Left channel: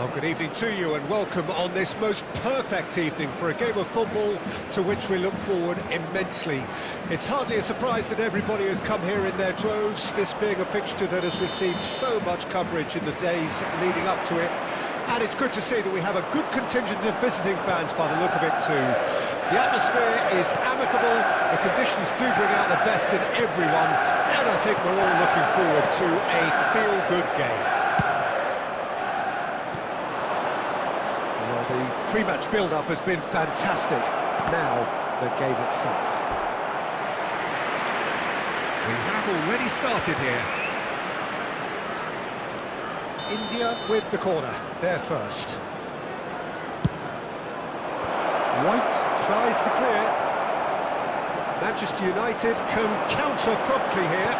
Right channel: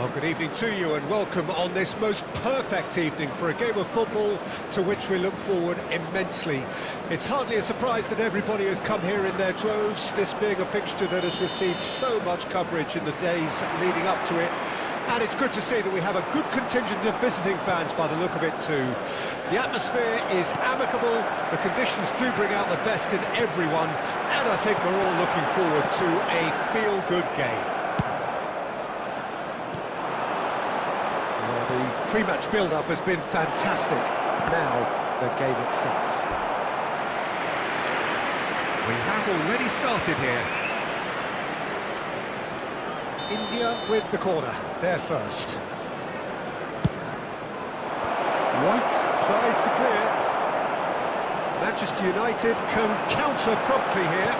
Well, good evening to you and welcome on this most perfect evening for a game of football to which we look forward immensely. It's hardly a surprise that everybody has come here in their droves, this being a fixture that has received so much coverage in the days leading up to it. And it's good to see that we have a good contingent of visiting fans by the look of it too. The atmosphere is amicable, the conditions do bring out the best in everyone, and I think we're all looking forward to a feel-good game. Well, the pre-match build-up has been fantastic. Now, the game itself. We have already started here. India with the corner, there first. White tries to clear. Manchester United can counter promptly here.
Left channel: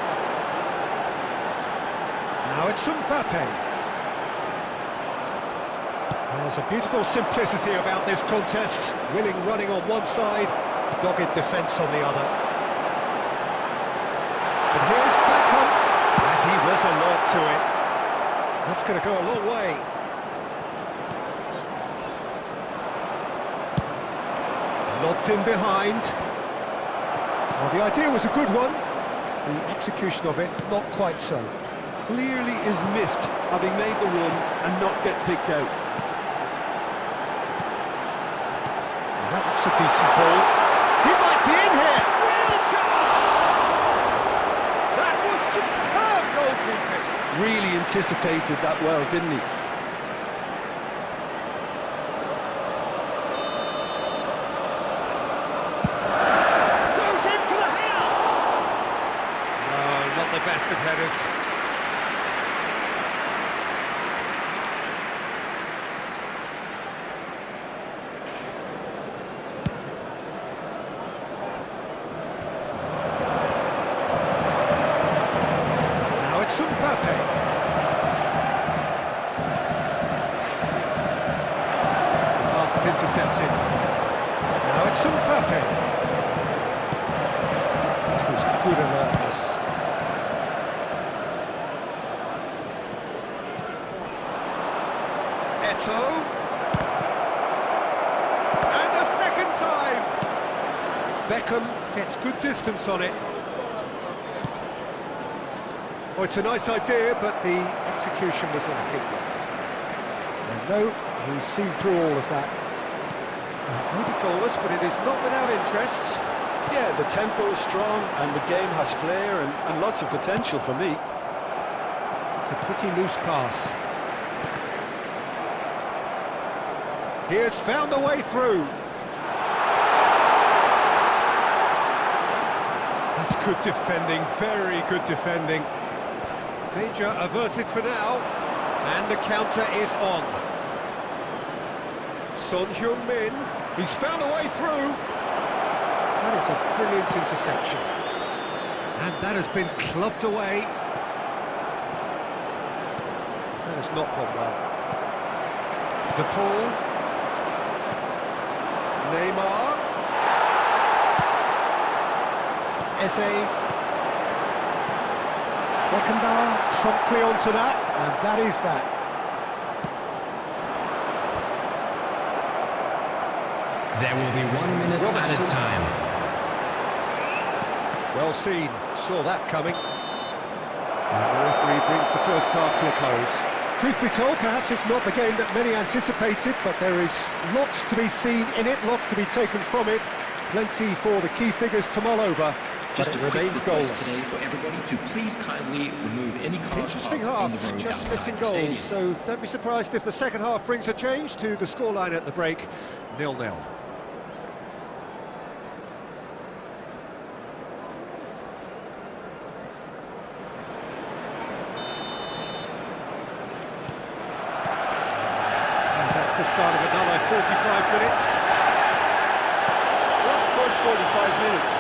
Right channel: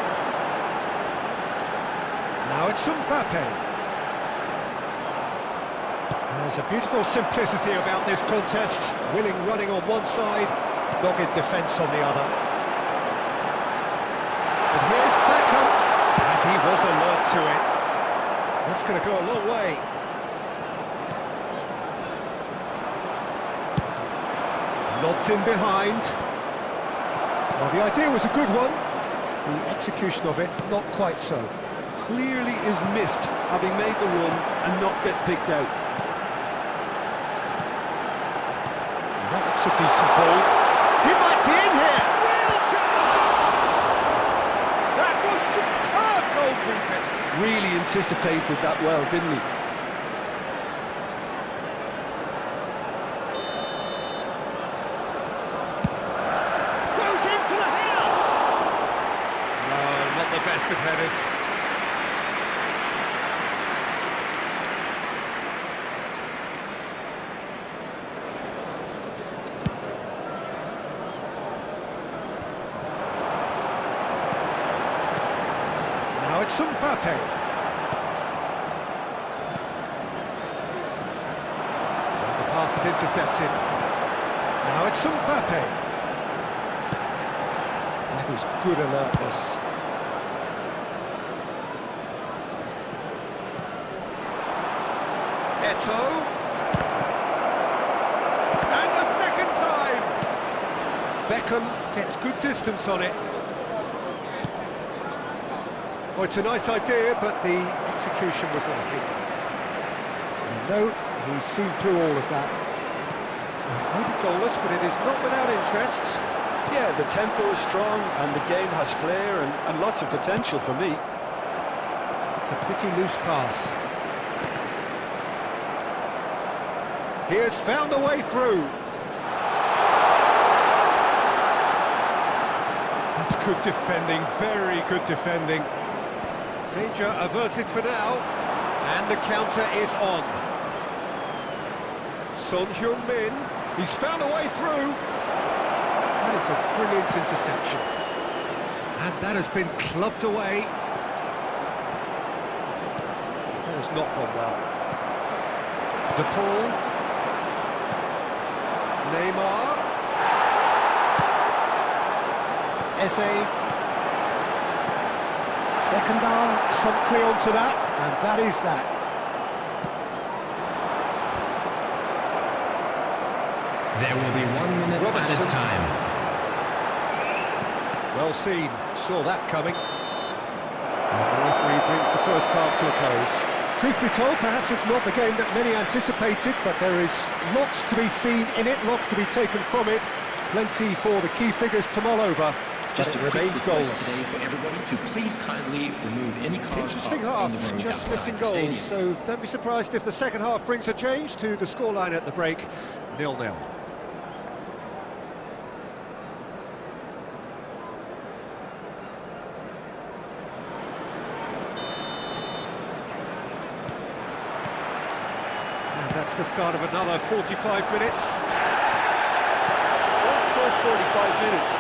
Now it's Mbappe. There's a beautiful simplicity about this contest. Willing running on one side, dogged defence on the other. And here's Beckham, and he was alert to it. That's going to go a long way. Lobbed in behind. Well, the idea was a good one. The execution of it, not quite so. Clearly is miffed, having made the run and not get picked out. Well, that looks a decent ball. He might be in here. Real chance! That was superb goalkeeping. Really anticipated that well, didn't he? Goes in for the header! No, not the best of headers. Now it's Mbappe. Is intercepted. Now it's Mbappe. That was good alertness. Eto'o. And a second time. Beckham gets good distance on it. Oh, it's a nice idea, but the execution was lacking. And no, he's seen through all of that. Maybe goalless, but it is not without interest. Yeah, the tempo is strong and the game has flair and lots of potential for me. It's a pretty loose pass. He has found a way through. That's good defending, very good defending. Danger averted for now, and the counter is on. Son Heung-min, he's found a way through. That is a brilliant interception. And that has been clubbed away. That has not gone well. De Paul. Neymar. Eze. Beckenbauer promptly onto that, and that is that. There will be 1 minute Robertson. added time. Well seen, saw that coming. And the referee brings the first half to a close. Truth be told, perhaps it's not the game that many anticipated, but there is lots to be seen in it, lots to be taken from it. Plenty for the key figures to mull over, but Just it a quick remains request goalless. today for everybody to please kindly remove any cars Interesting parked on the half, road just outside missing the goals, stadium. so don't be surprised if the second half brings a change to the scoreline at the break, 0-0. And that's the start of another 45 minutes. Well, that first 45 minutes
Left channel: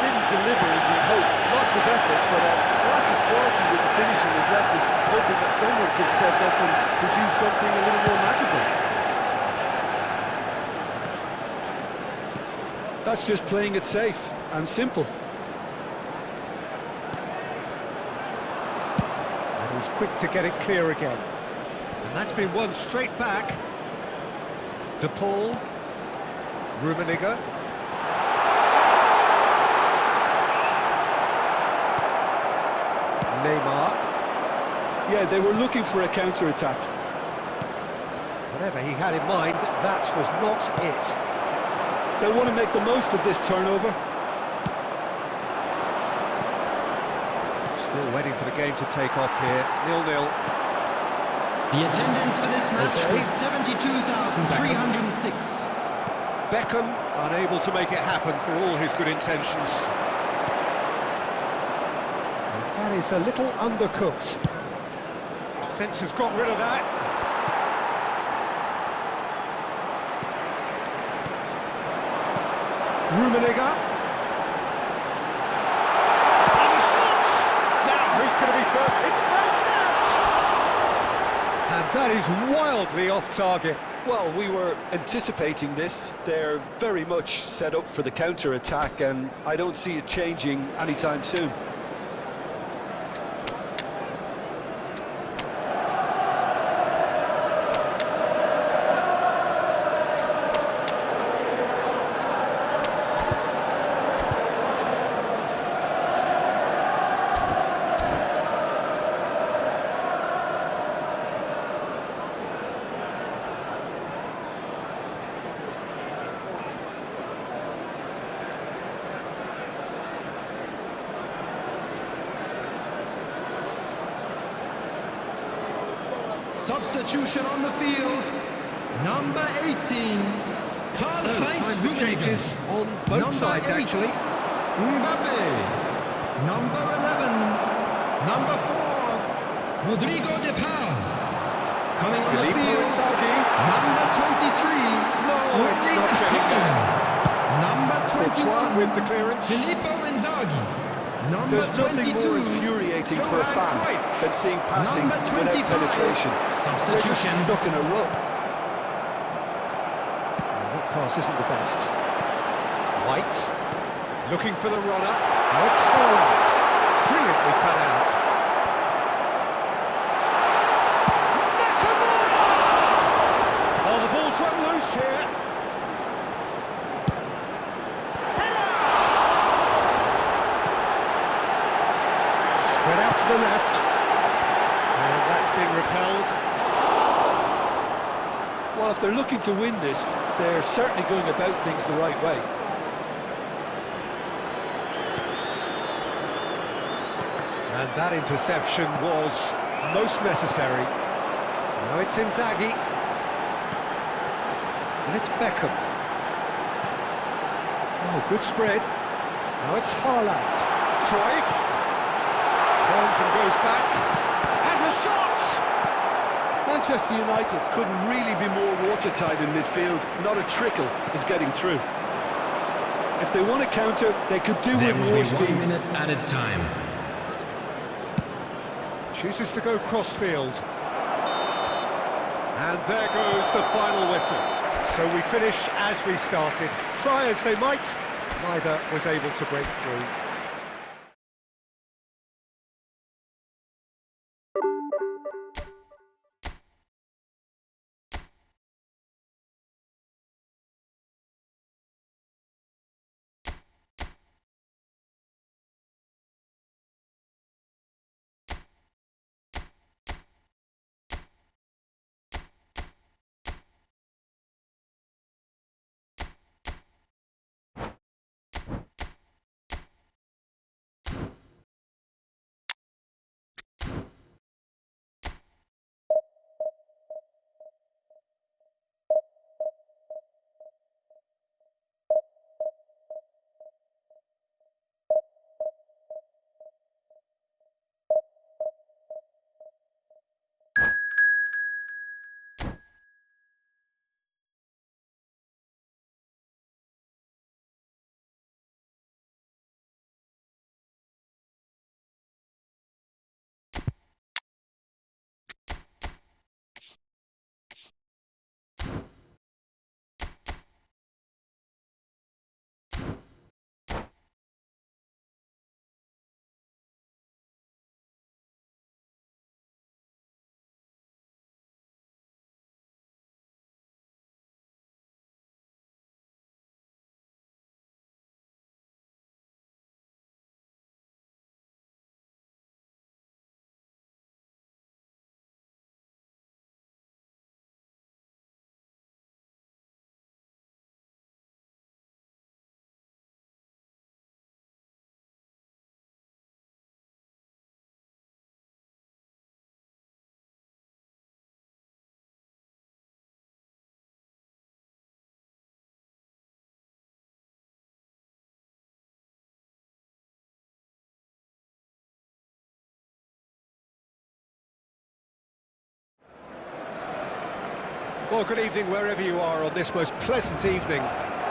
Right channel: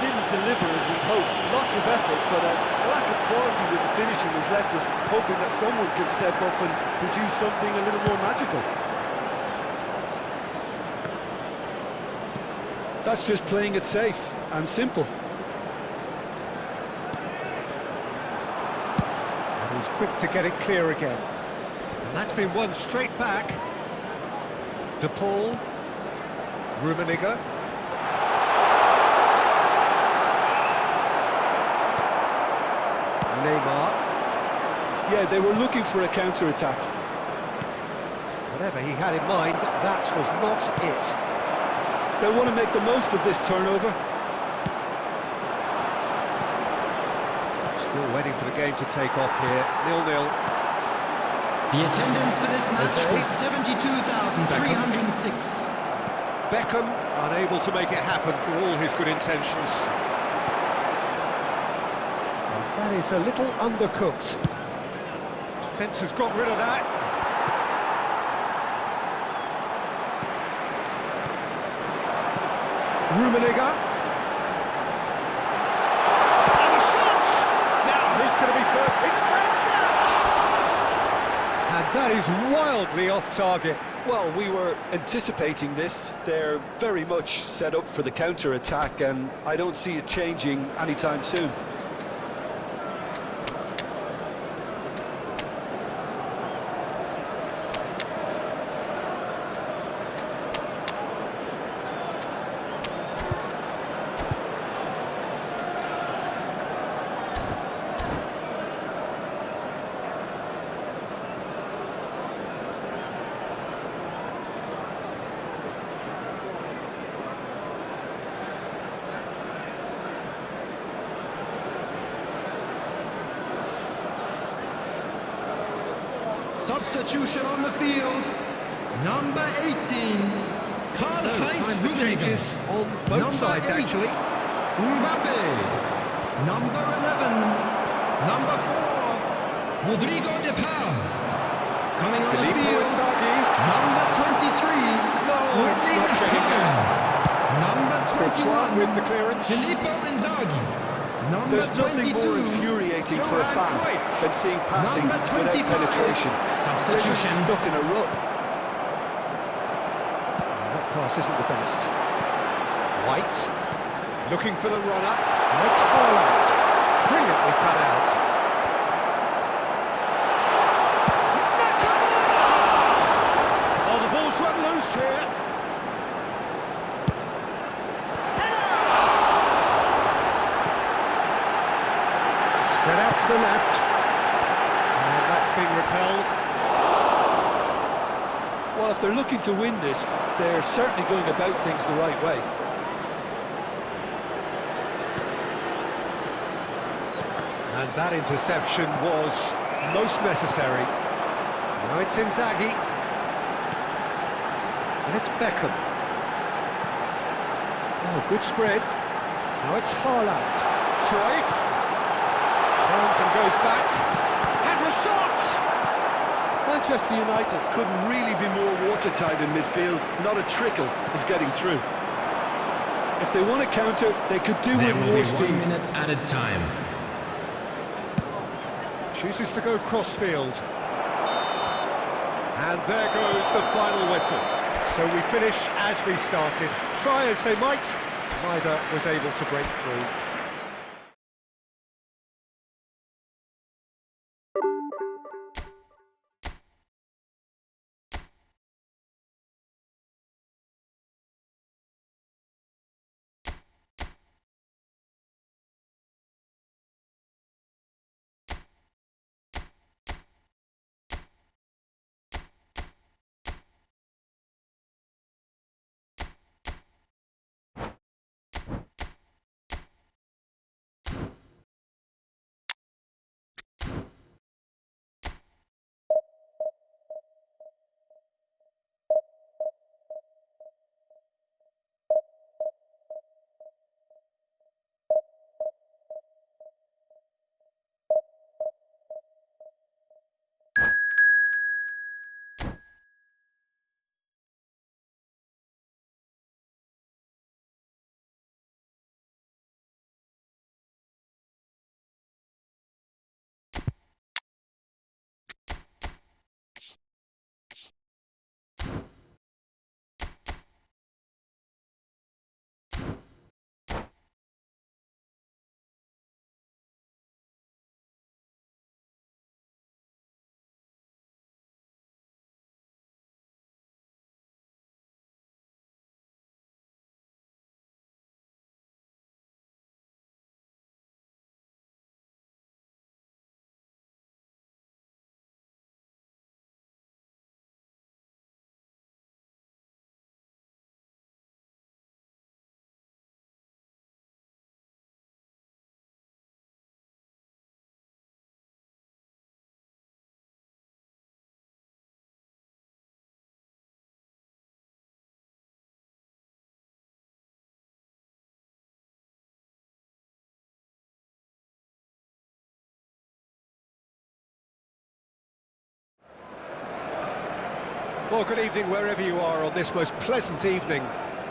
didn't deliver as we'd hoped. Lots of effort, but a lack of quality with the finishing has left us hoping that someone can step up and produce something a little more magical. That's just playing it safe and simple. And he's quick to get it clear again. And that's been won straight back. De Paul. Rummenigge. Neymar. Yeah, they were looking for a counter-attack. Whatever he had in mind, that was not it. They'll want to make the most of this turnover. Still waiting for the game to take off here. 0-0. The attendance for this match Jose. was 72,306. Beckham unable to make it happen for all his good intentions. And that is a little undercooked. Defence has got rid of that. Rummenigge. And the shot! Now, who's going to be first? It's bounced out! And that is wildly off target. Well, we were anticipating this. They're very much set up for the counter-attack, and I don't see it changing anytime soon. Substitution on the field. Number 18. Karl-Heinz Time for Rummenigge. changes on both Number sides, 8, actually. Mbappe. Number 11. Number 4. Rodrigo de Paul. Coming on Filippo the field. Inzaghi. Number 23. No, it's Rodrigo not getting there. Number Courtois 21. with the clearance. Filippo Inzaghi. Number There's nothing 22. more infuriating for a Johan fan Cruyff. than seeing passing Number without 25. penetration. They're just Substitution. stuck in a rut. That pass isn't the best. White, looking for the runner. Now it's Haaland. Brilliantly cut out. Nakamura! Oh, the ball's run loose here. Header! Spread out to the left. And that's being repelled. Well, if they're looking to win this, they're certainly going about things the right way. And that interception was most necessary. Now it's Inzaghi. And it's Beckham. Oh, good spread. Now it's Haaland. Cruyff. Turns and goes back. Has a shot! Manchester United couldn't really be more watertight in midfield. Not a trickle is getting through. If they want to counter, they could do There with will more be speed. 1 minute added time. Chooses to go crossfield. And there goes the final whistle. So we finish as we started. Try as they might, neither was able to break through. Well, good evening wherever you are on this most pleasant evening.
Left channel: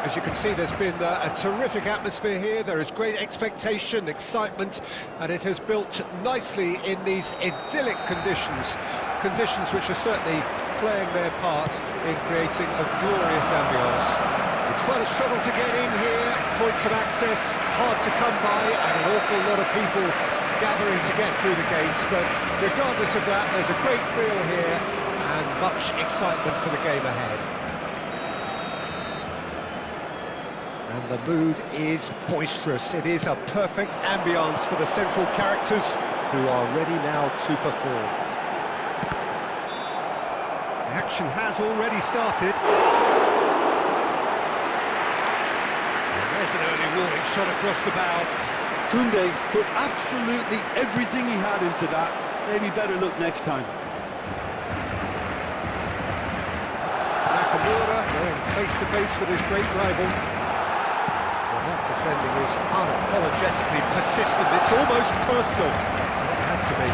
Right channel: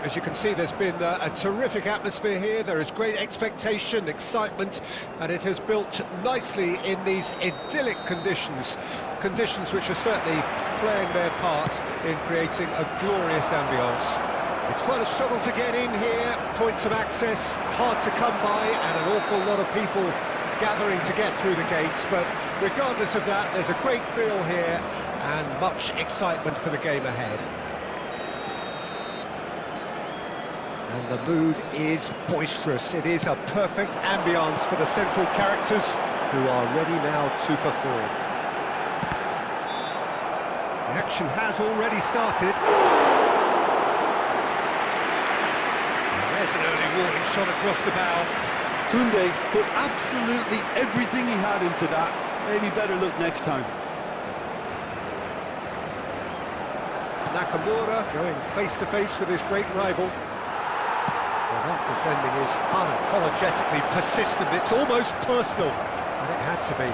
As you can see, there's been a terrific atmosphere here. There is great expectation, excitement, and it has built nicely in these idyllic conditions. Conditions which are certainly playing their part in creating a glorious ambience. It's quite a struggle to get in here, points of access hard to come by, and an awful lot of people gathering to get through the gates, but regardless of that, there's a great feel here and much excitement for the game ahead. And the mood is boisterous. It is a perfect ambience for the central characters who are ready now to perform. The action has already started. And there's an early warning shot across the bow. Koundé put absolutely everything he had into that. Maybe better look next time. Nakamura going face-to-face with his great rival. Well, that defending is unapologetically persistent. It's almost personal, and it had to be.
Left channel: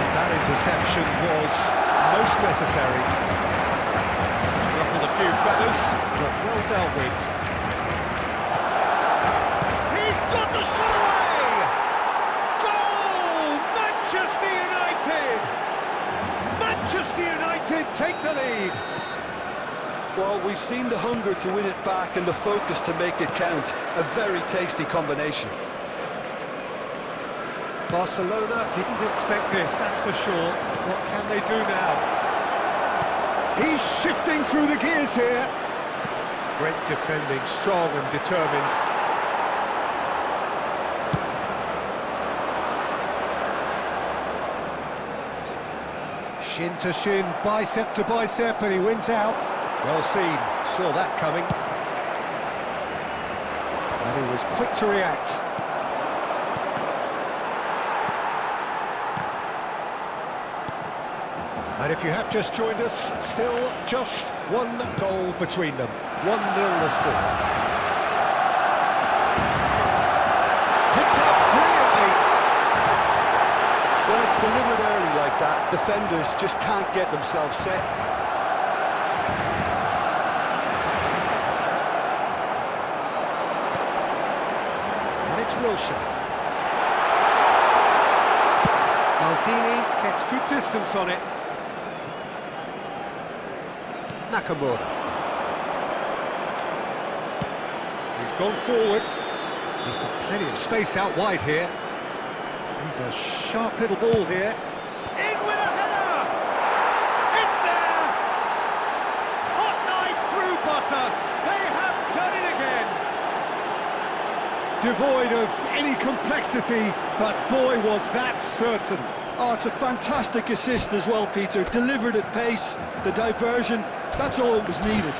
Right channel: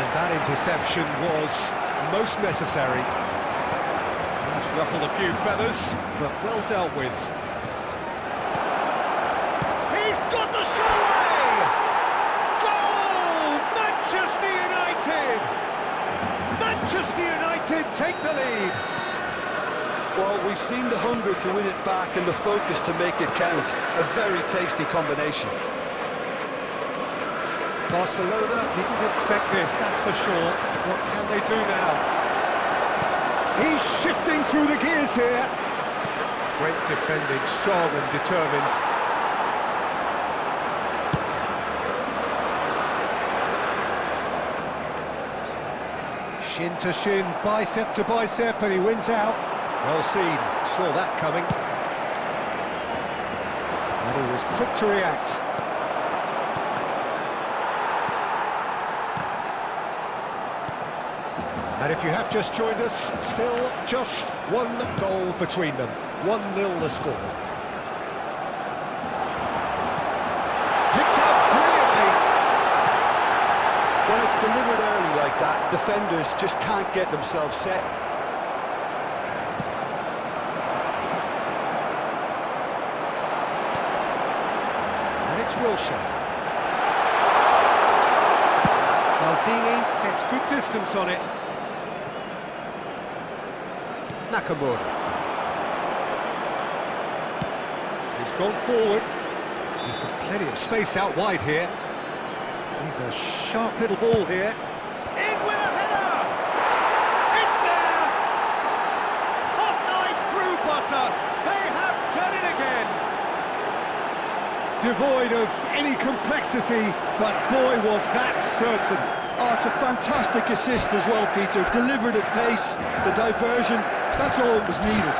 And that interception was most necessary. It's ruffled a few feathers, but well dealt with. He's got the shot away! Goal! Manchester United! Manchester United take the lead. Well, we've seen the hunger to win it back and the focus to make it count. A very tasty combination. Barcelona didn't expect this, that's for sure. What can they do now? He's shifting through the gears here. Great defending, strong and determined. Shin to shin, bicep to bicep, and he wins out. Well seen, saw that coming. And he was quick to react. And if you have just joined us, still just one goal between them. 1-0 the score. Picked up brilliantly. When it's delivered early like that, defenders just can't get themselves set. And it's Wilshere. Maldini gets good distance on it. Nakamura. He's gone forward. He's got plenty of space out wide here. He's a sharp little ball here. In with a header! It's there! Hot knife through butter. They have done it again. Devoid of any complexity, but boy was that certain. Oh, it's a fantastic assist as well, Peter. Delivered at pace, the diversion, that's all that was needed.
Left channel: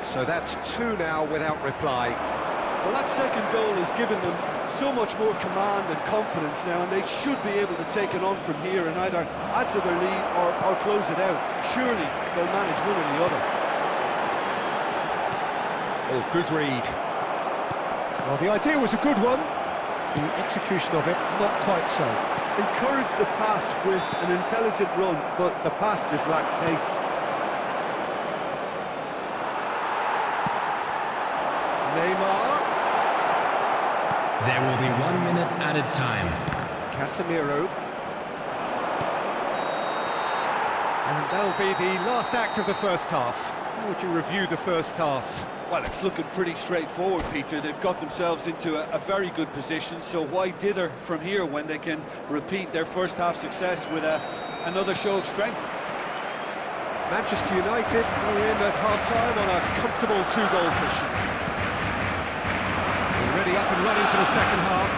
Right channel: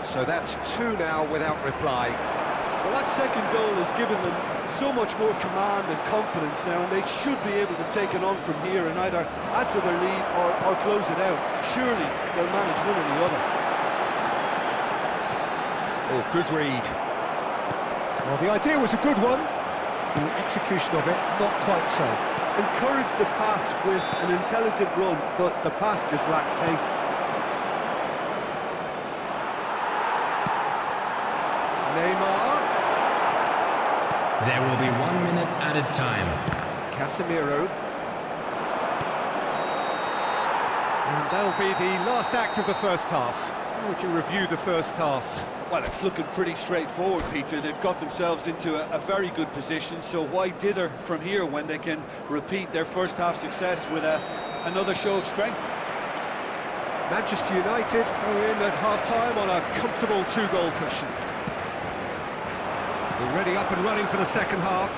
So that's 2 now without reply. Well, that second goal has given them so much more command and confidence now, and they should be able to take it on from here and either add to their lead or close it out. Surely they'll manage one or the other. Oh, good read. Well, the idea was a good one. The execution of it, not quite so. Encourage the pass with an intelligent run, but the pass just lacked pace. Neymar. There will be 1 minute added time. Casemiro. And that'll be the last act of the first half. How would you review the first half? Well, it's looking pretty straightforward, Peter. They've got themselves into a very good position, so why dither from here when they can repeat their first half success with another show of strength? Manchester United go in at half-time on a comfortable 2-goal cushion. Already up and running for the second half.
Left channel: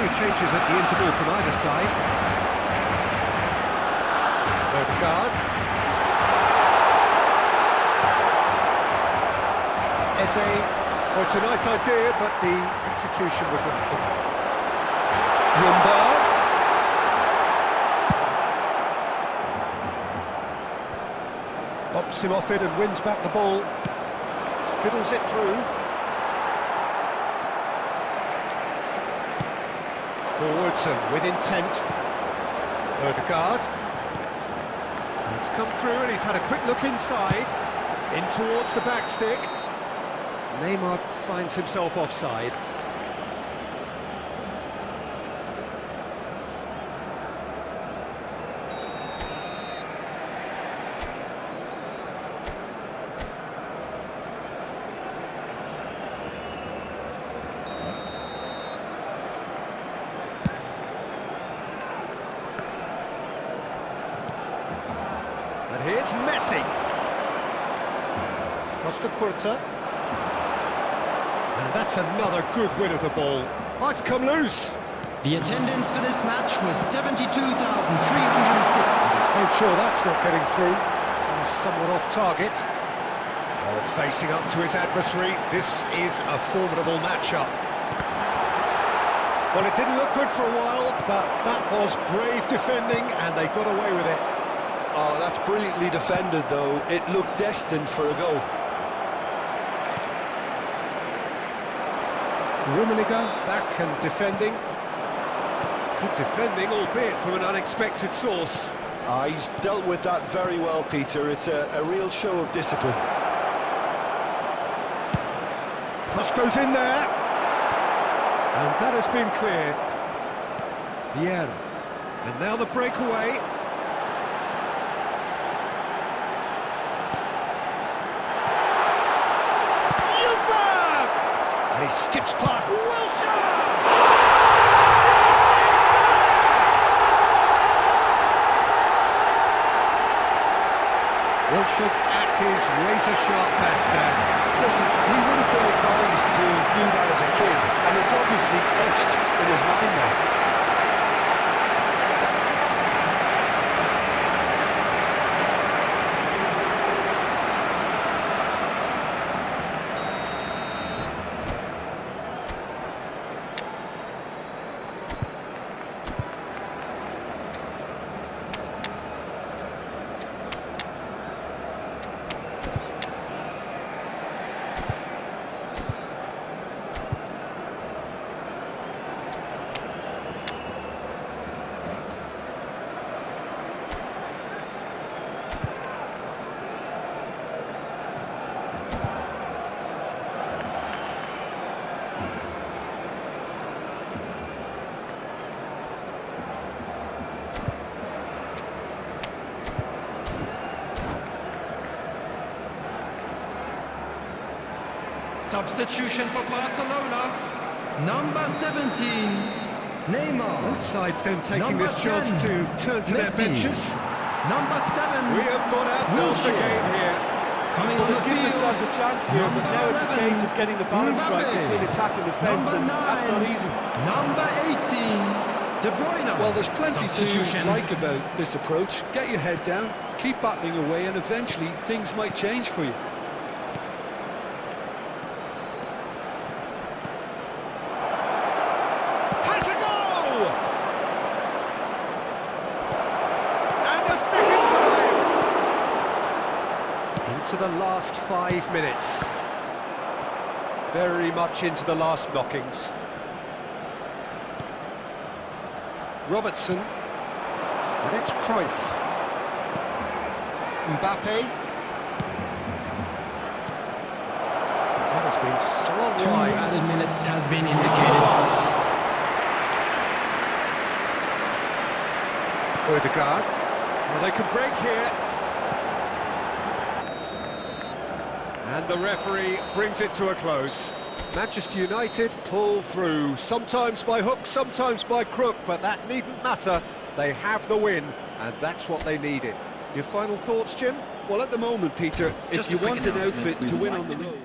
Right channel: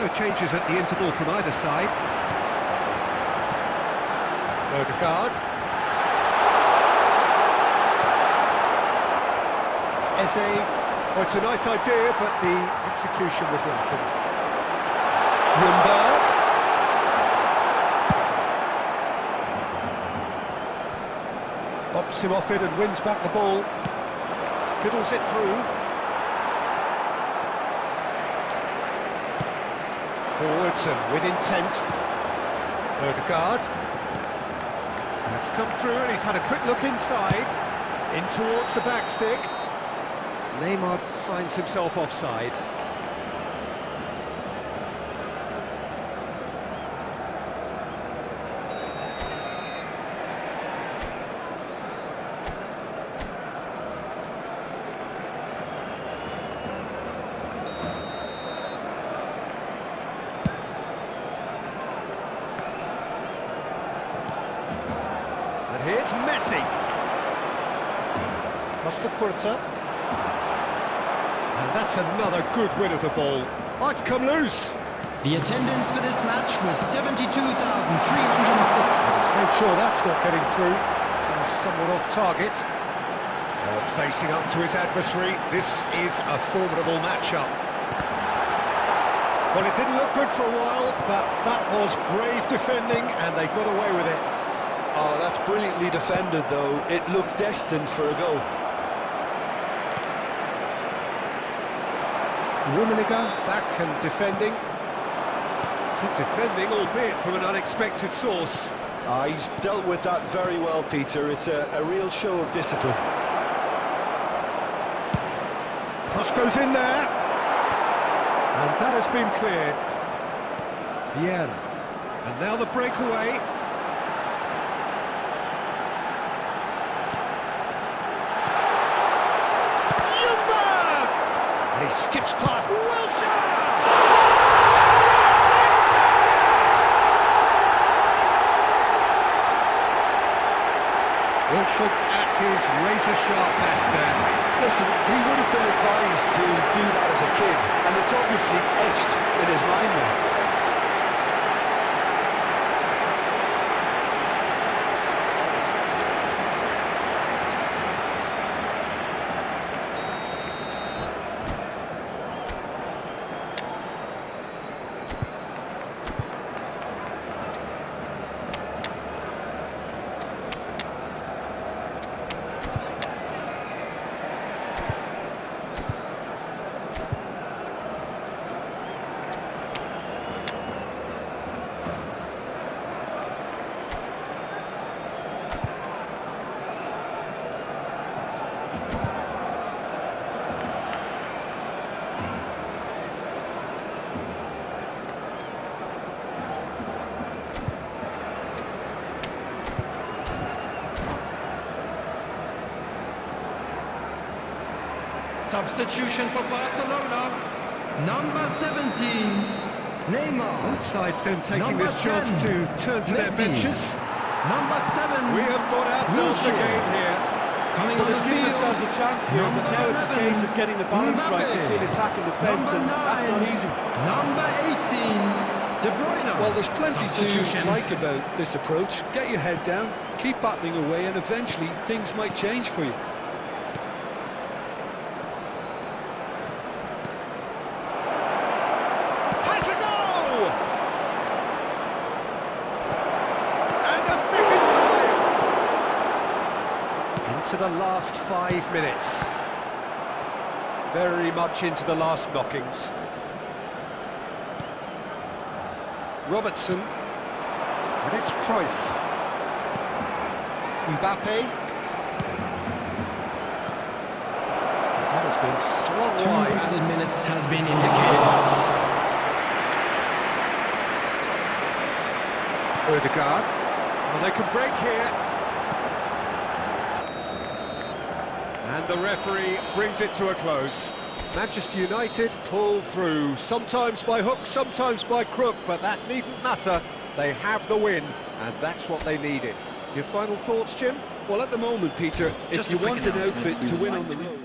No changes at the interval from either side. Odegaard. Eze. Oh, it's a nice idea, but the execution was lacking. Ljungberg. Bumps him off it and wins back the ball. Fiddles it through. Forwards and with intent. Odegaard. It's come through and he's had a quick look inside. In towards the back stick. Neymar finds himself offside. And here's Messi. Costa Curta. And that's another good win of the ball. Oh, it's come loose. The attendance for this match was 72,306. Let's make sure that's not getting through. Somewhat off target. Facing up to his adversary. This is a formidable matchup. Well, it didn't look good for a while, but that was brave defending, and they got away with it. Oh, that's brilliantly defended, though. It looked destined for a goal. Rummenigge back and defending. Good defending, albeit from an unexpected source. He's dealt with that very well, Peter. It's a real show of discipline. Cross goes in there. And that has been cleared. Vieira. And now the breakaway. And he skips past Wilshere! Yes, it's there! Wilshere at his razor-sharp best there. Listen, he would have been advised to do that as a kid, and it's obviously etched in his mind now. Substitution for Barcelona. Number 17, Neymar. Both sides then taking Number this chance 10, to turn to their Messi. benches. Number 7, We have got ourselves a Wilshere. game here. Coming Well, on the they've given field. themselves a chance here, but now it's a case of getting the balance right Mbappe. between attack and defence, Number and that's not 9, easy. Number 18, De Bruyne. Well, there's plenty to Substitution. like about this approach. Get your head down, keep battling away, and eventually things might change for you. Has a go! And a second time! Into the last 5 minutes. Very much into the last knockings. Robertson. And it's Cruyff. Mbappe. That has been slung 2 wide. added minutes has been Into the indicated. box. Odegaard. Well, they can break here. And the referee brings it to a close. Manchester United pull through, sometimes by hook, sometimes by crook, but that needn't matter. They have the win, and that's what they needed. Your final thoughts, Jim? Well, at the moment, Peter, if Just a you quick want an announcement. outfit We to would win like on the to- road...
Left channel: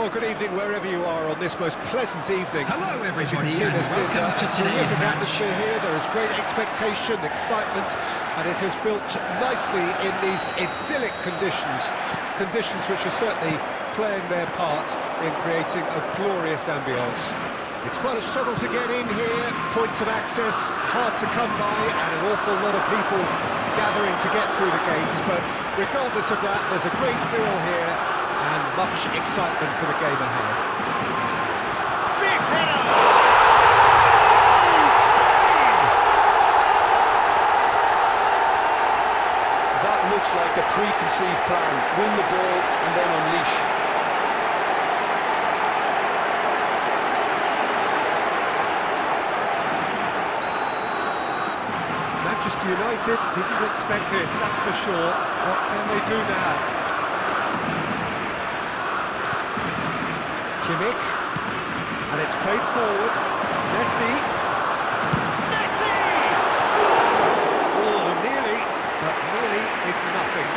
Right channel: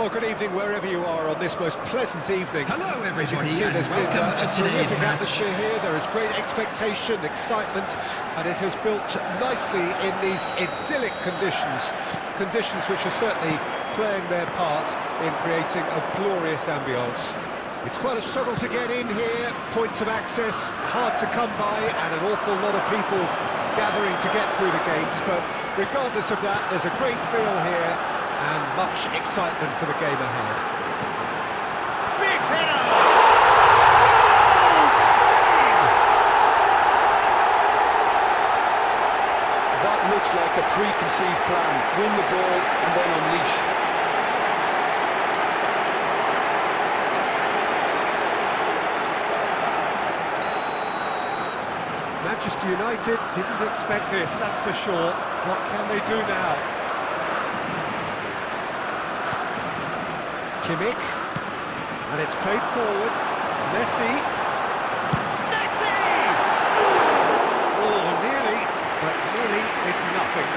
Well, good evening wherever you are on this most pleasant evening. Hello, everybody, As you can see, and there's been welcome to a today's terrific match. atmosphere here. There is great expectation, excitement, and it has built nicely in these idyllic conditions. Conditions which are certainly playing their part in creating a glorious ambience. It's quite a struggle to get in here, points of access hard to come by, and an awful lot of people gathering to get through the gates, but regardless of that, there's a great feel here and much excitement for the game ahead. Big header! Goal! Spain! That looks like a preconceived plan. Win the ball and then unleash. Manchester United didn't expect this, that's for sure. What can they do now? Kimmich, and it's played forward. Messi! Oh, nearly, but nearly is nothing.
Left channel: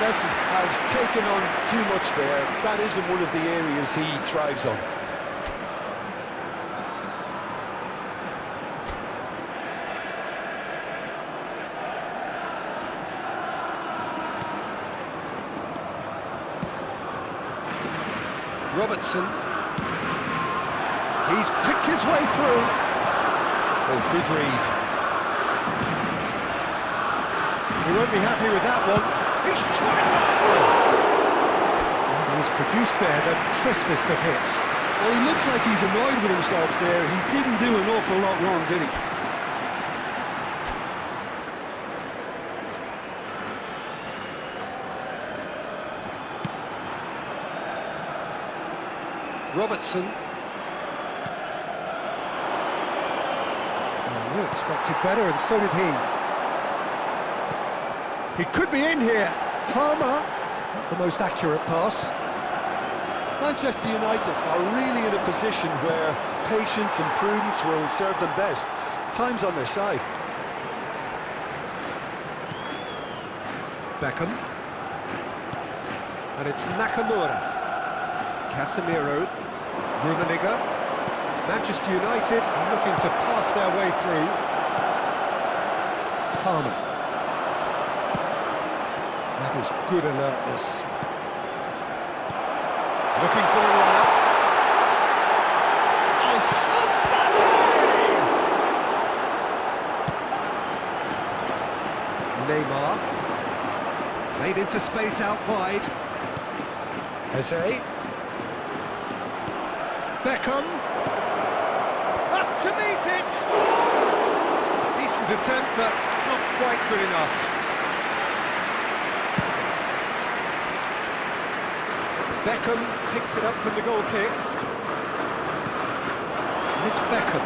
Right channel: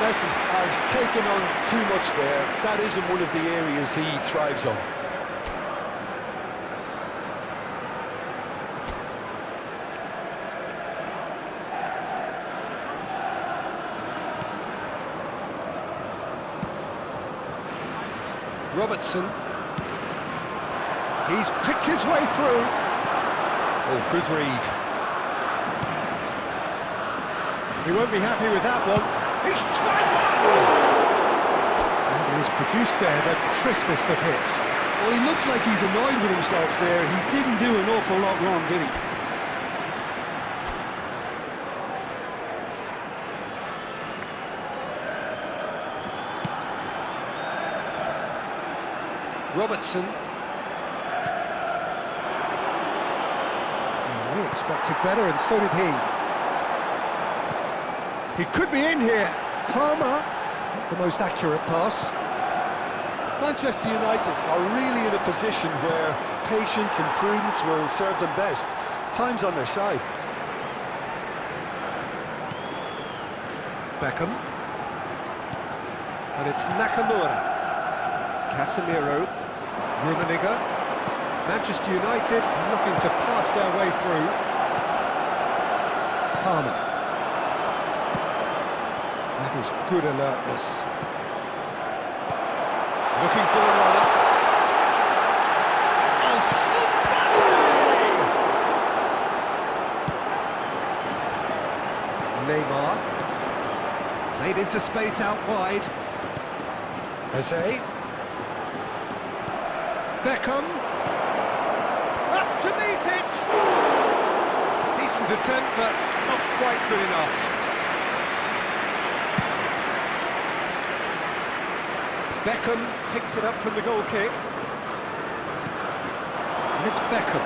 Messi has taken on too much there. That isn't one of the areas he thrives on. Robertson, he's picked his way through. Oh, good read. He won't be happy with that one. He's tried one! And he's produced there the crispest of hits. Well, he looks like he's annoyed with himself there. He didn't do an awful lot wrong, did he? Robertson. Well, we expected better, and so did he. He could be in here. Palmer, not the most accurate pass. Manchester United are really in a position where patience and prudence will serve them best. Time's on their side. Beckham. And it's Nakamura. Casemiro. Rummenigge. Manchester United looking to pass their way through. Palmer. That is good alertness. Looking for a runner. Oh, Mbappe! Neymar. Played into space out wide. Eze. Beckham. Up to meet it! Decent attempt, but not quite good enough. Beckham picks it up from the goal kick. And it's Beckham.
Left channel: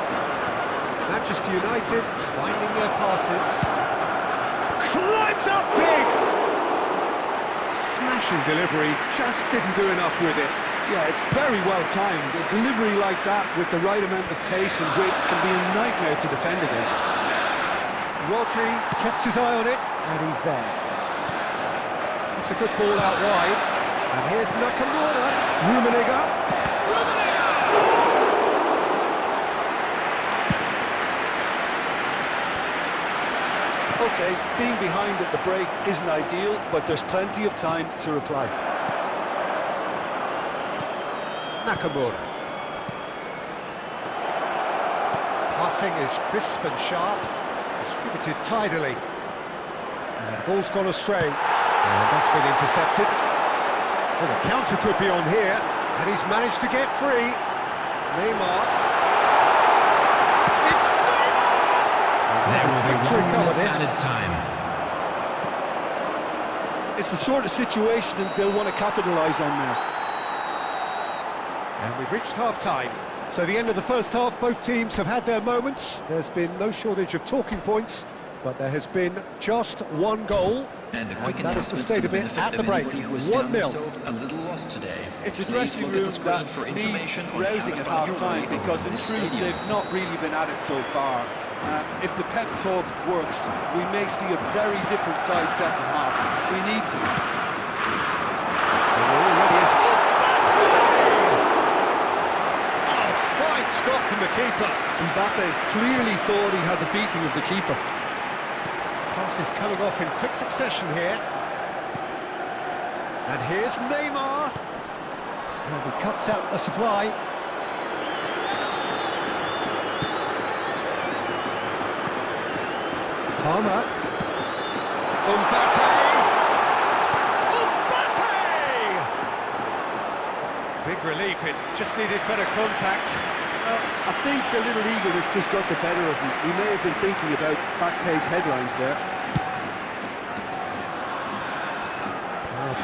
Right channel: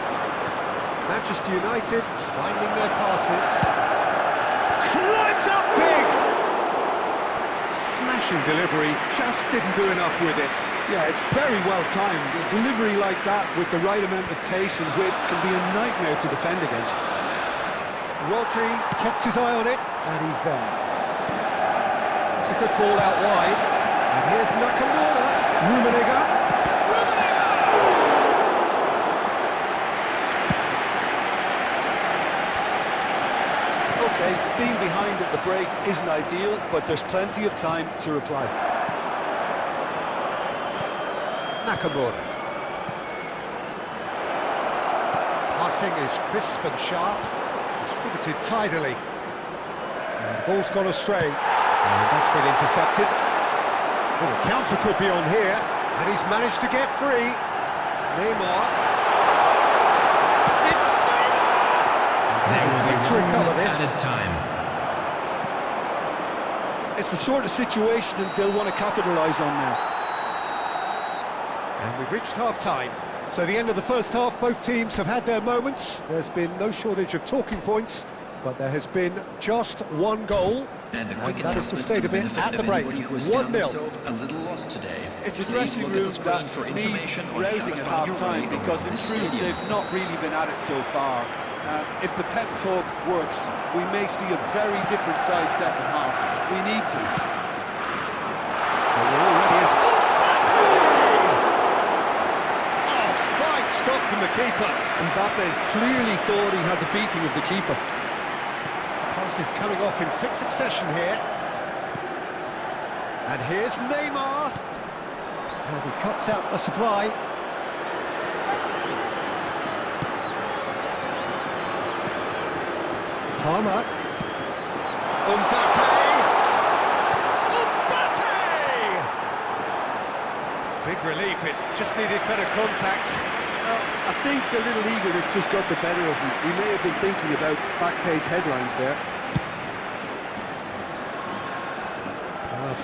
Manchester United finding their passes. Climbs up big! Smashing delivery, just didn't do enough with it. Yeah, it's very well timed. A delivery like that with the right amount of pace and whip can be a nightmare to defend against. Rodri kept his eye on it, and he's there. It's a good ball out wide. And here's Nakamura. Rummenigge. Okay, being behind at the break isn't ideal, but there's plenty of time to reply. Nakamura. Passing is crisp and sharp, distributed tidily. And the ball's gone astray, and that's been intercepted. Well, the counter could be on here, and he's managed to get free. Neymar. It's Neymar! There will be To 1 recover minute this. added time. It's the sort of situation that they'll want to capitalise on now. And we've reached half-time. So the end of the first half, both teams have had their moments. There's been no shortage of talking points, but there has been just one goal. And a quick that is the announcement state for of the it benefit at the of break. anybody who has found 1-0. themselves a little lost today. It's a Please dressing look at room the screen that for needs information on how rousing to at find your half-time way because in around this truth stadium. they've not really been at it so far. If the pep talk works, we may see a very different side second half. We need to. They were already into... Mbappe! from the keeper. Mbappe clearly thought he had the beating of the keeper. Pass is coming off in quick succession here. And here's Neymar. And he cuts out the supply. Palmer. Mbappe! Big relief, it just needed better contact. Well, I think the little eagerness just got the better of him. He may have been thinking about back-page headlines there.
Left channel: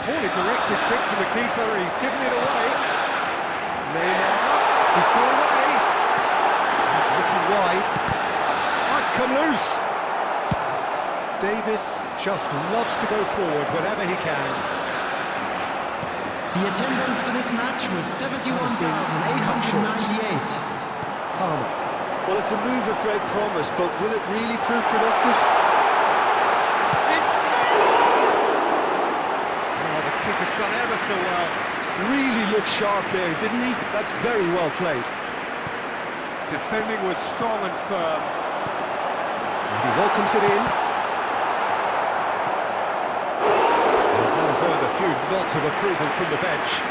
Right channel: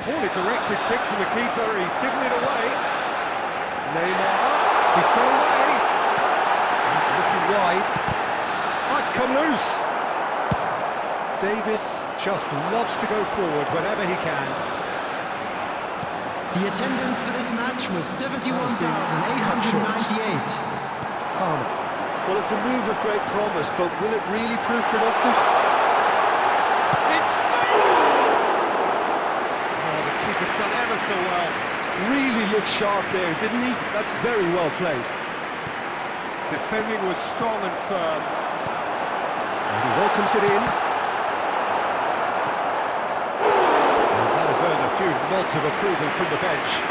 Poorly directed kick from the keeper, he's given it away. Neymar, he's got away. He's looking wide. Oh, it's come loose. Davis just loves to go forward whenever he can. The attendance for this match was 71,898. Palmer. Well, it's a move of great promise, but will it really prove productive? It's Neymar! Oh, the keeper's done ever so well. Really looked sharp there, didn't he? That's very well played. Defending was strong and firm. And he welcomes it in. Has earned a few nods of approval from the bench.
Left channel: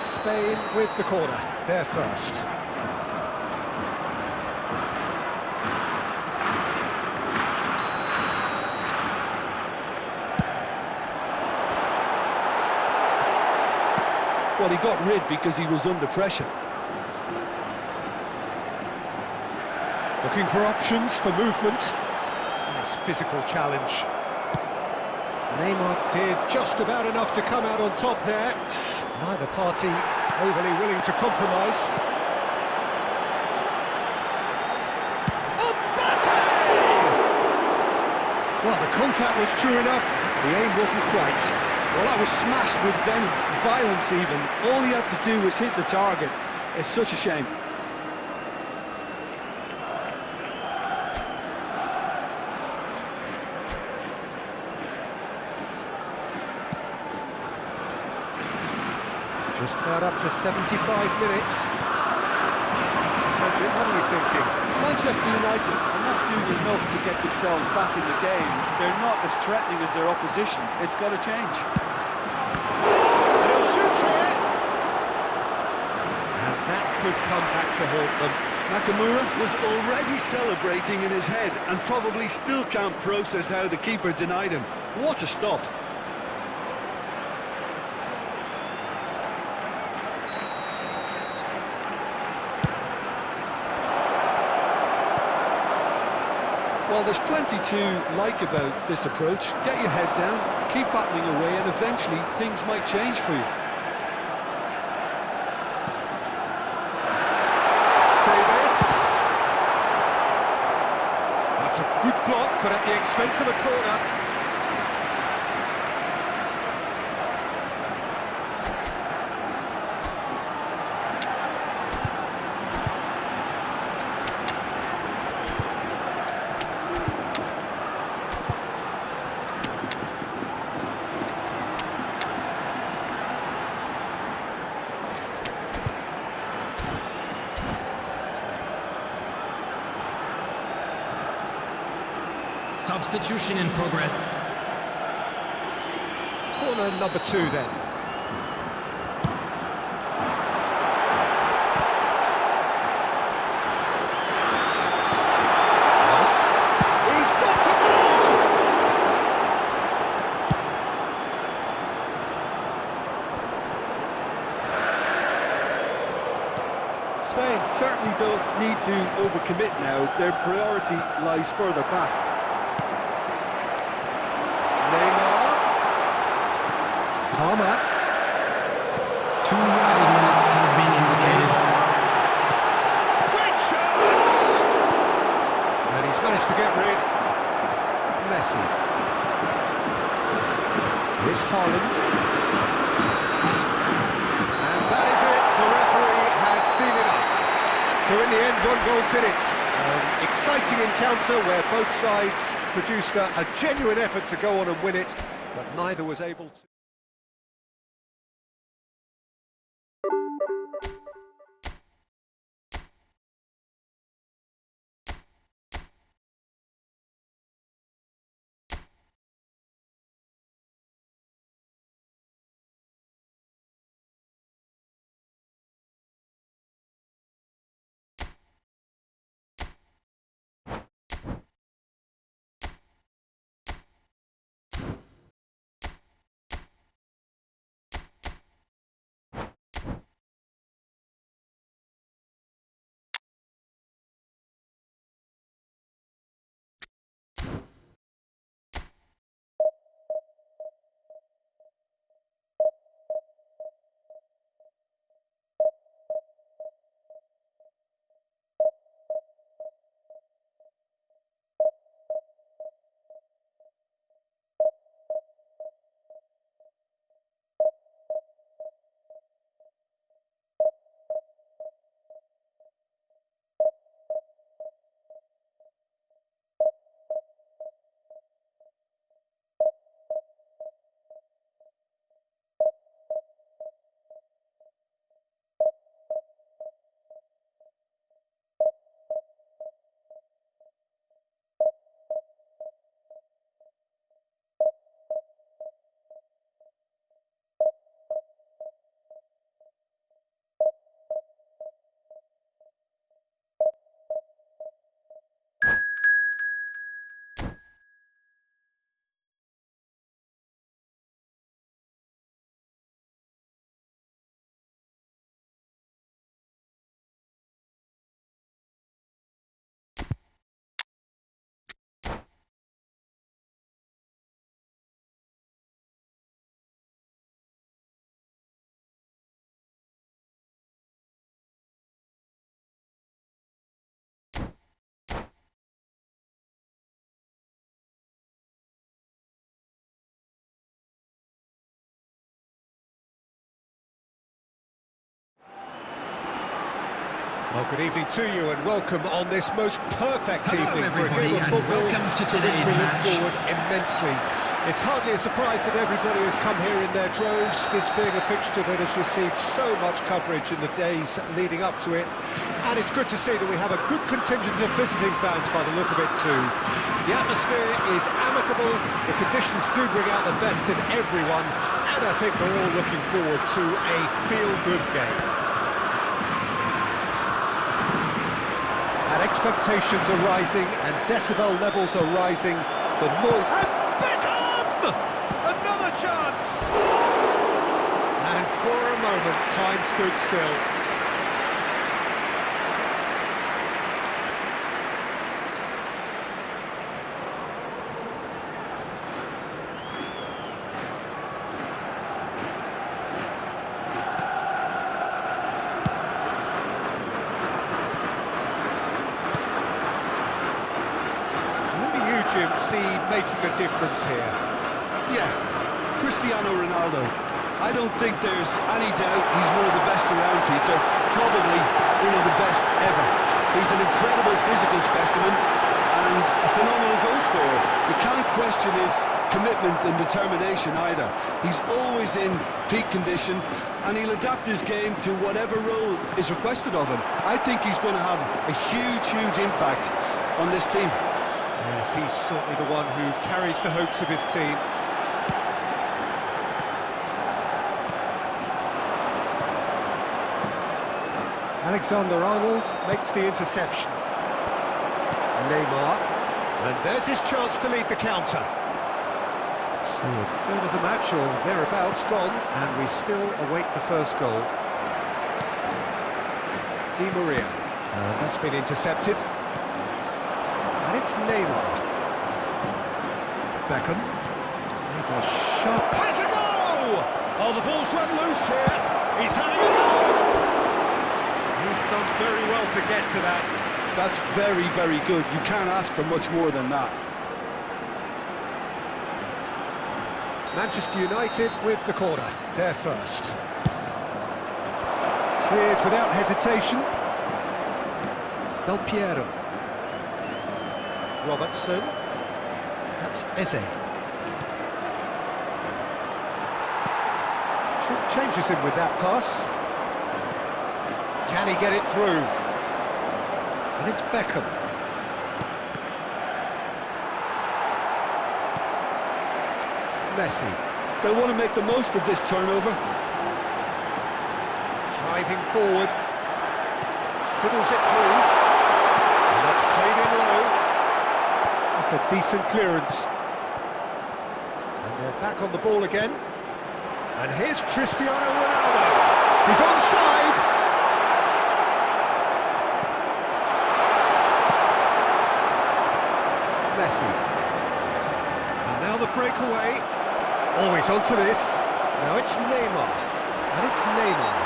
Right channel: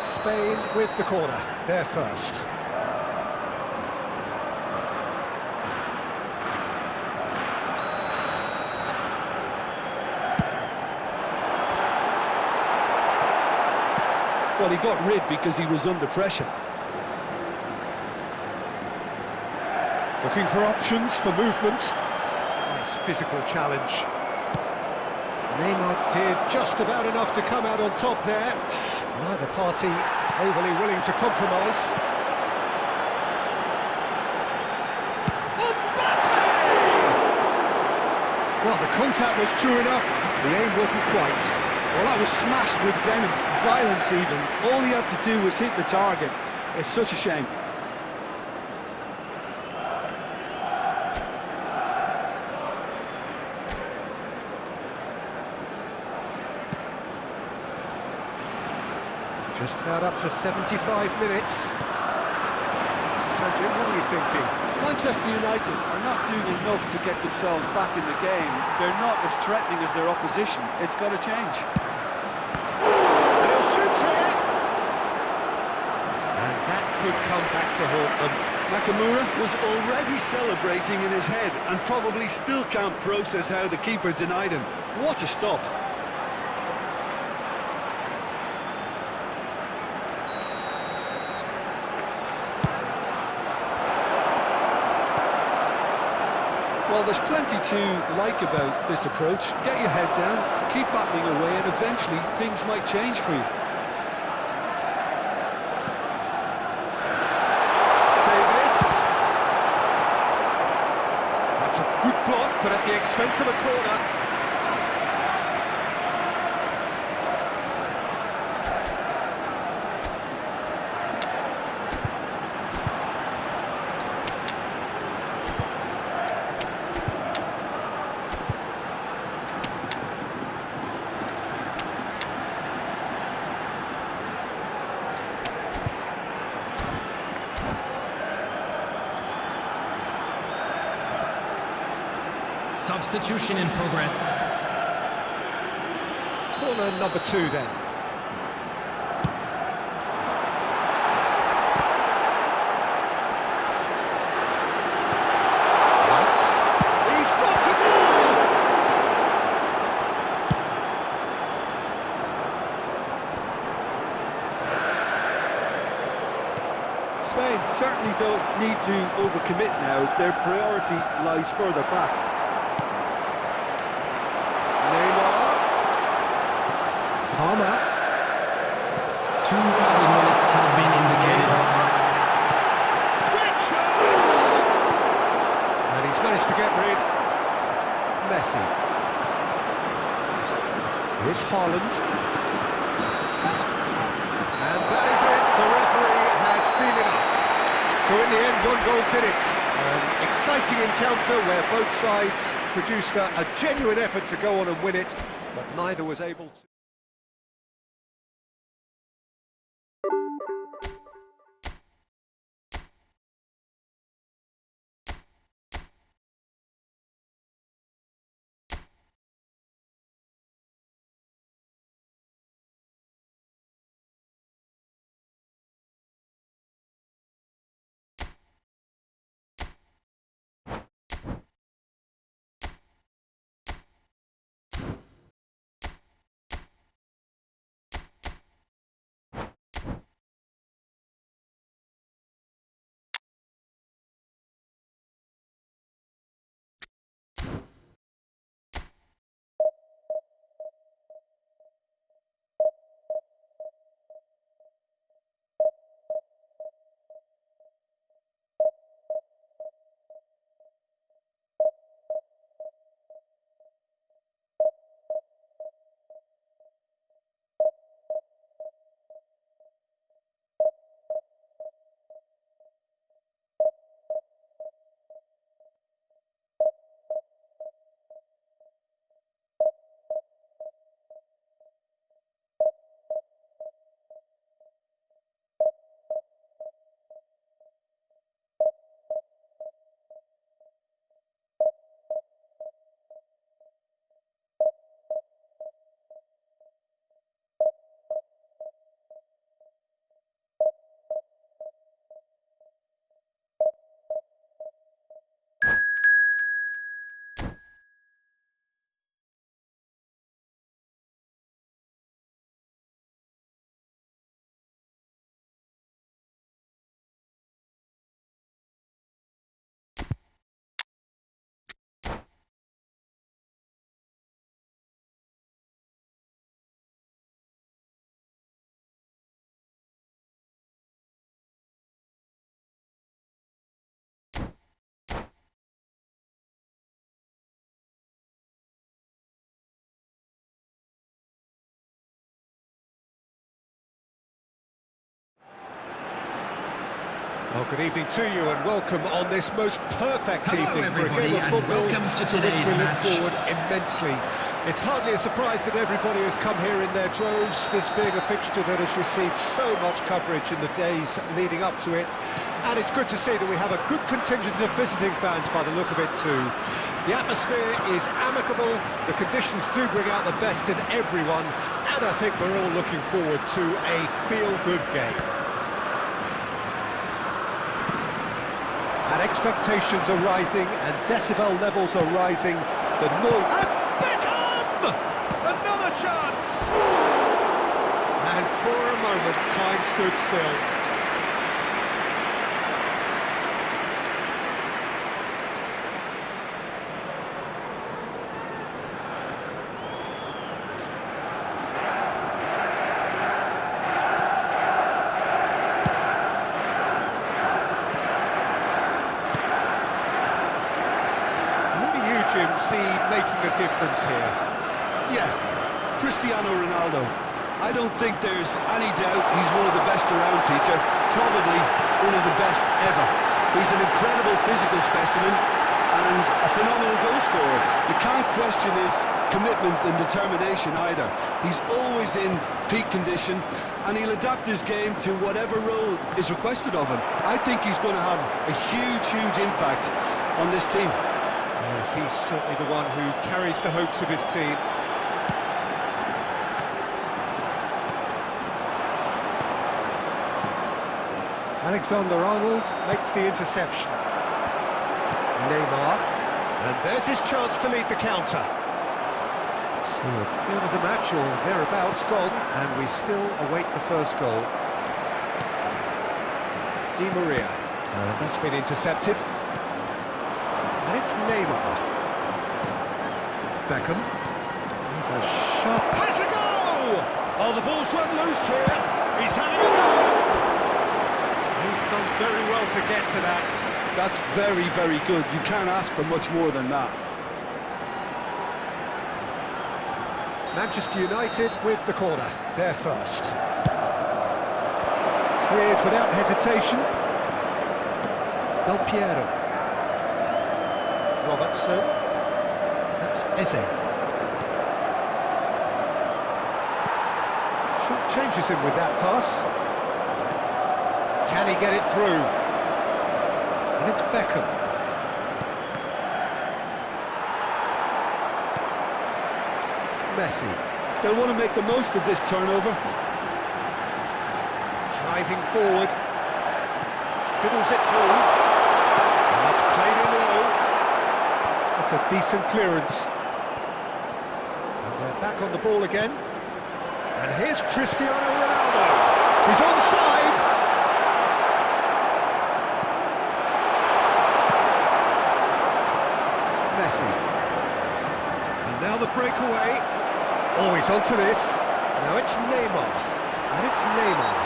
Spain with the corner, they're first. Well, he got rid because he was under pressure. Looking for options, for movement. Nice physical challenge. Neymar did just about enough to come out on top there. Neither party overly willing to compromise. Mbappe! Well, the contact was true enough. The aim wasn't quite. Well, that was smashed with venom, violence even. All he had to do was hit the target. It's such a shame. Just about up to 75 minutes. So, Jim, what are you thinking? Manchester United are not doing enough to get themselves back in the game. They're not as threatening as their opposition. It's got to change. And he'll shoot here. And that could come back to haunt them. Nakamura was already celebrating in his head and probably still can't process how the keeper denied him. What a stop. Well, there's plenty to like about this approach. Get your head down, keep battling away, and eventually things might change for you. Davis. That's a good block, but at the expense of a corner. Substitution in progress. Corner number 2 then. Right. He's got the goal! Spain certainly don't need to overcommit now. Their priority lies further back. Neymar. Palmer. 2 added minutes has been indicated. Great chance! And he's managed to get rid. Messi. Here's Haaland. And that is it. The referee has seen enough. So in the end, one goal did it. An exciting encounter where both sides produced a genuine effort to go on and win it, but neither was able to. Well, good evening to you and welcome on this most perfect Hello, evening for a everybody, game of and football welcome to which today's we look match. forward immensely. It's hardly a surprise that everybody has come here in their droves, this being a fixture that has received so much coverage in the days leading up to it. And it's good to see that we have a good contingent of visiting fans by the look of it too. The atmosphere is amicable, the conditions do bring out the best in everyone, and I think we're all looking forward to a feel-good game. And expectations are rising, and decibel levels are rising. The noise... And Beckham! Another chance! And for a moment, time stood still. Jim, see making a difference here? Yeah, Cristiano Ronaldo. I don't think there's any doubt he's one of the best around, Peter. Probably one of the best ever. He's an incredible physical specimen and a phenomenal goal scorer. You can't question his commitment and determination either. He's always in peak condition and he'll adapt his game to whatever role is requested of him. I think he's going to have a huge impact on this team. Yes, he's certainly the one who carries the hopes of his team. Alexander-Arnold makes the interception. Neymar, and there's his chance to lead the counter. So a third of the match, or thereabouts, gone, and we still await the first goal. Di Maria, and that's been intercepted. And it's Neymar. Beckham. He's a shot. Has a go! Oh, the ball's run loose here. He's having a go. He's done very well to get to that. That's very good. You can't ask for much more than that. Manchester United with the corner. They're first. Cleared without hesitation. Del Piero. Robertson, that's Eze. Short changes him with that pass. Can he get it through? And it's Beckham. Messi. They'll want to make the most of this turnover. Driving forward. Fiddles it through. And that's played in low. That's a decent clearance. And they're back on the ball again. And here's Cristiano Ronaldo. He's onside. Messi. And now the breakaway. Oh, he's onto this. Now it's Neymar. And it's Neymar.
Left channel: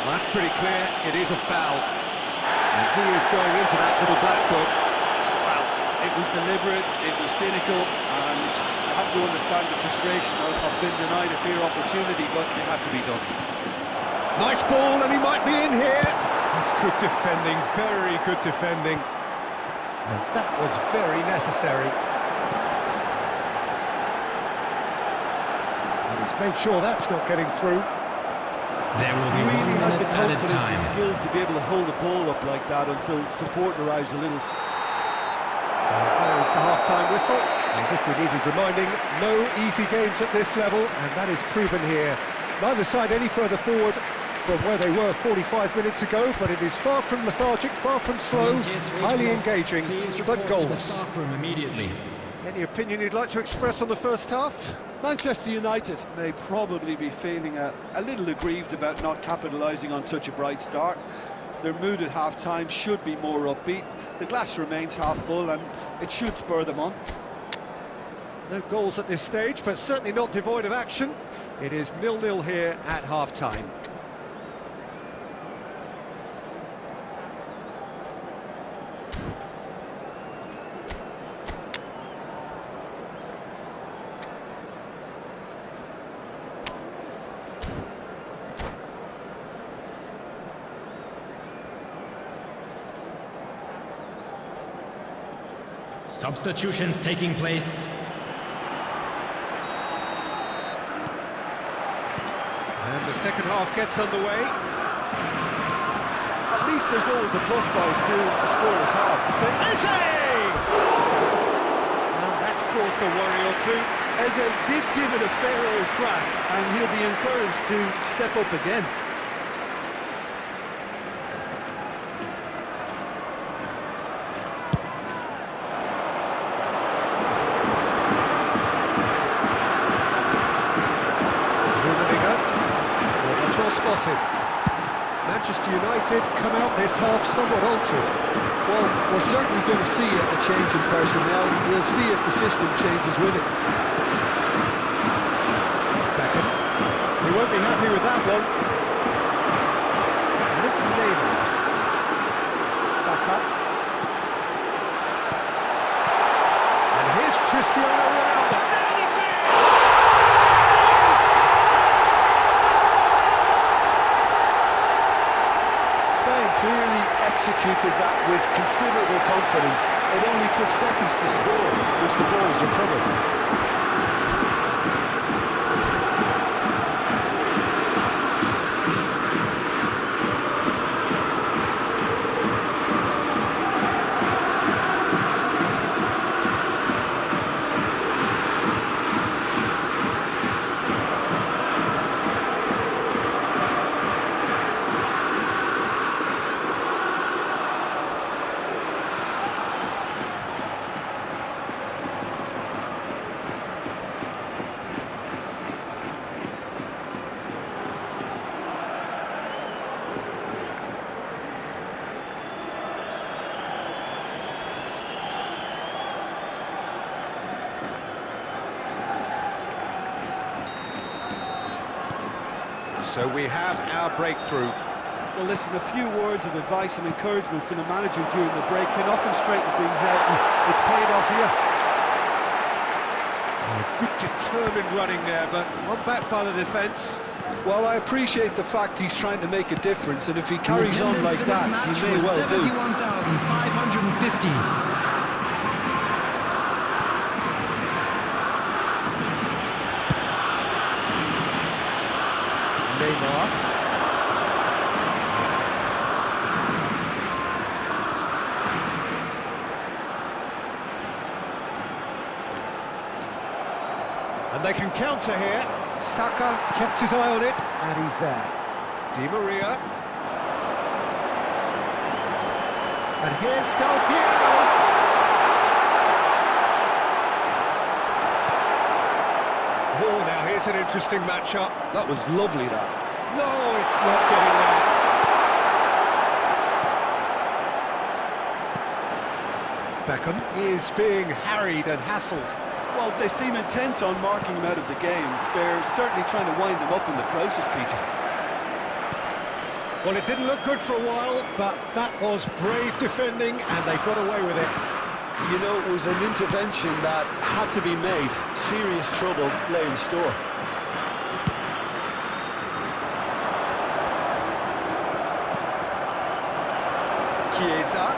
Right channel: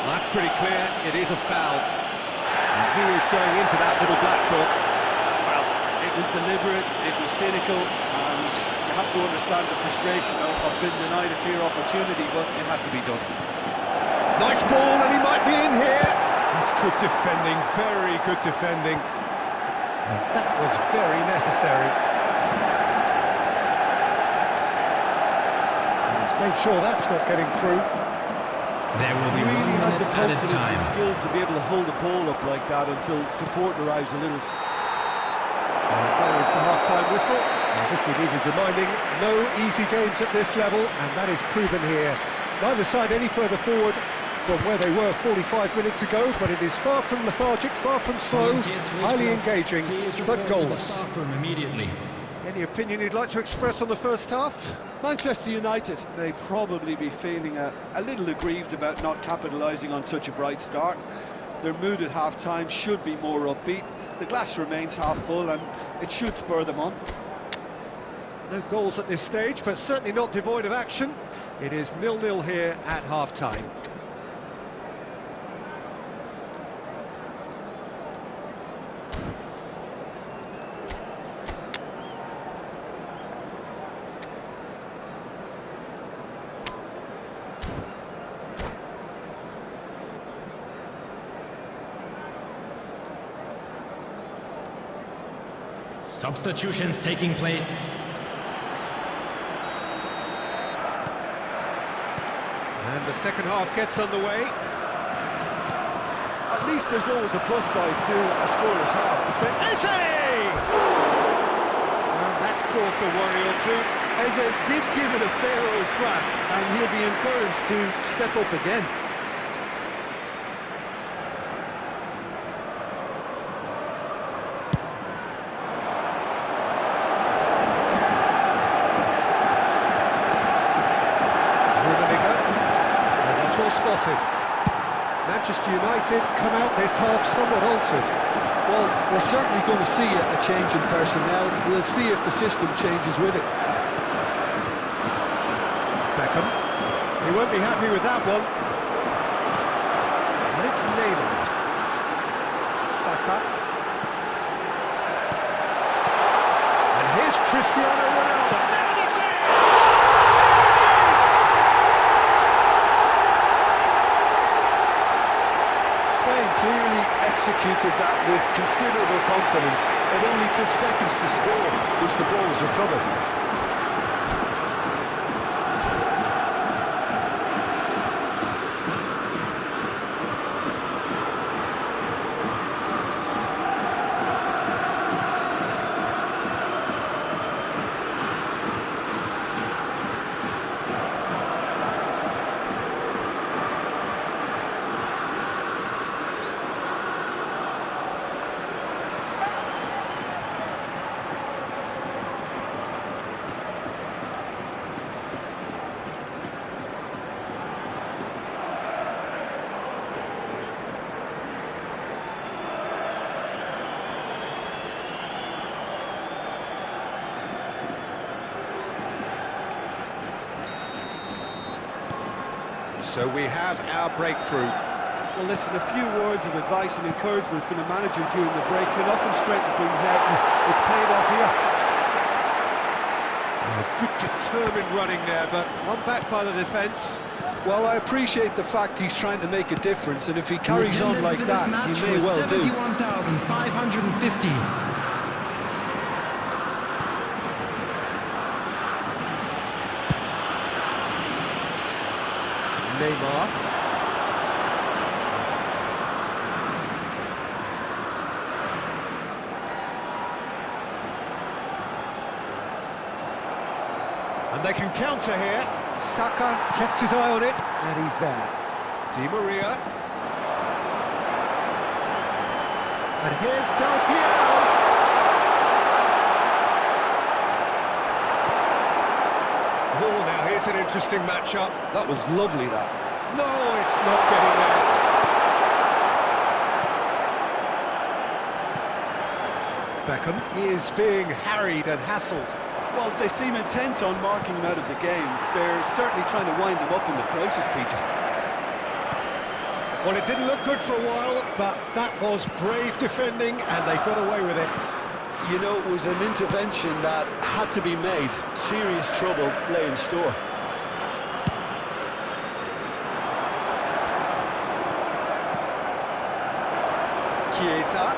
Well, that's pretty clear. It is a foul. And he is going into that little black book. Well, it was deliberate, it was cynical, and you have to understand the frustration of being denied a clear opportunity, but it had to be done. Nice ball, and he might be in here. That's good defending, very good defending. And that was very necessary. And he's made sure that's not getting through. There will be He really has the confidence and time. skill to be able to hold the ball up like that until support arrives a little. And there is the half-time whistle. As if we needed reminding, no easy games at this level, and that is proven here. Neither side any further forward from where they were 45 minutes ago, but it is far from lethargic, far from slow, highly engaging, but goalless. Immediately. Any opinion you'd like to express on the first half? Manchester United may probably be feeling a little aggrieved about not capitalising on such a bright start. Their mood at half-time should be more upbeat. The glass remains half full and it should spur them on. No goals at this stage, but certainly not devoid of action. It is 0-0 here at half-time. Substitutions taking place. And the second half gets underway. At least there's always a plus side to a scoreless half. Eze! And that's caused a worry or two. Eze did give it a fair old crack, and he'll be encouraged to step up again. Well spotted. Manchester United come out this half somewhat altered. Well, we're certainly going to see a change in personnel. We'll see if the system changes with it. Beckham. He won't be happy with that one. And it's Neymar. Saka. And here's Cristiano Ronaldo. Now the finish! Spain clearly executed that with considerable confidence. It only took seconds to score once the ball was recovered. So we have our breakthrough. Well, listen, a few words of advice and encouragement from the manager during the break can often straighten things out, and it's paid off here. Oh, good determined running there, but one back by the defence. Well, I appreciate the fact he's trying to make a difference, and if he carries on like that, he may well do. 71,550. Neymar. And they can counter here. Saka kept his eye on it, and he's there. Di Maria. And here's Del Piero. Oh, now here's an interesting matchup. That was lovely, that. No, it's not getting there. Beckham is being harried and hassled. Well, they seem intent on marking him out of the game. They're certainly trying to wind him up in the process, Peter. Well, it didn't look good for a while, but that was brave defending, and they got away with it. You know, it was an intervention that had to be made. Serious trouble lay in store. Chiesa.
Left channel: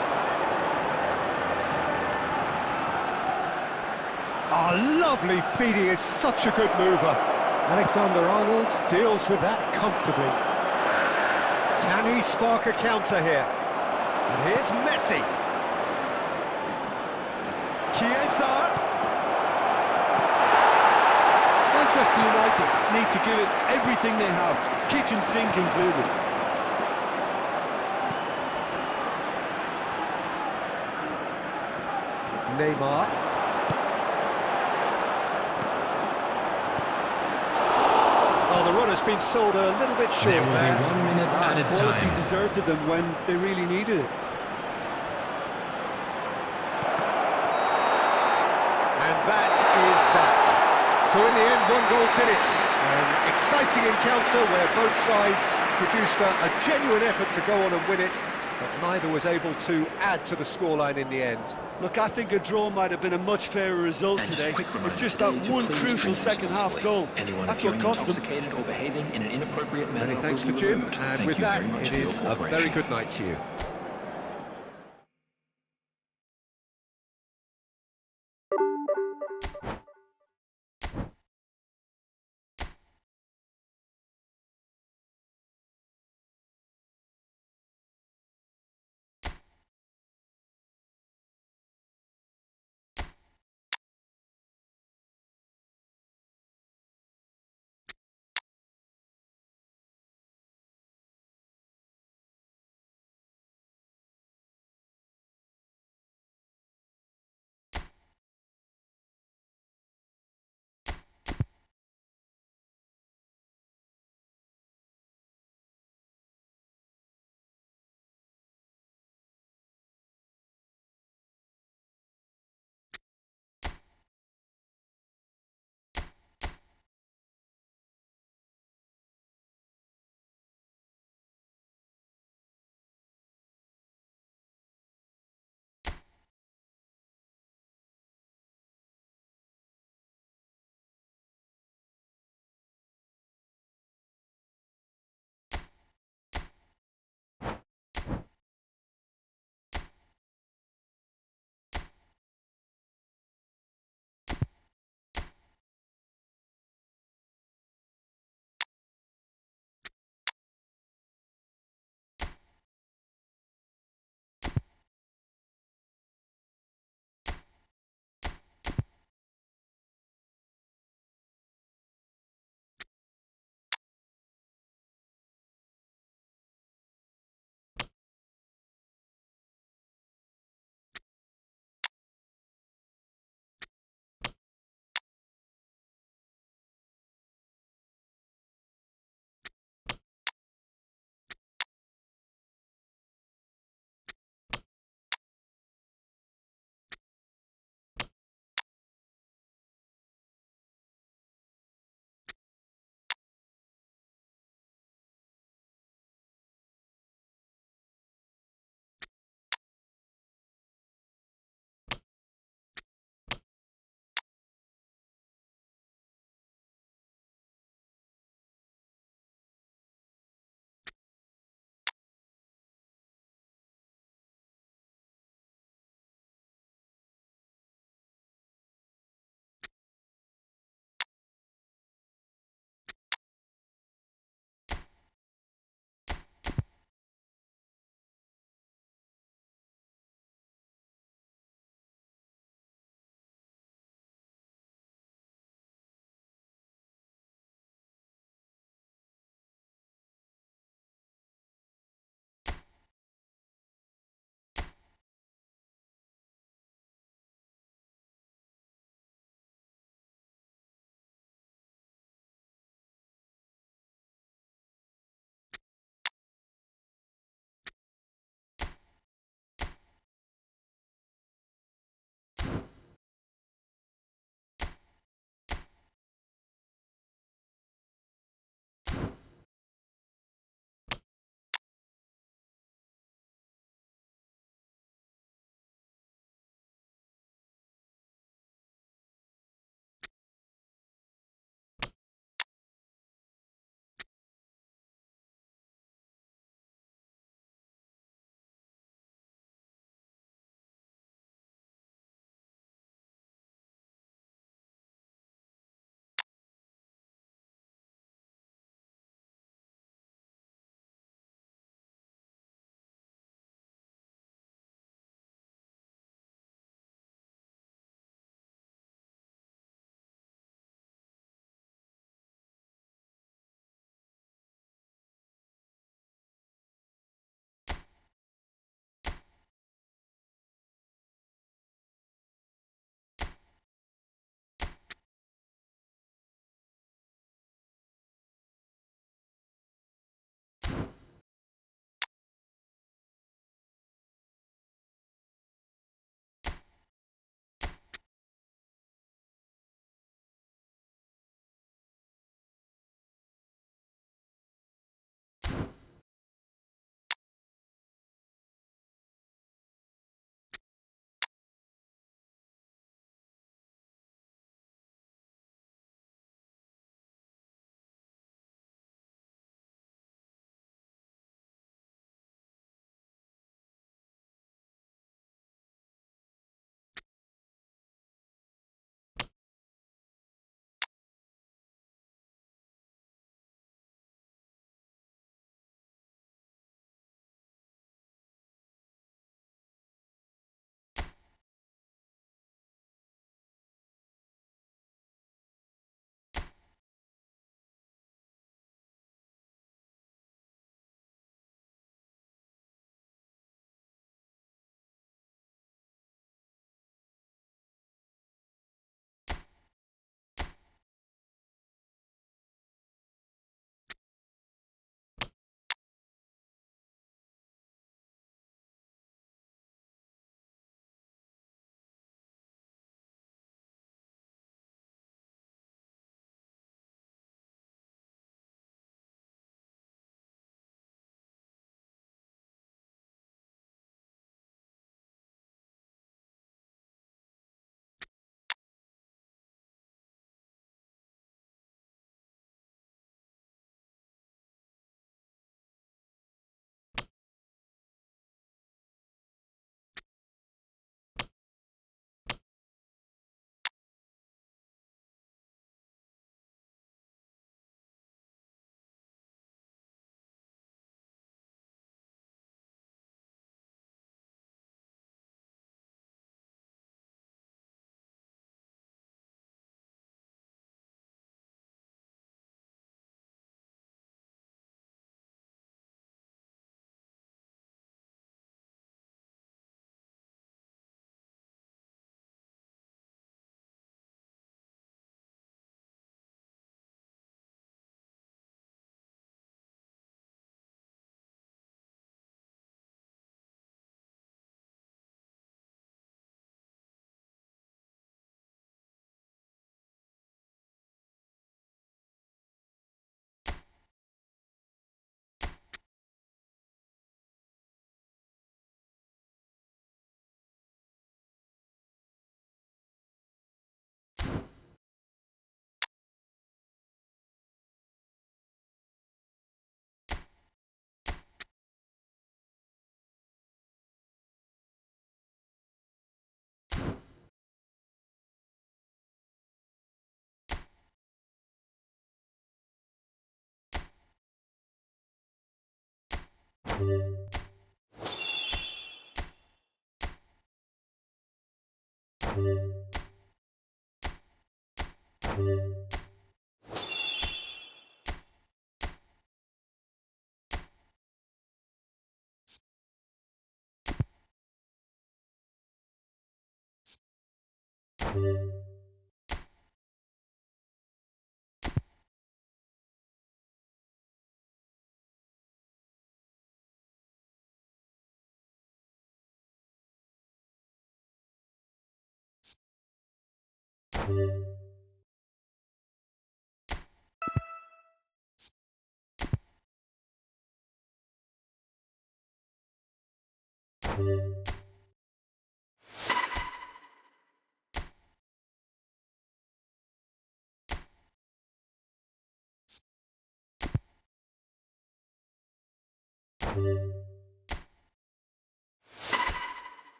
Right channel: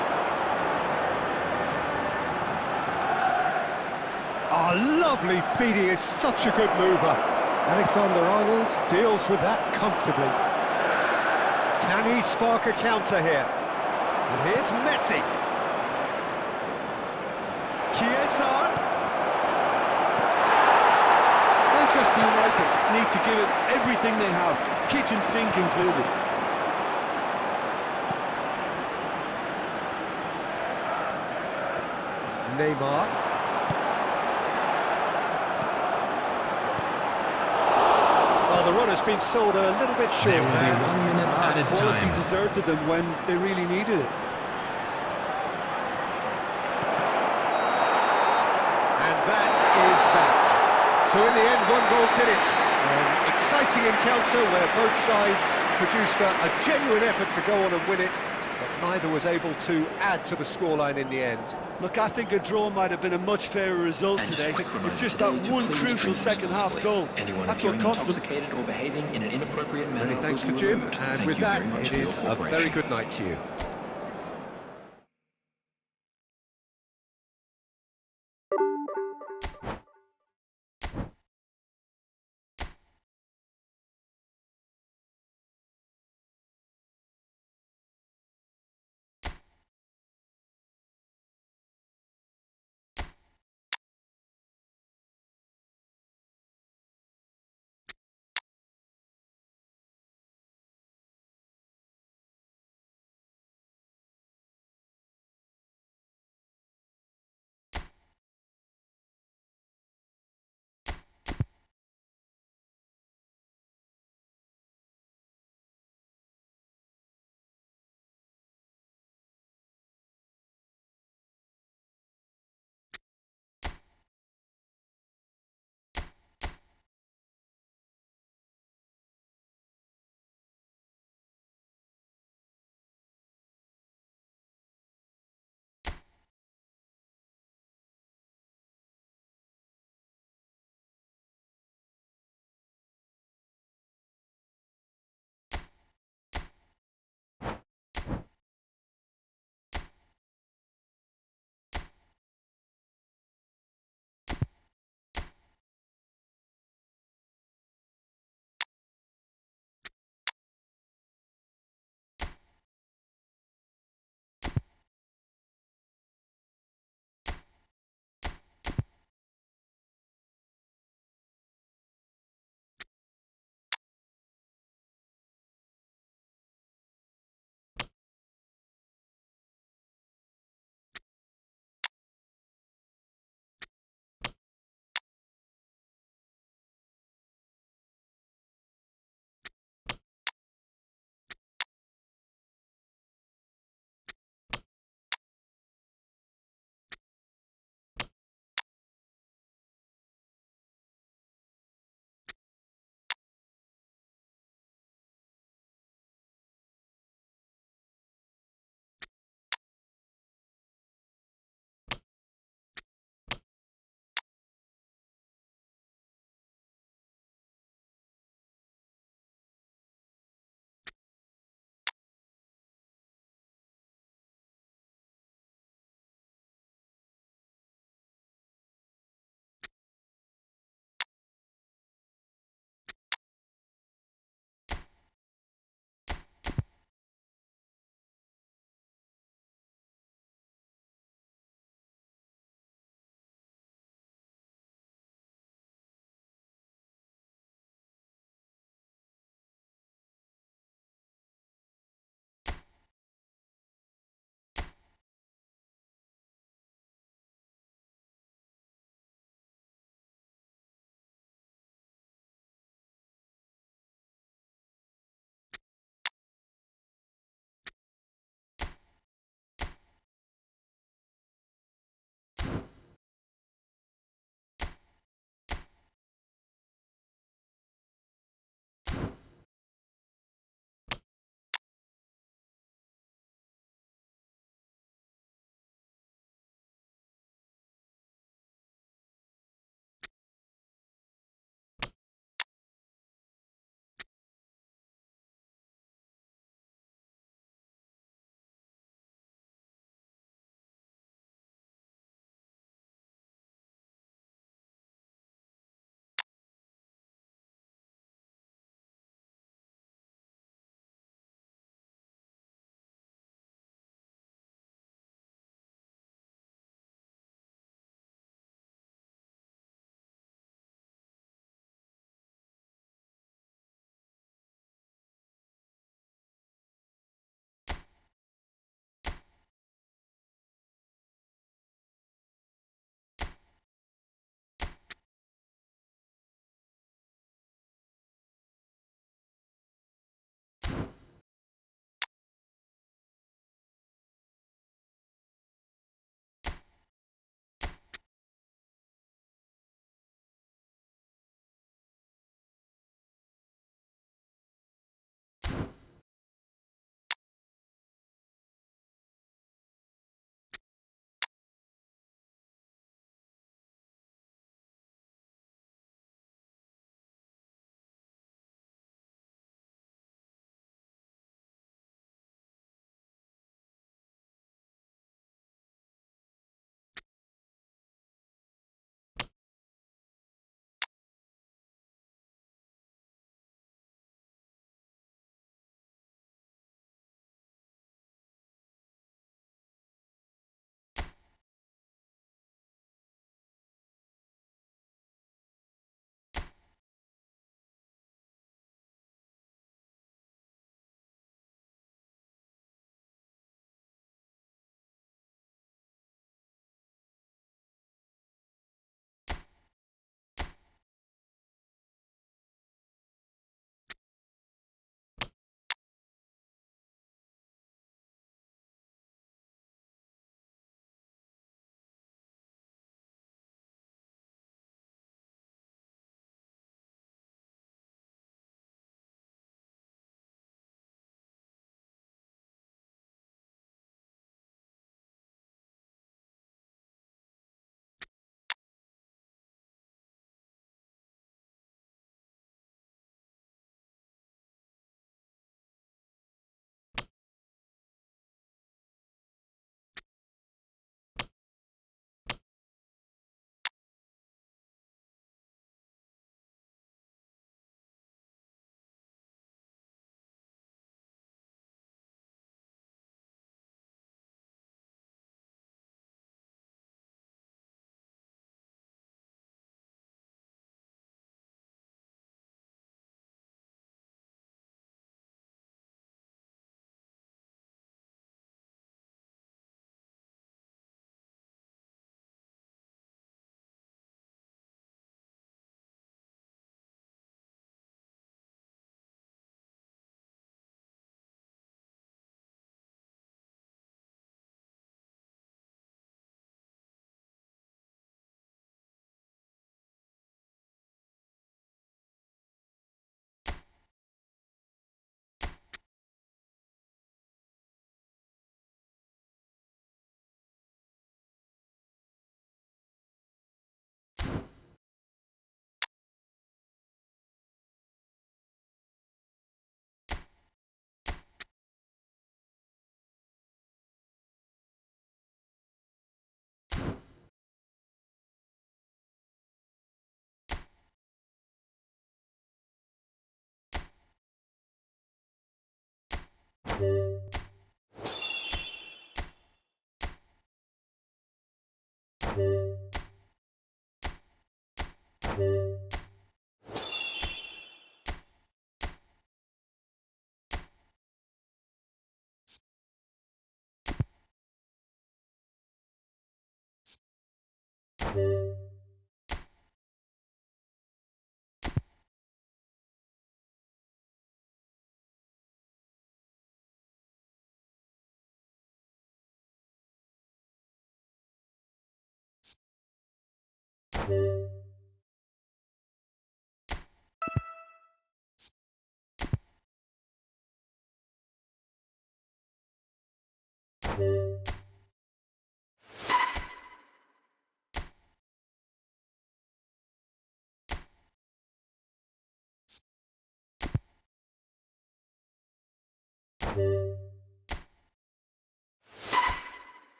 Oh, lovely feed. He is such a good mover. Alexander-Arnold deals with that comfortably. Can he spark a counter here? And here's Messi. Chiesa. Manchester United need to give it everything they have, kitchen sink included. Neymar. Well, the run has been sold a little bit short There will there. be 1 minute added Quality time. deserted them when they really needed it. And that is that. So in the end, one goal did it. An exciting encounter where both sides produced a genuine effort to go on and win it, but neither was able to add to the scoreline in the end. Look, I think a draw might have been a much fairer result And today. a quick reminder It's just today that to one please crucial drink second-half responsibly. goal. Anyone That's what appearing cost them. intoxicated or behaving in an inappropriate manner Many thanks to will be Jim, removed. and Thank with you that, very much it for your is a cooperation. very good night to you.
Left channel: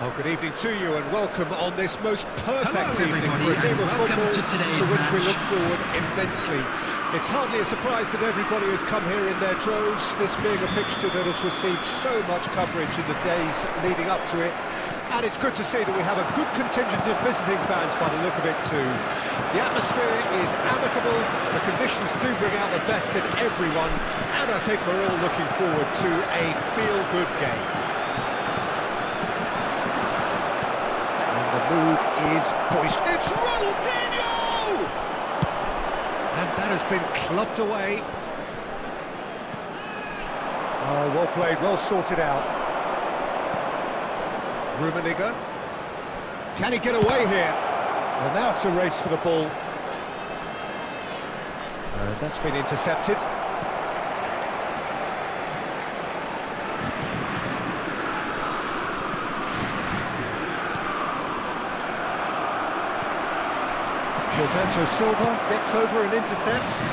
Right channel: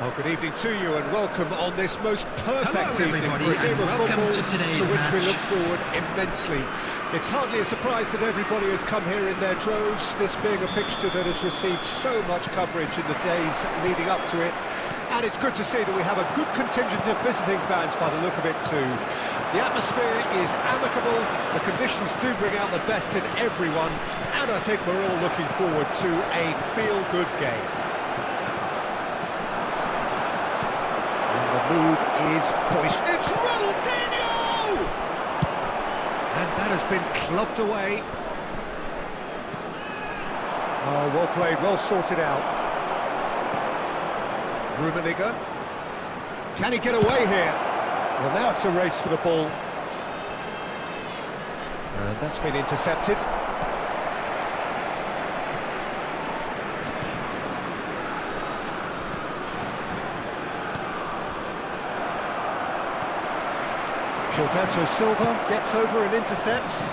Well, good evening to you and welcome on this most perfect Hello, evening everybody, for a game and of welcome football to today's which we match. look forward immensely. It's hardly a surprise that everybody has come here in their droves, this being a fixture that has received so much coverage in the days leading up to it. And it's good to see that we have a good contingent of visiting fans by the look of it too. The atmosphere is amicable, the conditions do bring out the best in everyone, and I think we're all looking forward to a feel-good game. The mood is boisterous. It's Ronaldinho! And that has been clubbed away. Oh, well played, well sorted out. Rummenigge. Can he get away here? Well, now it's a race for the ball. And that's been intercepted. Gilberto Silva gets over and intercepts.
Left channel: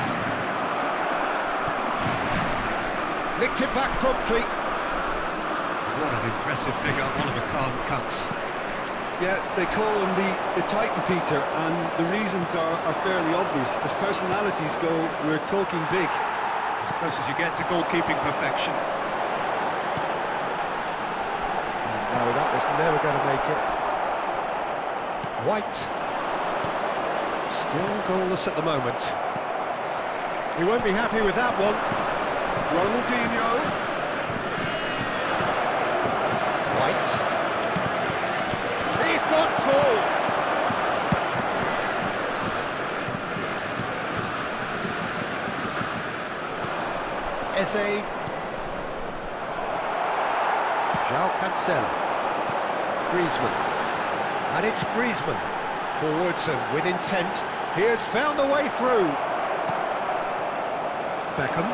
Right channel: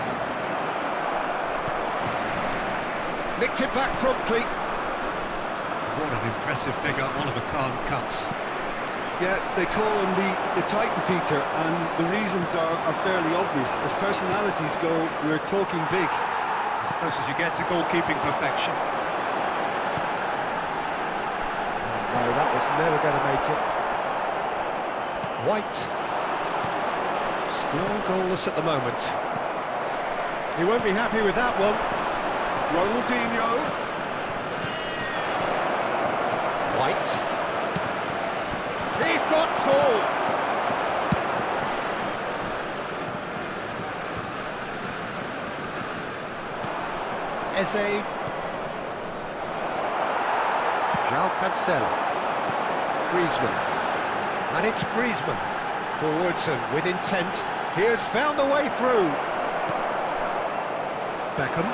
Nicked it back promptly. What an impressive figure Oliver Kahn cuts. Yeah, they call him the Titan, Peter, and the reasons are fairly obvious. As personalities go, we're talking big. As close as you get to goalkeeping perfection. And no, that was never going to make it. White. Still goalless at the moment. He won't be happy with that one. Ronaldinho. White. He's got tall. Eze. João Cancelo. Griezmann. And it's Griezmann. Forwards and with intent. He has found the way through. Beckham.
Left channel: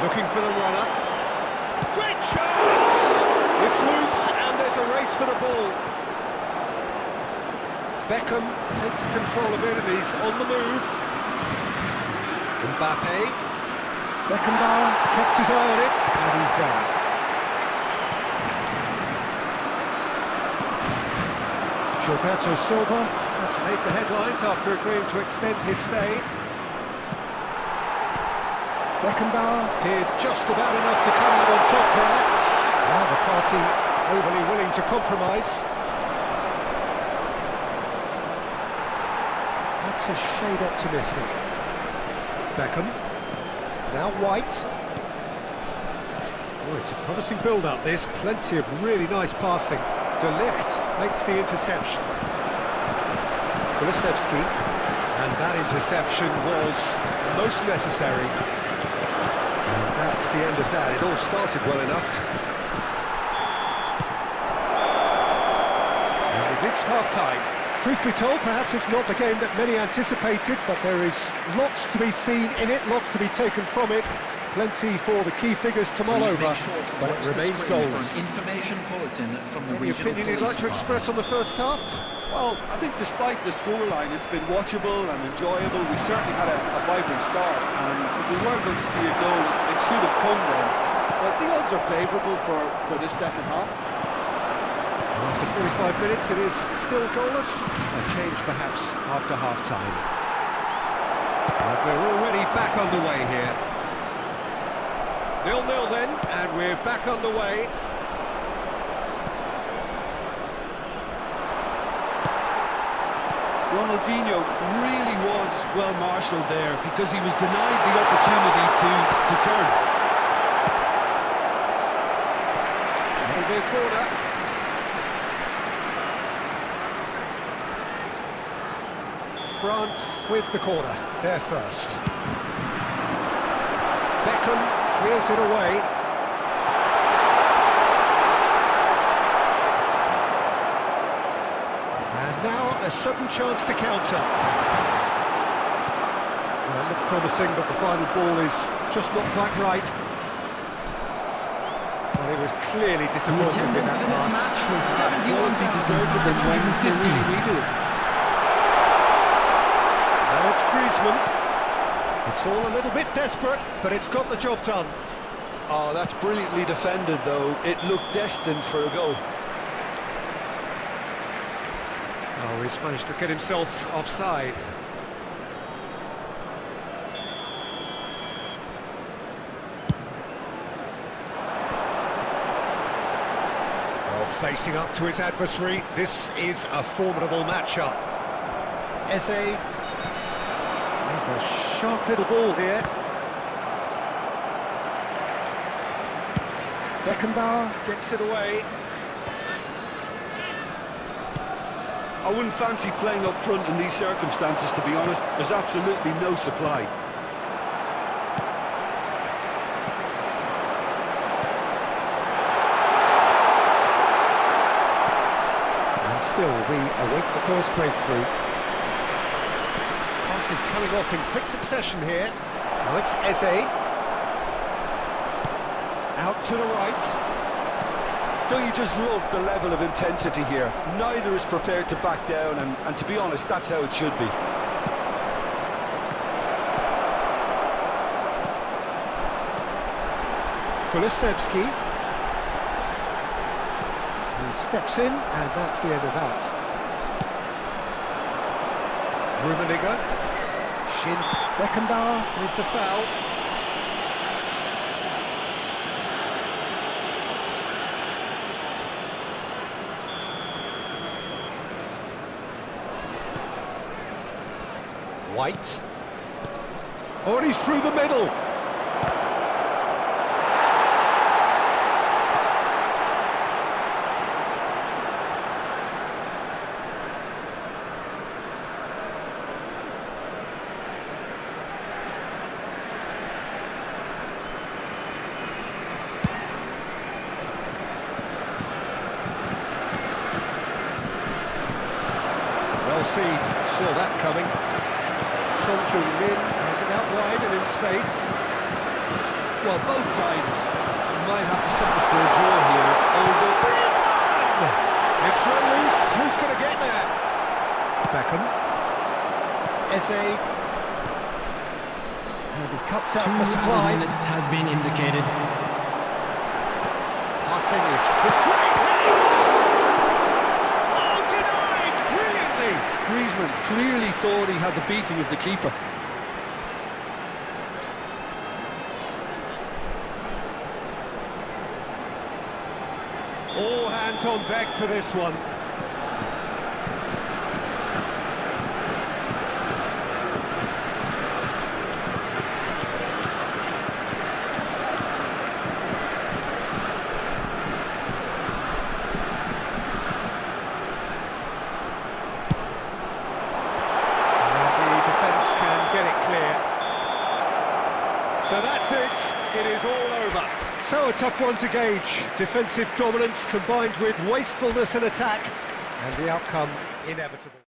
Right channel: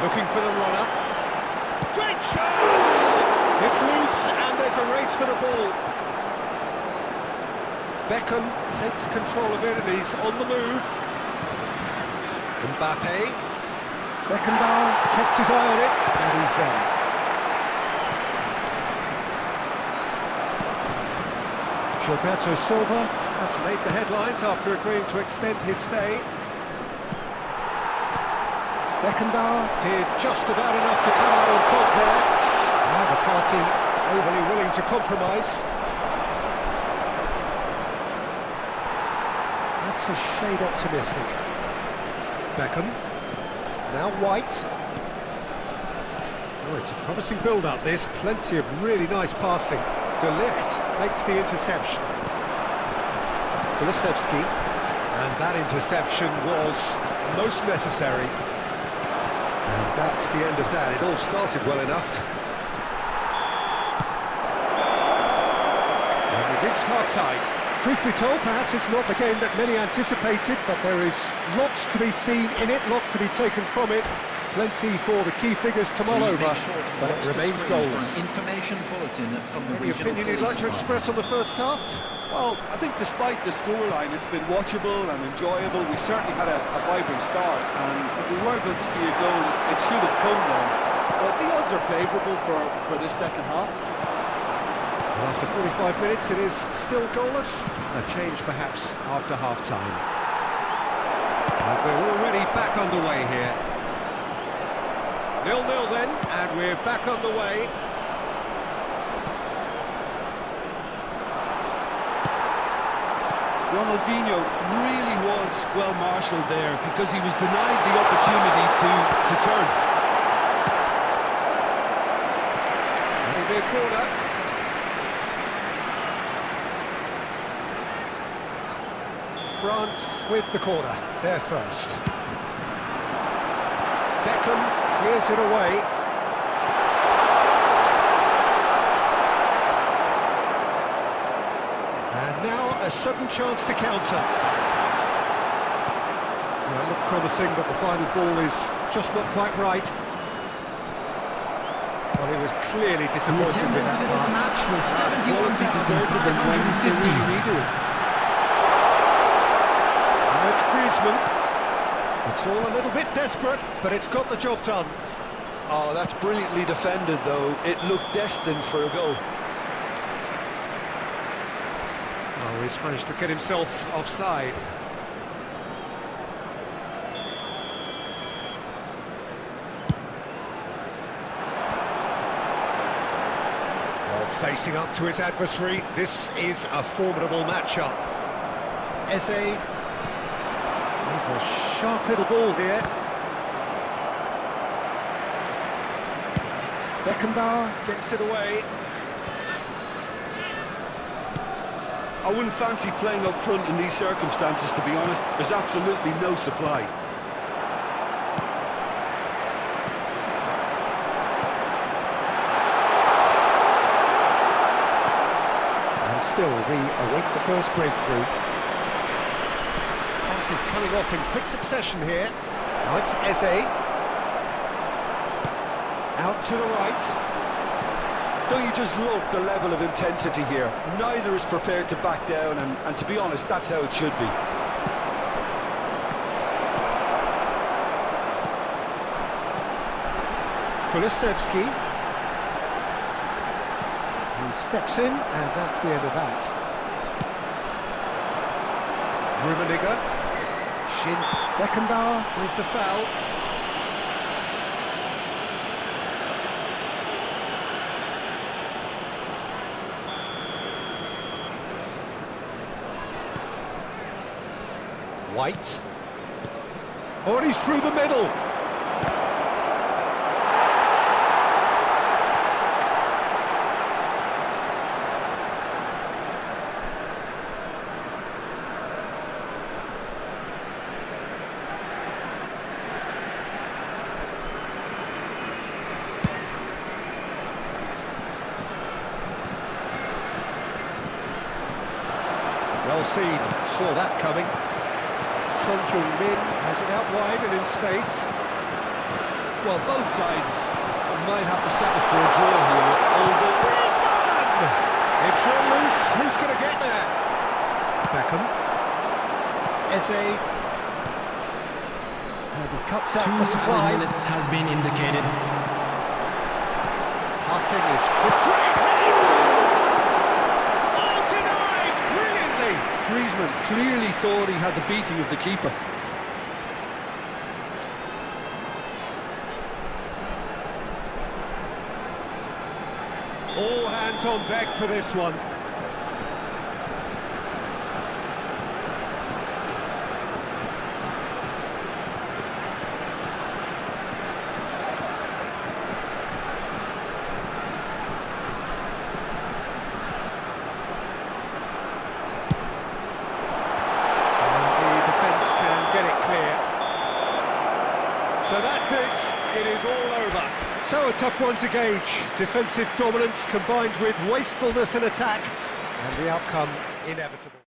Looking for the runner. Great chance! It's loose and there's a race for the ball. Beckham takes control of it and he's on the move. Mbappe. Beckenbauer kept his eye on it and he's there. Gilberto Silva has made the headlines after agreeing to extend his stay. Beckenbauer did just about enough to come out on top there. Now the party overly willing to compromise. That's a shade optimistic. Beckham. Now White. Oh, it's a promising build-up, this. Plenty of really nice passing. De Ligt makes the interception. Kulusevski. And that interception was most necessary. And that's the end of that. It all started well enough. And we've reached half-time. Truth be told, perhaps it's not the game that many anticipated, but there is lots to be seen in it, lots to be taken from it. Plenty for the key figures to mull over, but it remains goalless. Information bulletin from the Any opinion you'd like to express on the first half? Well, I think despite the scoreline, it's been watchable and enjoyable. We certainly had a vibrant start, and if we were going to see a goal, it should have come then. But the odds are favourable for this second half. Well, after 45 minutes, it is still goalless. A change, perhaps, after half-time. And we're already back underway here. 0-0 then, and we're back underway. Ronaldinho really was well marshalled there because he was denied the opportunity to turn. That'll be a corner. France with the corner, there first. Beckham clears it away. And now a sudden chance to counter. Well, it looked promising, but the final ball is just not quite right. Well, he was clearly disappointed with that pass. Quality deserted them when they really needed it. Now it's Griezmann. It's all a little bit desperate, but it's got the job done. Oh, that's brilliantly defended, though. It looked destined for a goal. Oh, he's managed to get himself offside. Oh, facing up to his adversary, this is a formidable matchup. Eze. There's a sharp little ball here. Beckenbauer gets it away. I wouldn't fancy playing up front in these circumstances, to be honest. There's absolutely no supply. And still, we await the first breakthrough. Is coming off in quick succession here. Now it's Eze. Out to the right. Don't you just love the level of intensity here? Neither is prepared to back down, and to be honest, that's how it should be. Kulusevski. He steps in, and that's the end of that. Rummenigge. Shin. Beckenbauer with the foul. White. Oh, and he's through the middle. Well seen, saw that coming. Son Heung-min has it out wide and in space. Well, both sides might have to settle for a draw here, although... Griezmann! It's run loose, who's going to get there? Beckham. Eze. And he cuts out the supply. 2 minutes has been indicated. Passing is straight hits! Oh, denied! Brilliantly! Griezmann clearly thought he had the beating of the keeper. All hands on deck for this one. So that's it. It is all over. So a tough one to gauge. Defensive dominance combined with wastefulness in attack, and the outcome inevitable.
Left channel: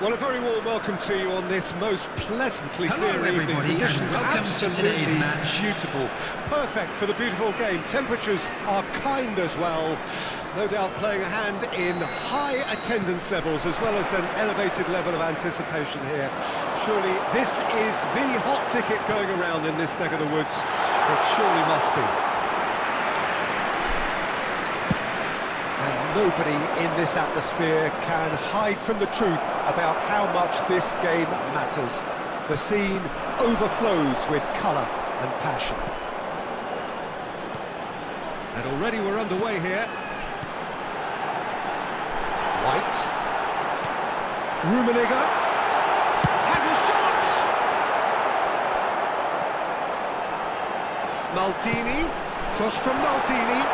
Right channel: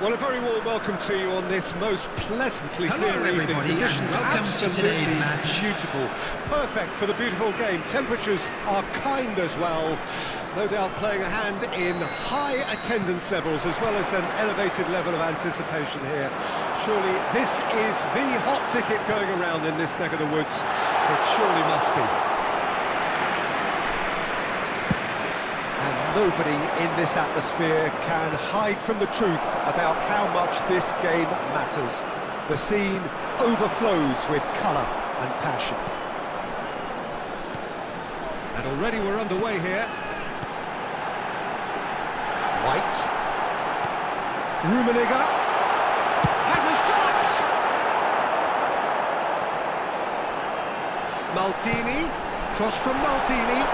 Well, a very warm welcome to you on this most pleasantly Hello, clear evening. everybody, and Conditions welcome to absolutely today's match. beautiful. Perfect for the beautiful game. Temperatures are kind as well. No doubt playing a hand in high attendance levels as well as an elevated level of anticipation here. Surely this is the hot ticket going around in this neck of the woods. It surely must be. And nobody in this atmosphere can hide from the truth about how much this game matters. The scene overflows with colour and passion. And already we're underway here. White. Rummenigge has a shot! Maldini, cross from Maldini.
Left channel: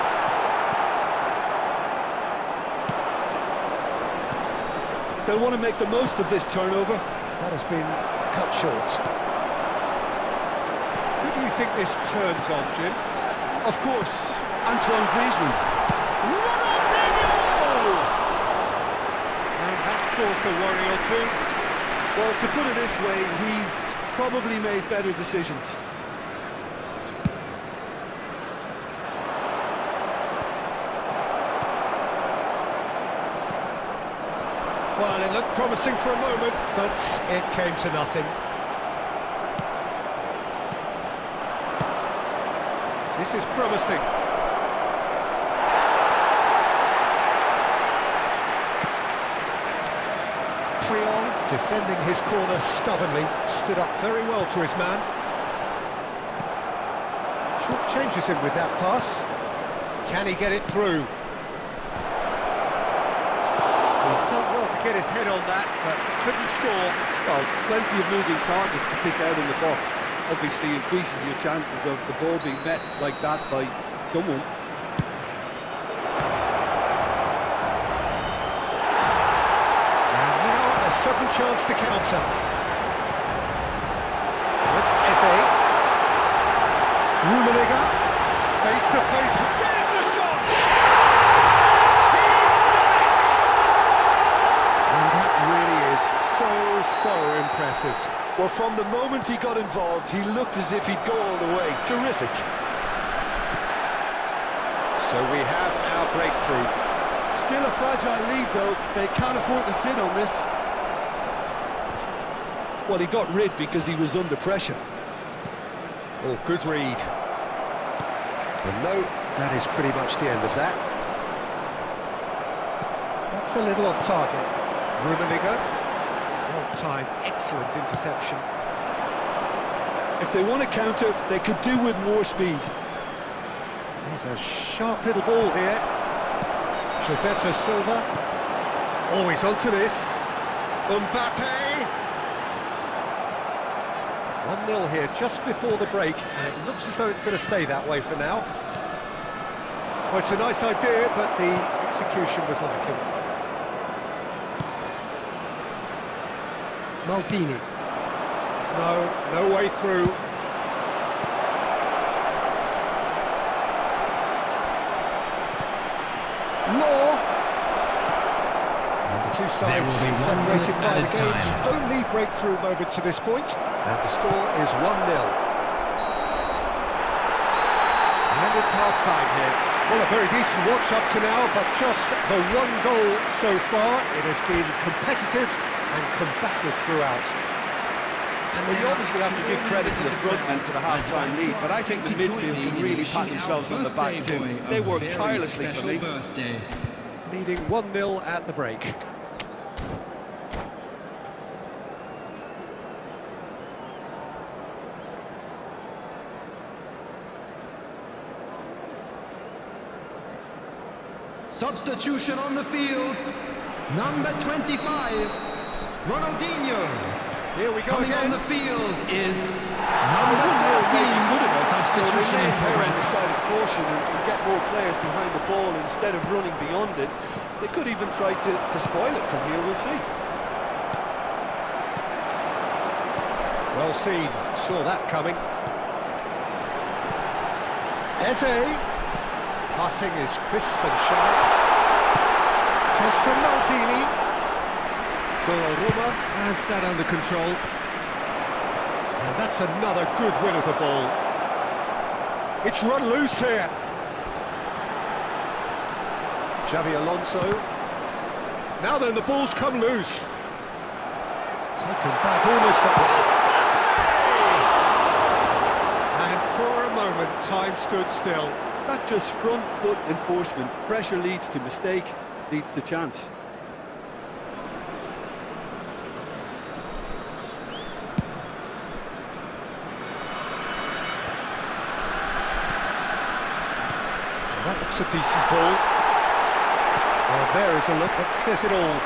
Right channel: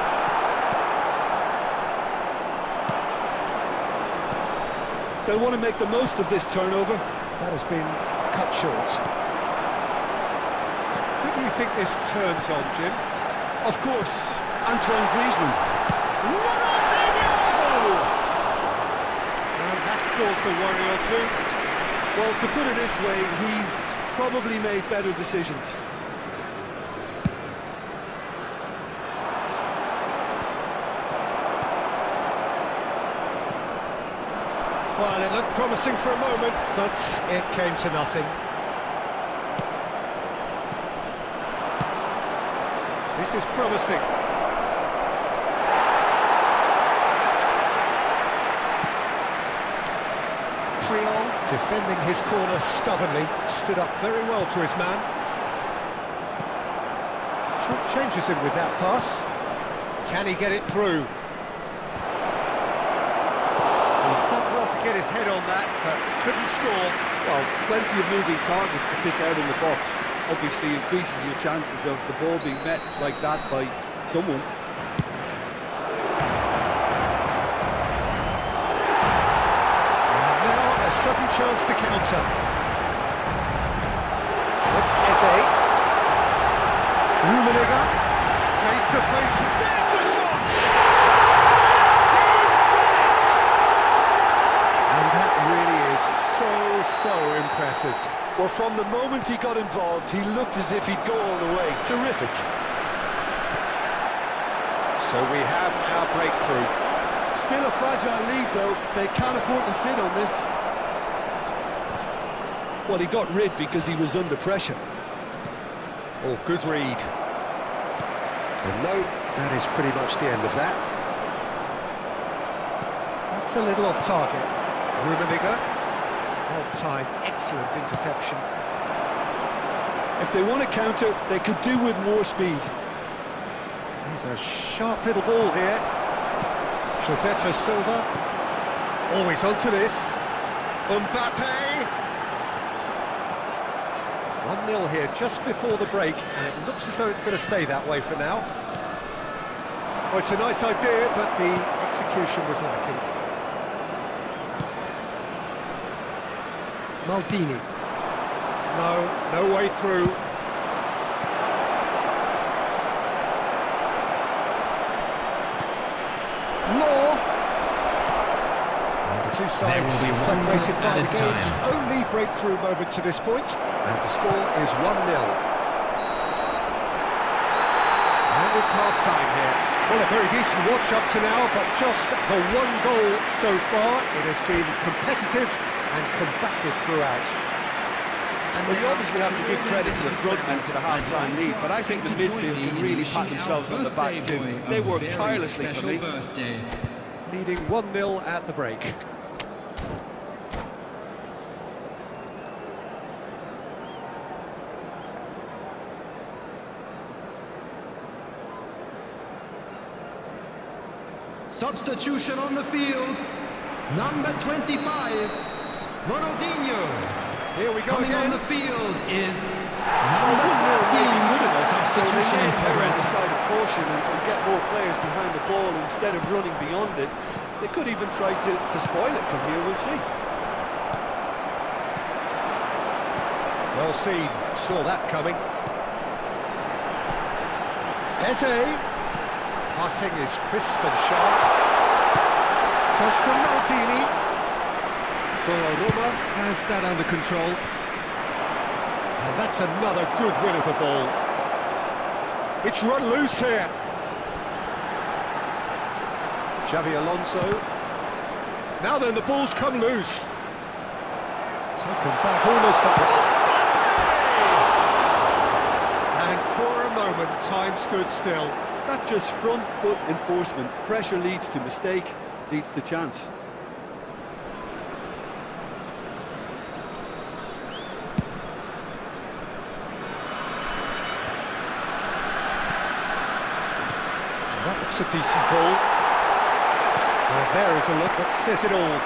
They'll want to make the most of this turnover. That has been cut short. Who do you think this turns on, Jim? Of course, Antoine Griezmann. Ronaldinho! And that's caused a worry or two. Well, to put it this way, he's probably made better decisions. Well, it looked promising for a moment, but it came to nothing. This is promising. Triol, defending his corner stubbornly, stood up very well to his man. Short changes him with that pass. Can he get it through? He's done well to get his head on that, but couldn't score. Well, plenty of moving targets to pick out in the box. Obviously increases your chances of the ball being met like that by someone. And now a sudden chance to counter. It's Eze. Rummenigge, face to face. There's the shot! And that really is so impressive. Well, from the moment he got involved, he looked as if he'd go all the way. Terrific. So we have our breakthrough. Still a fragile lead, though. They can't afford to sit on this. Well, he got rid because he was under pressure. Oh, good read. And no, that is pretty much the end of that. That's a little off target. Rummenigge, well-timed, excellent interception. If they want to counter, they could do with more speed. There's a sharp little ball here. Gilberto Silva, always onto this. Mbappe! 1-0 here just before the break, and it looks as though it's going to stay that way for now. Well, it's a nice idea, but the execution was lacking. Maldini. No way through. Law. And the two sides separated by the game's only breakthrough moment to this point. And the score is 1-0. And it's half-time here. Well, a very decent watch up to now, but just the one goal so far. It has been competitive and combative throughout. Well, you obviously have to give credit to the front men for the half-time lead, but I think the midfield can really pat themselves on the back too. They worked tirelessly for me. Leading 1-0 at the break. Substitution on the field. Number 25, Ronaldinho. Here we go Coming again. on the field is Well, number 1-0 may be 13. good enough, so they Substitution may in err on the progress. side of caution and get more players behind the ball instead of running beyond it. They could even try to spoil it from here, we'll see. Well seen, saw that coming. Eze. Passing is crisp and sharp. Cross from Maldini. Donnarumma has that under control. And that's another good win of the ball. It's run loose here. Xavi Alonso. Now then, the ball's come loose. Taken back, almost got the... And for a moment, time stood still. That's just front foot enforcement. Pressure leads to mistake, leads to chance. That looks a decent ball. Well, there is a look that says it all.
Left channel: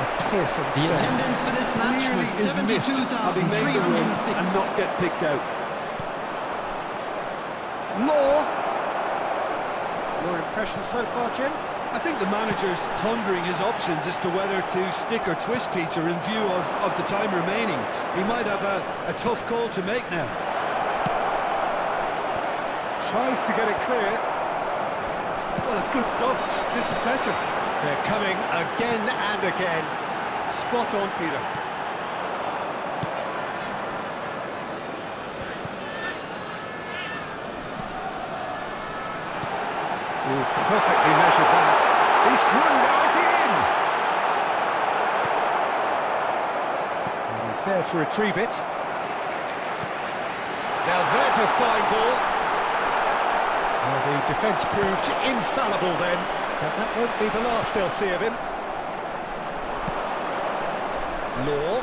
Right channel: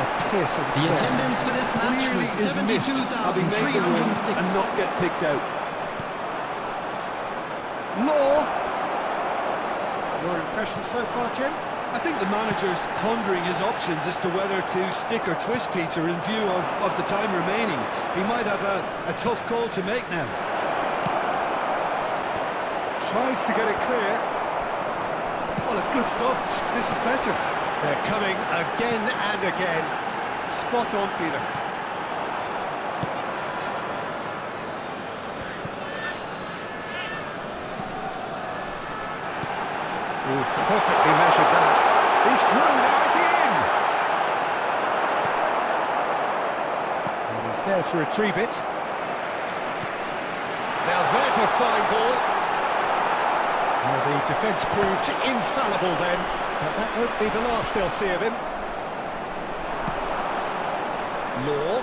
A piercing The stare. attendance for this match Clearly was is miffed, having made the run 72,306. and not get picked out. Law. Your impression so far, Jim? I think the manager's pondering his options as to whether to stick or twist Peter in view of the time remaining. He might have a tough call to make now. Tries to get it clear. Well, it's good stuff. This is better. They're coming again and again. Spot on, Peter. Ooh, perfectly measured that. He's through, now is he in? And he's there to retrieve it. Now there's a fine ball. Well, the defence proved infallible then, but that won't be the last they'll see of him. Law.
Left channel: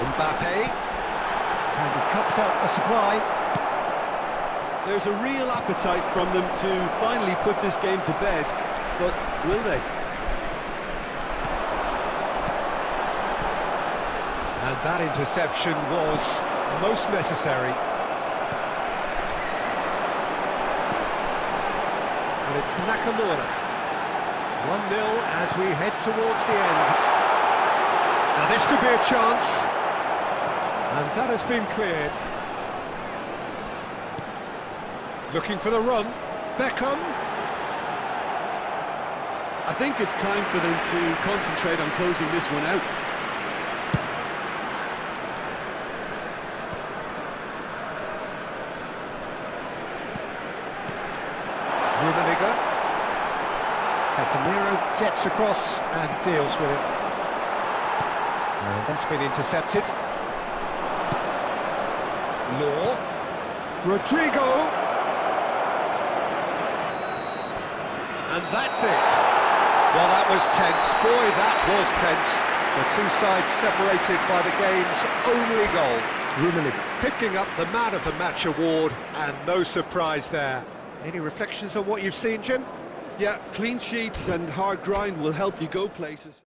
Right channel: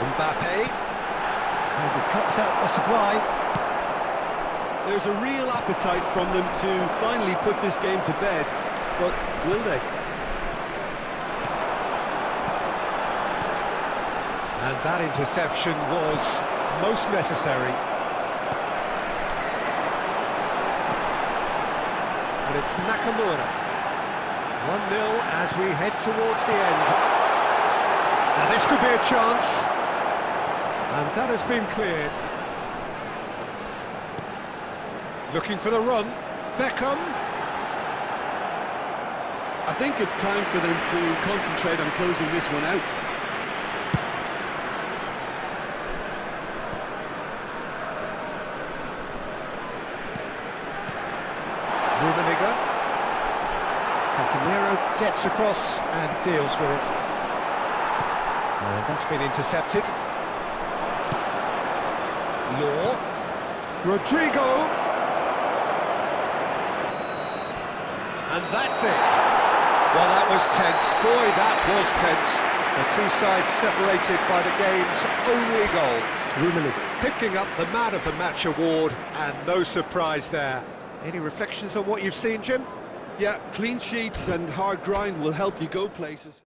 Mbappe. And he cuts out the supply. There's a real appetite from them to finally put this game to bed, but will they? And that interception was most necessary. And it's Nakamura. 1-0 as we head towards the end. Now this could be a chance. And that has been cleared. Looking for the run. Beckham. I think it's time for them to concentrate on closing this one out. Rummenigge. Casemiro gets across and deals with it. And that's been intercepted. Law. Rodrigo. And that's it. Well, that was tense. Boy, that was tense. The two sides separated by the game's only goal. Rummenigge picking up the Man of the Match award, and no surprise there. Any reflections on what you've seen, Jim? Yeah, clean sheets and hard grind will help you go places.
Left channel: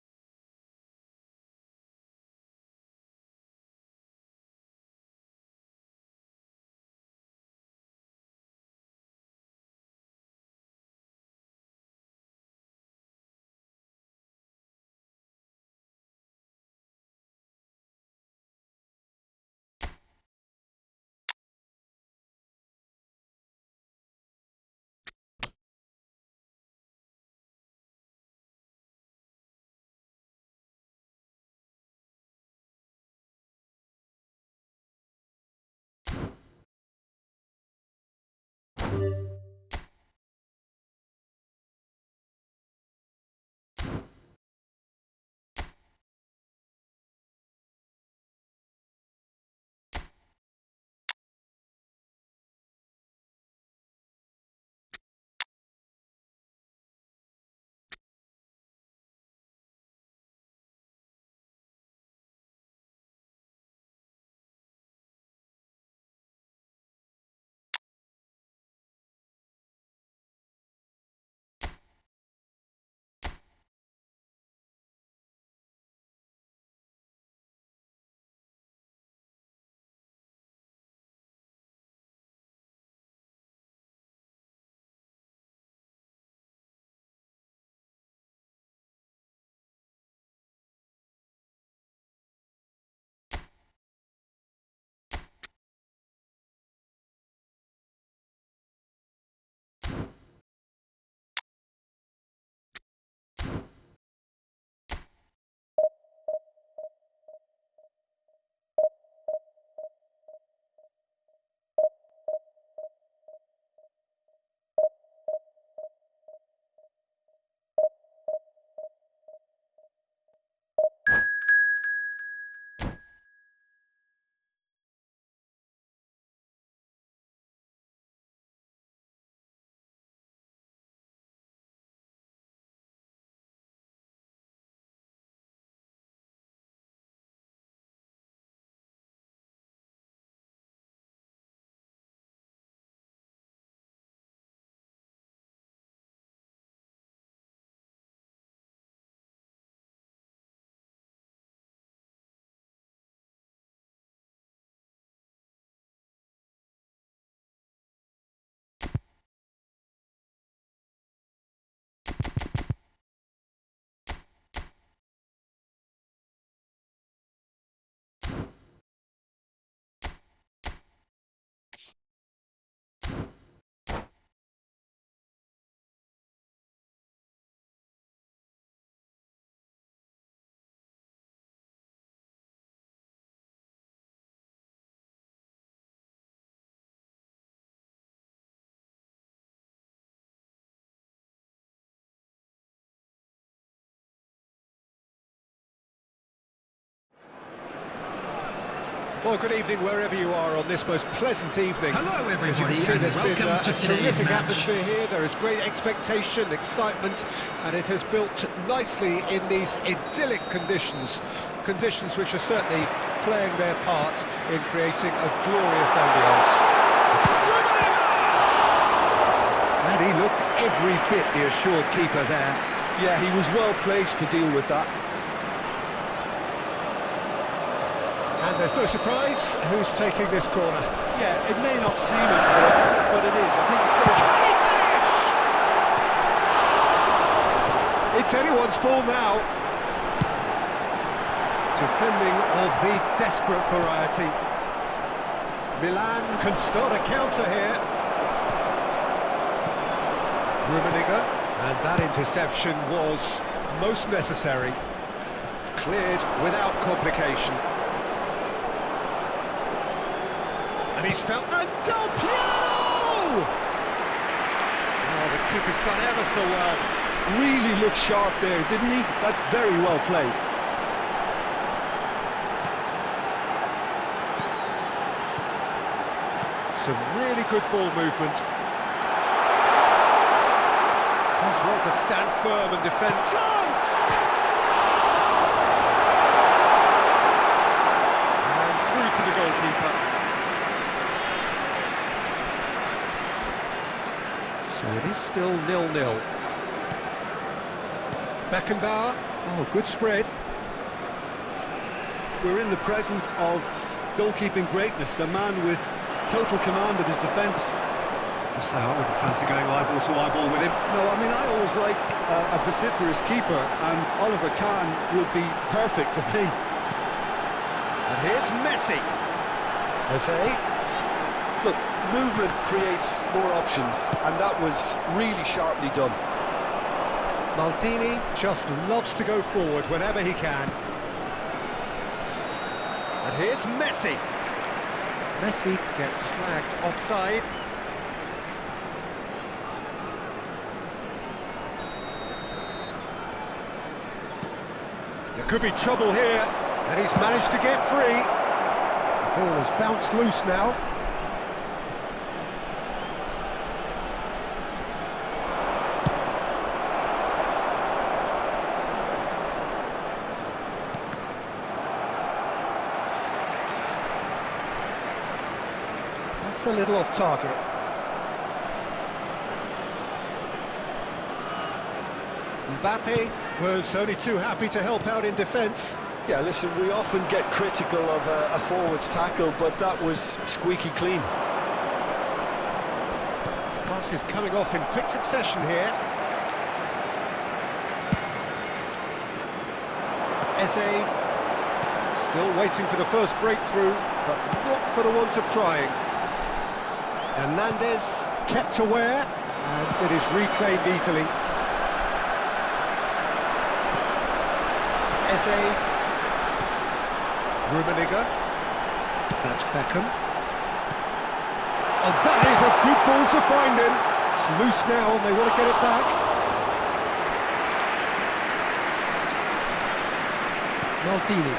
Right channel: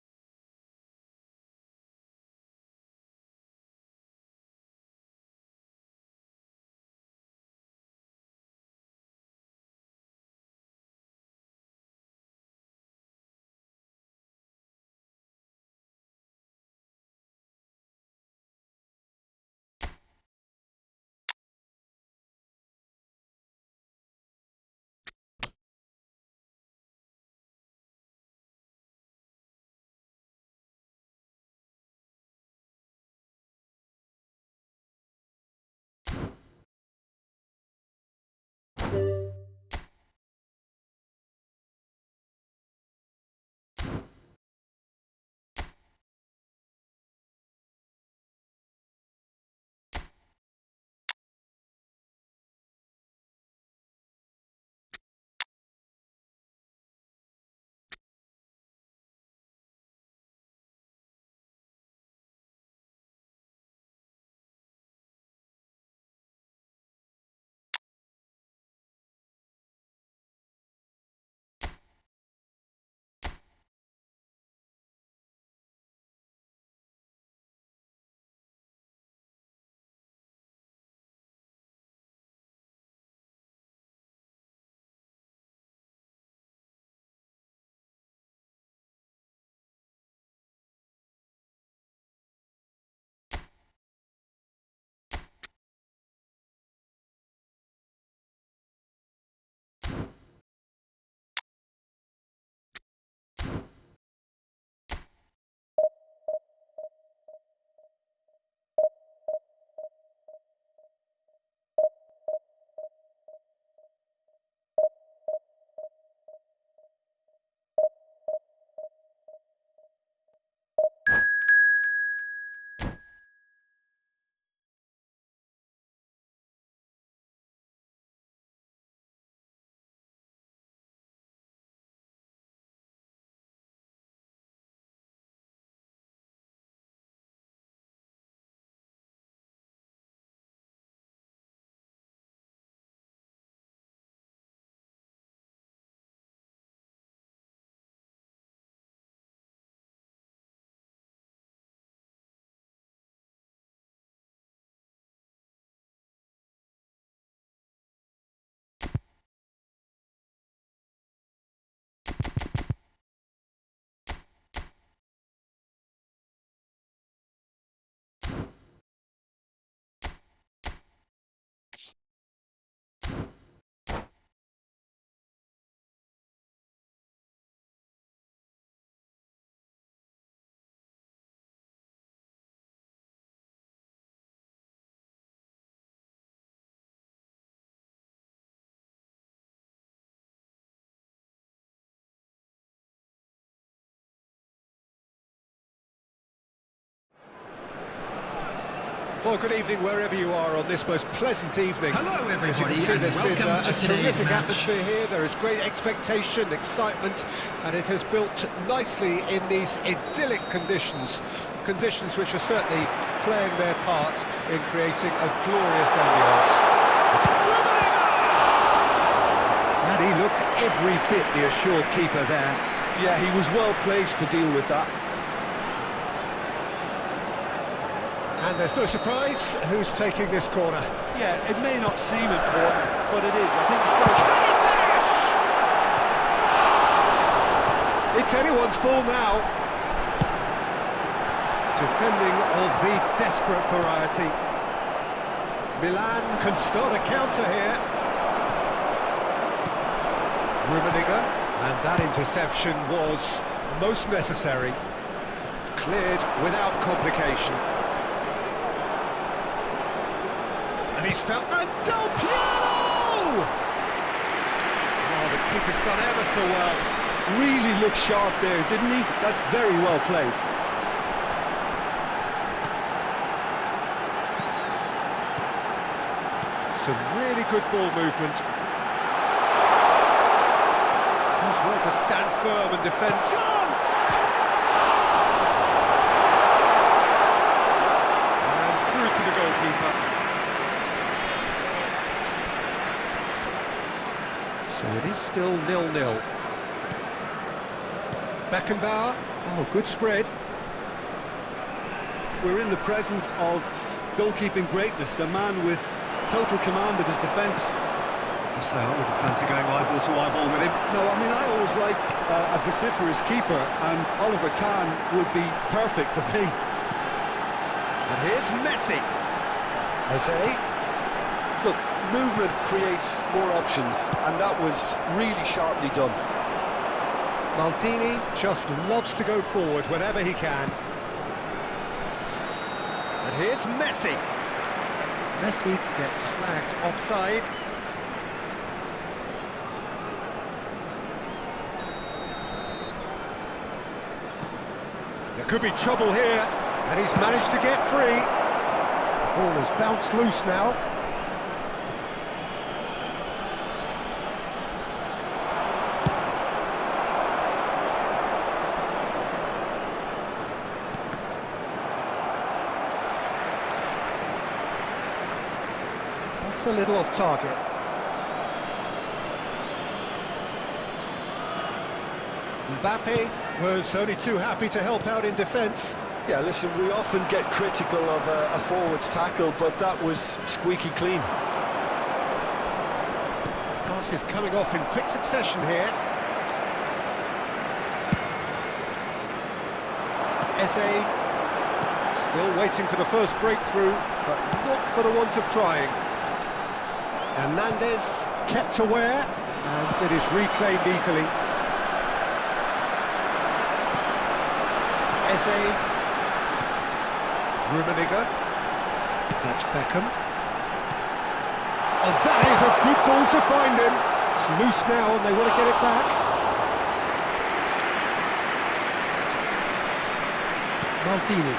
Well, good evening wherever you are on this most pleasant evening. Hello, As you everybody, can see, and there's been welcome to a today's terrific match. atmosphere here. There is great expectation, excitement, and it has built nicely in these idyllic conditions. Conditions which are certainly playing their part in creating a glorious ambience. And he looked every bit the assured keeper there. Yeah, he was well placed to deal with that. And there's no surprise who's taking this corner. Yeah, it may not seem important, but it is. I think the first... Can he finish? It's anyone's ball now. Defending of the desperate variety. Milan can start a counter here. Rummenigge, and that interception was most necessary. Cleared without complication. And he's found... And Del Piero! Oh, the keeper's done ever so well. Really looked sharp there, didn't he? That's very well played. Some really good ball movement. Does well to stand firm and defend. Chance! And through to the goalkeeper. So it is still 0-0. Beckenbauer. Oh, good spread. We're in the presence of goalkeeping greatness, a man with total command of his defence. I say I wouldn't fancy going eyeball to eyeball with him. No, I mean, I always like a vociferous keeper, and Oliver Kahn would be perfect for me. And here's Messi. Jose. Look, movement creates more options, and that was really sharply done. Maldini just loves to go forward whenever he can. And here's Messi. Messi gets flagged offside. There could be trouble here, and he's managed to get free. The ball has bounced loose now. That's a little off target. Mbappe was only too happy to help out in defence. Yeah, listen, we often get critical of a forward's tackle, but that was squeaky clean. Passes coming off in quick succession here. Eze still waiting for the first breakthrough, but not for the want of trying. Hernandez kept aware, and it is reclaimed easily. Eze. Rummenigge. That's Beckham. Oh, that is a good ball to find him. It's loose now and they want to get it back. Maldini.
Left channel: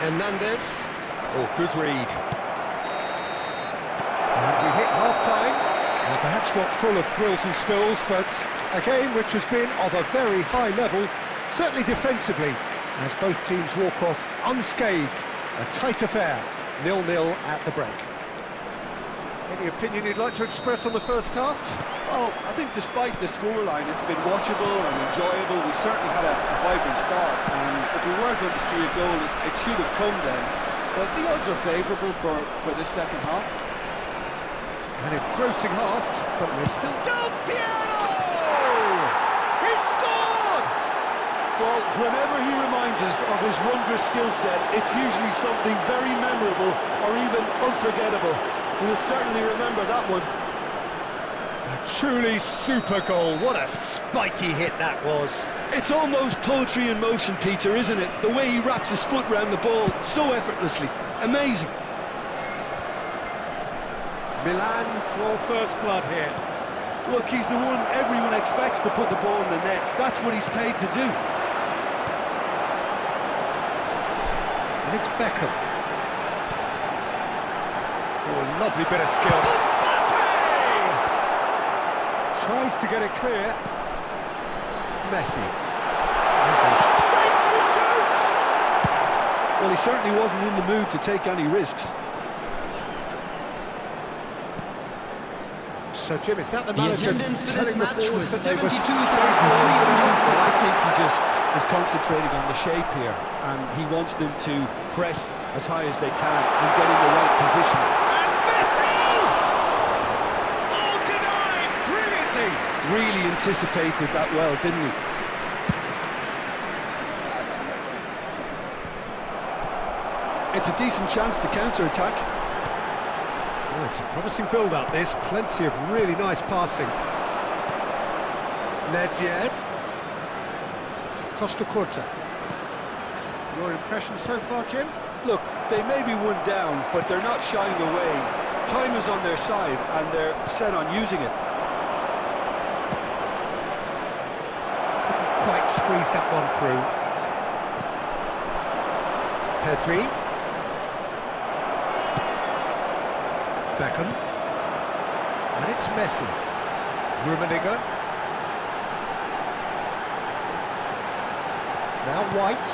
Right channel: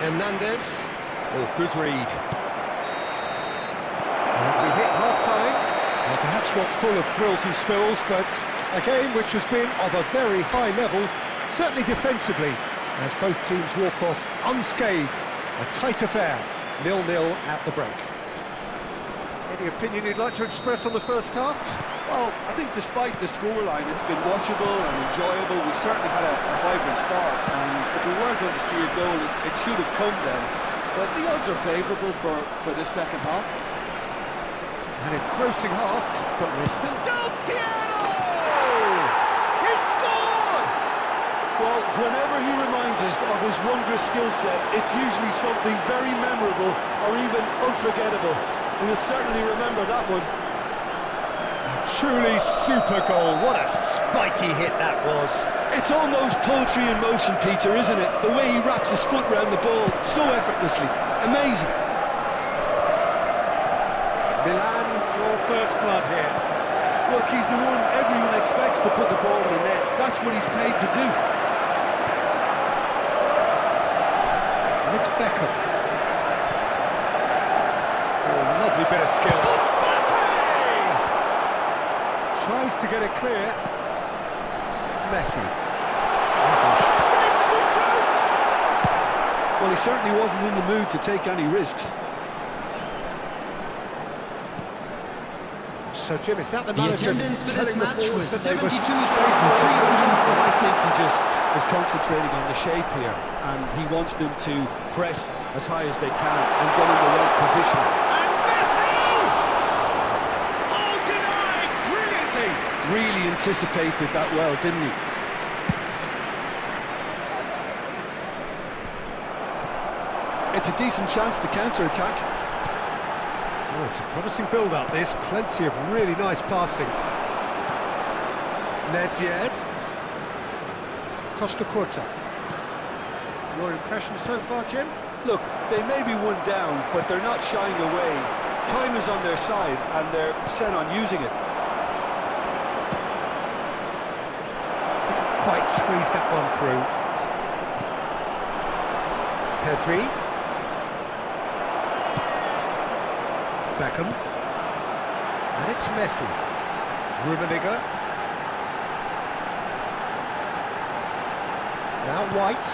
Hernandez. Oh, good read. And we hit half-time. Well, perhaps not full of thrills and spills, but a game which has been of a very high level, certainly defensively, as both teams walk off unscathed. A tight affair, 0-0 at the break. Any opinion you'd like to express on the first half? Well, I think despite the scoreline, it's been watchable and enjoyable. We certainly had a vibrant start, and if we were going to see a goal, it should have come then. But the odds are favourable for this second half. An engrossing half, but we're still... Del Piero! He's scored! Well, whenever he reminds us of his wondrous skill set, it's usually something very memorable or even unforgettable. And he'll certainly remember that one. A truly super goal. What a spiky hit that was. It's almost poetry in motion, Peter, isn't it? The way he wraps his foot round the ball so effortlessly. Amazing. Milan draw first blood here. Look, he's the one everyone expects to put the ball in the net. That's what he's paid to do. And it's Beckham. Oh, lovely bit of skill. Mbappe! Tries to get it clear. Messi. Shapes to shoot! Well, he certainly wasn't in the mood to take any risks. So, Jim, is that the The manager attendance for this telling the match forwards was that they must stay 72,300. Well, I think he just is concentrating on the shape here, and he wants them to press as high as they can and get in the right position. And Messi! Oh, denied brilliantly! Really anticipated that well, didn't he? It's a decent chance to counter-attack. Oh, it's a promising build-up, this. Plenty of really nice passing. Nedved. Costa Curta. Your impression so far, Jim? Look, they may be one down, but they're not shying away. Time is on their side, and they're set on using it. Couldn't quite squeeze that one through. Pedri. Beckham. And it's Messi. Rummenigge. Now White.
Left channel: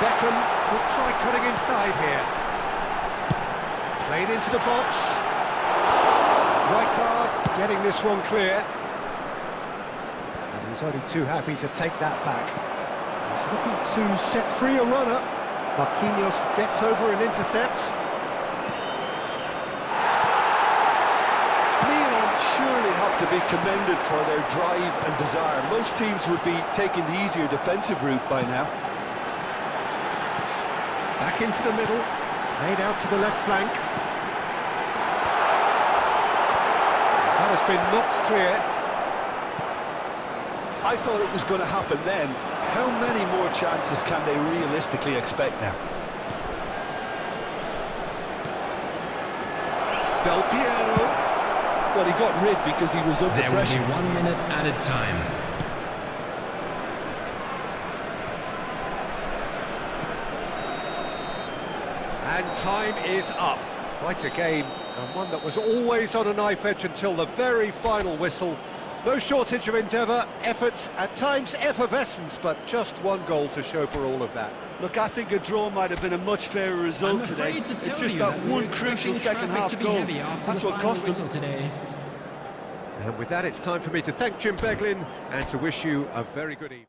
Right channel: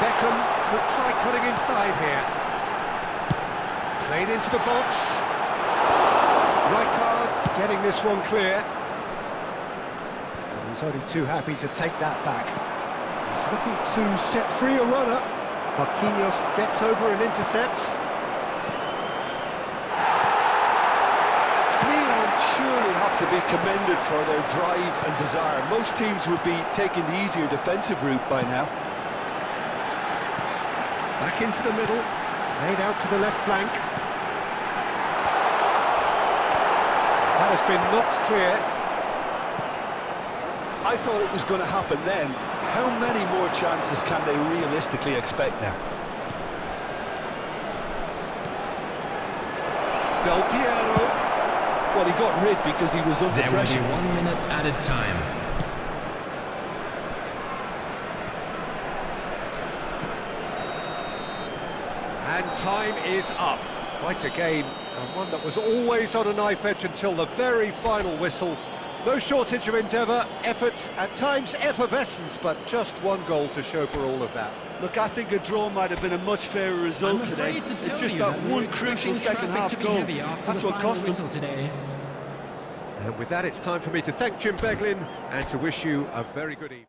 Beckham could try cutting inside here. Played into the box. Rijkaard getting this one clear. And he's only too happy to take that back. He's looking to set free a runner. Marquinhos gets over and intercepts. Surely have to be commended for their drive and desire. Most teams would be taking the easier defensive route by now. Back into the middle, played out to the left flank. That has been knocked clear. I thought it was going to happen then. How many more chances can they realistically expect now? Del Piero. Well, he got rid because he was under pressure. There will be 1 minute added time. And time is up. Quite a game, and one that was always on a knife edge until the very final whistle. No shortage of endeavour, effort, at times effervescence, but just one goal to show for all of that. Look, I think a draw might have been a much fairer result I'm today. afraid to It's tell just you that we were one crucial expecting second traffic half to be goal. heavy after That's the what final cost them. whistle today. And with that, it's time for me to thank Jim Beglin and to wish you a very good evening.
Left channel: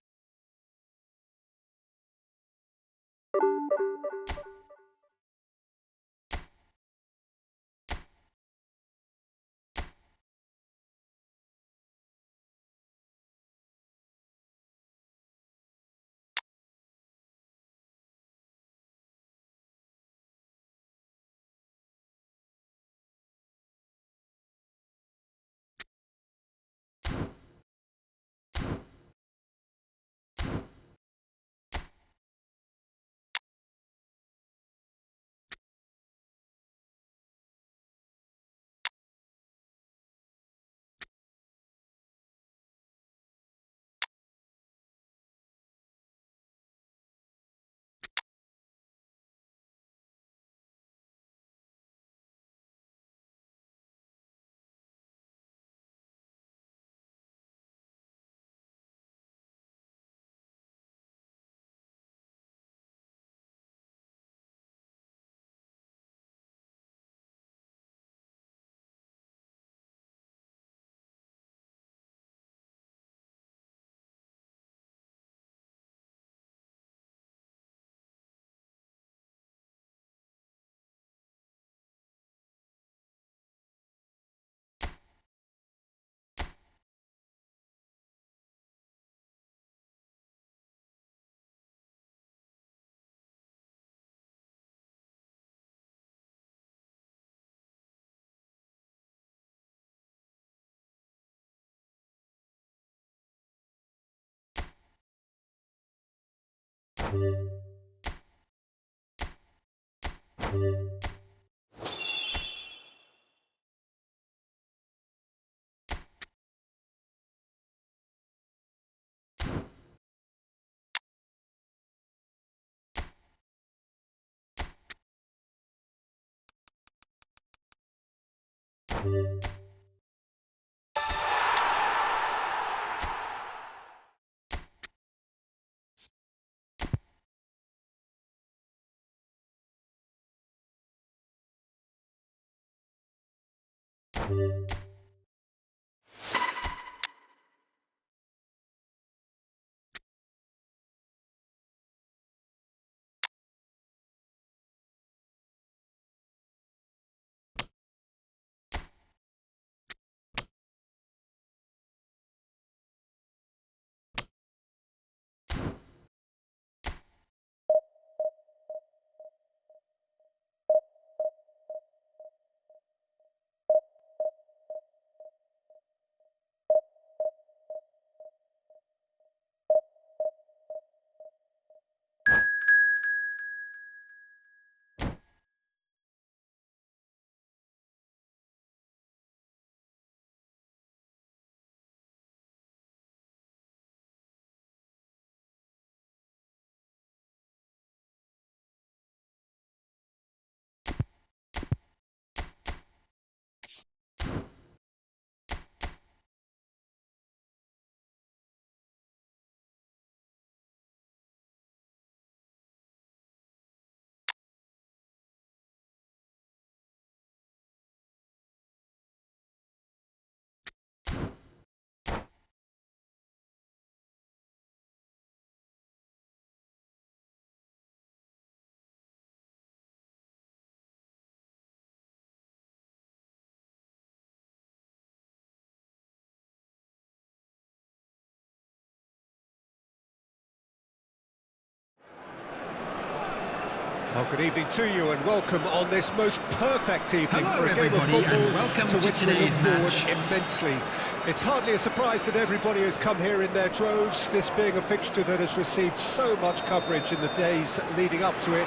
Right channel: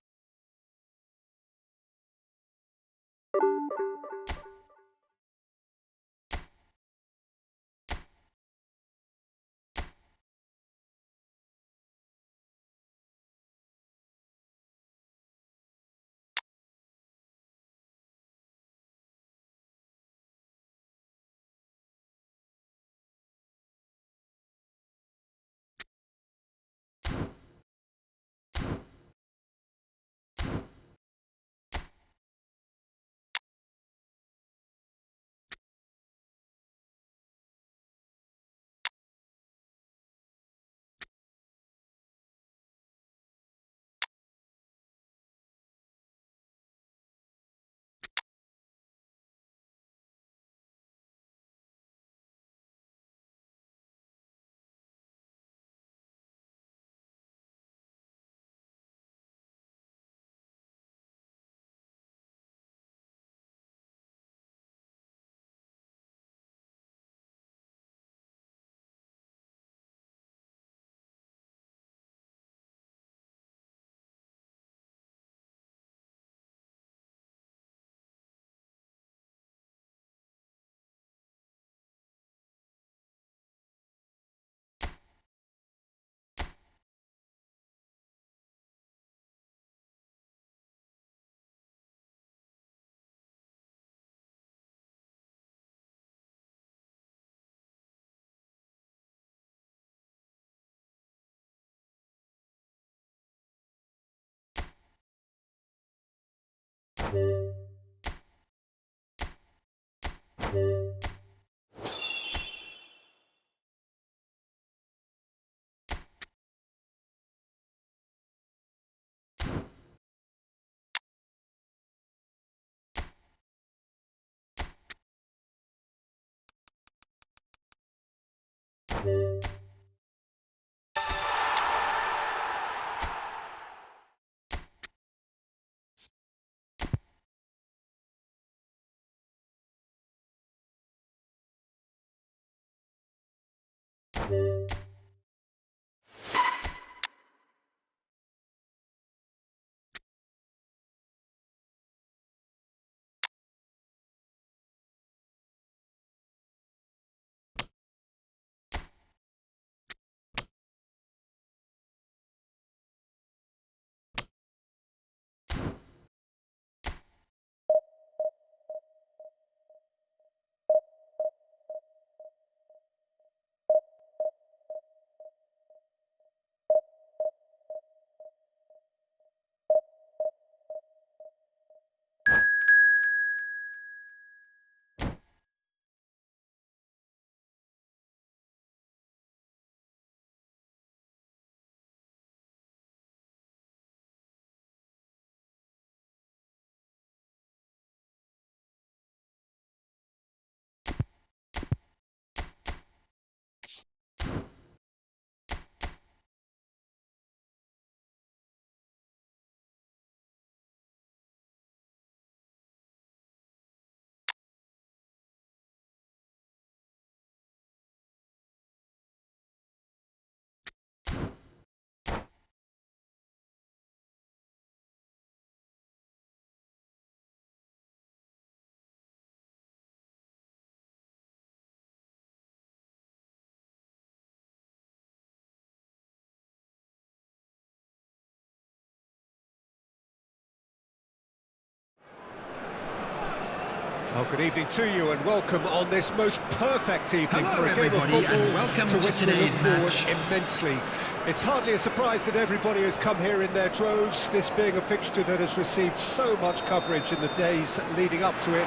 Well, good evening to you and welcome on this most perfect evening Hello for a game of everybody, football and welcome to to which we look today's forward match. immensely. It's hardly a surprise that everybody has come here in their droves, this being a fixture that has received so much coverage in the days leading up to it.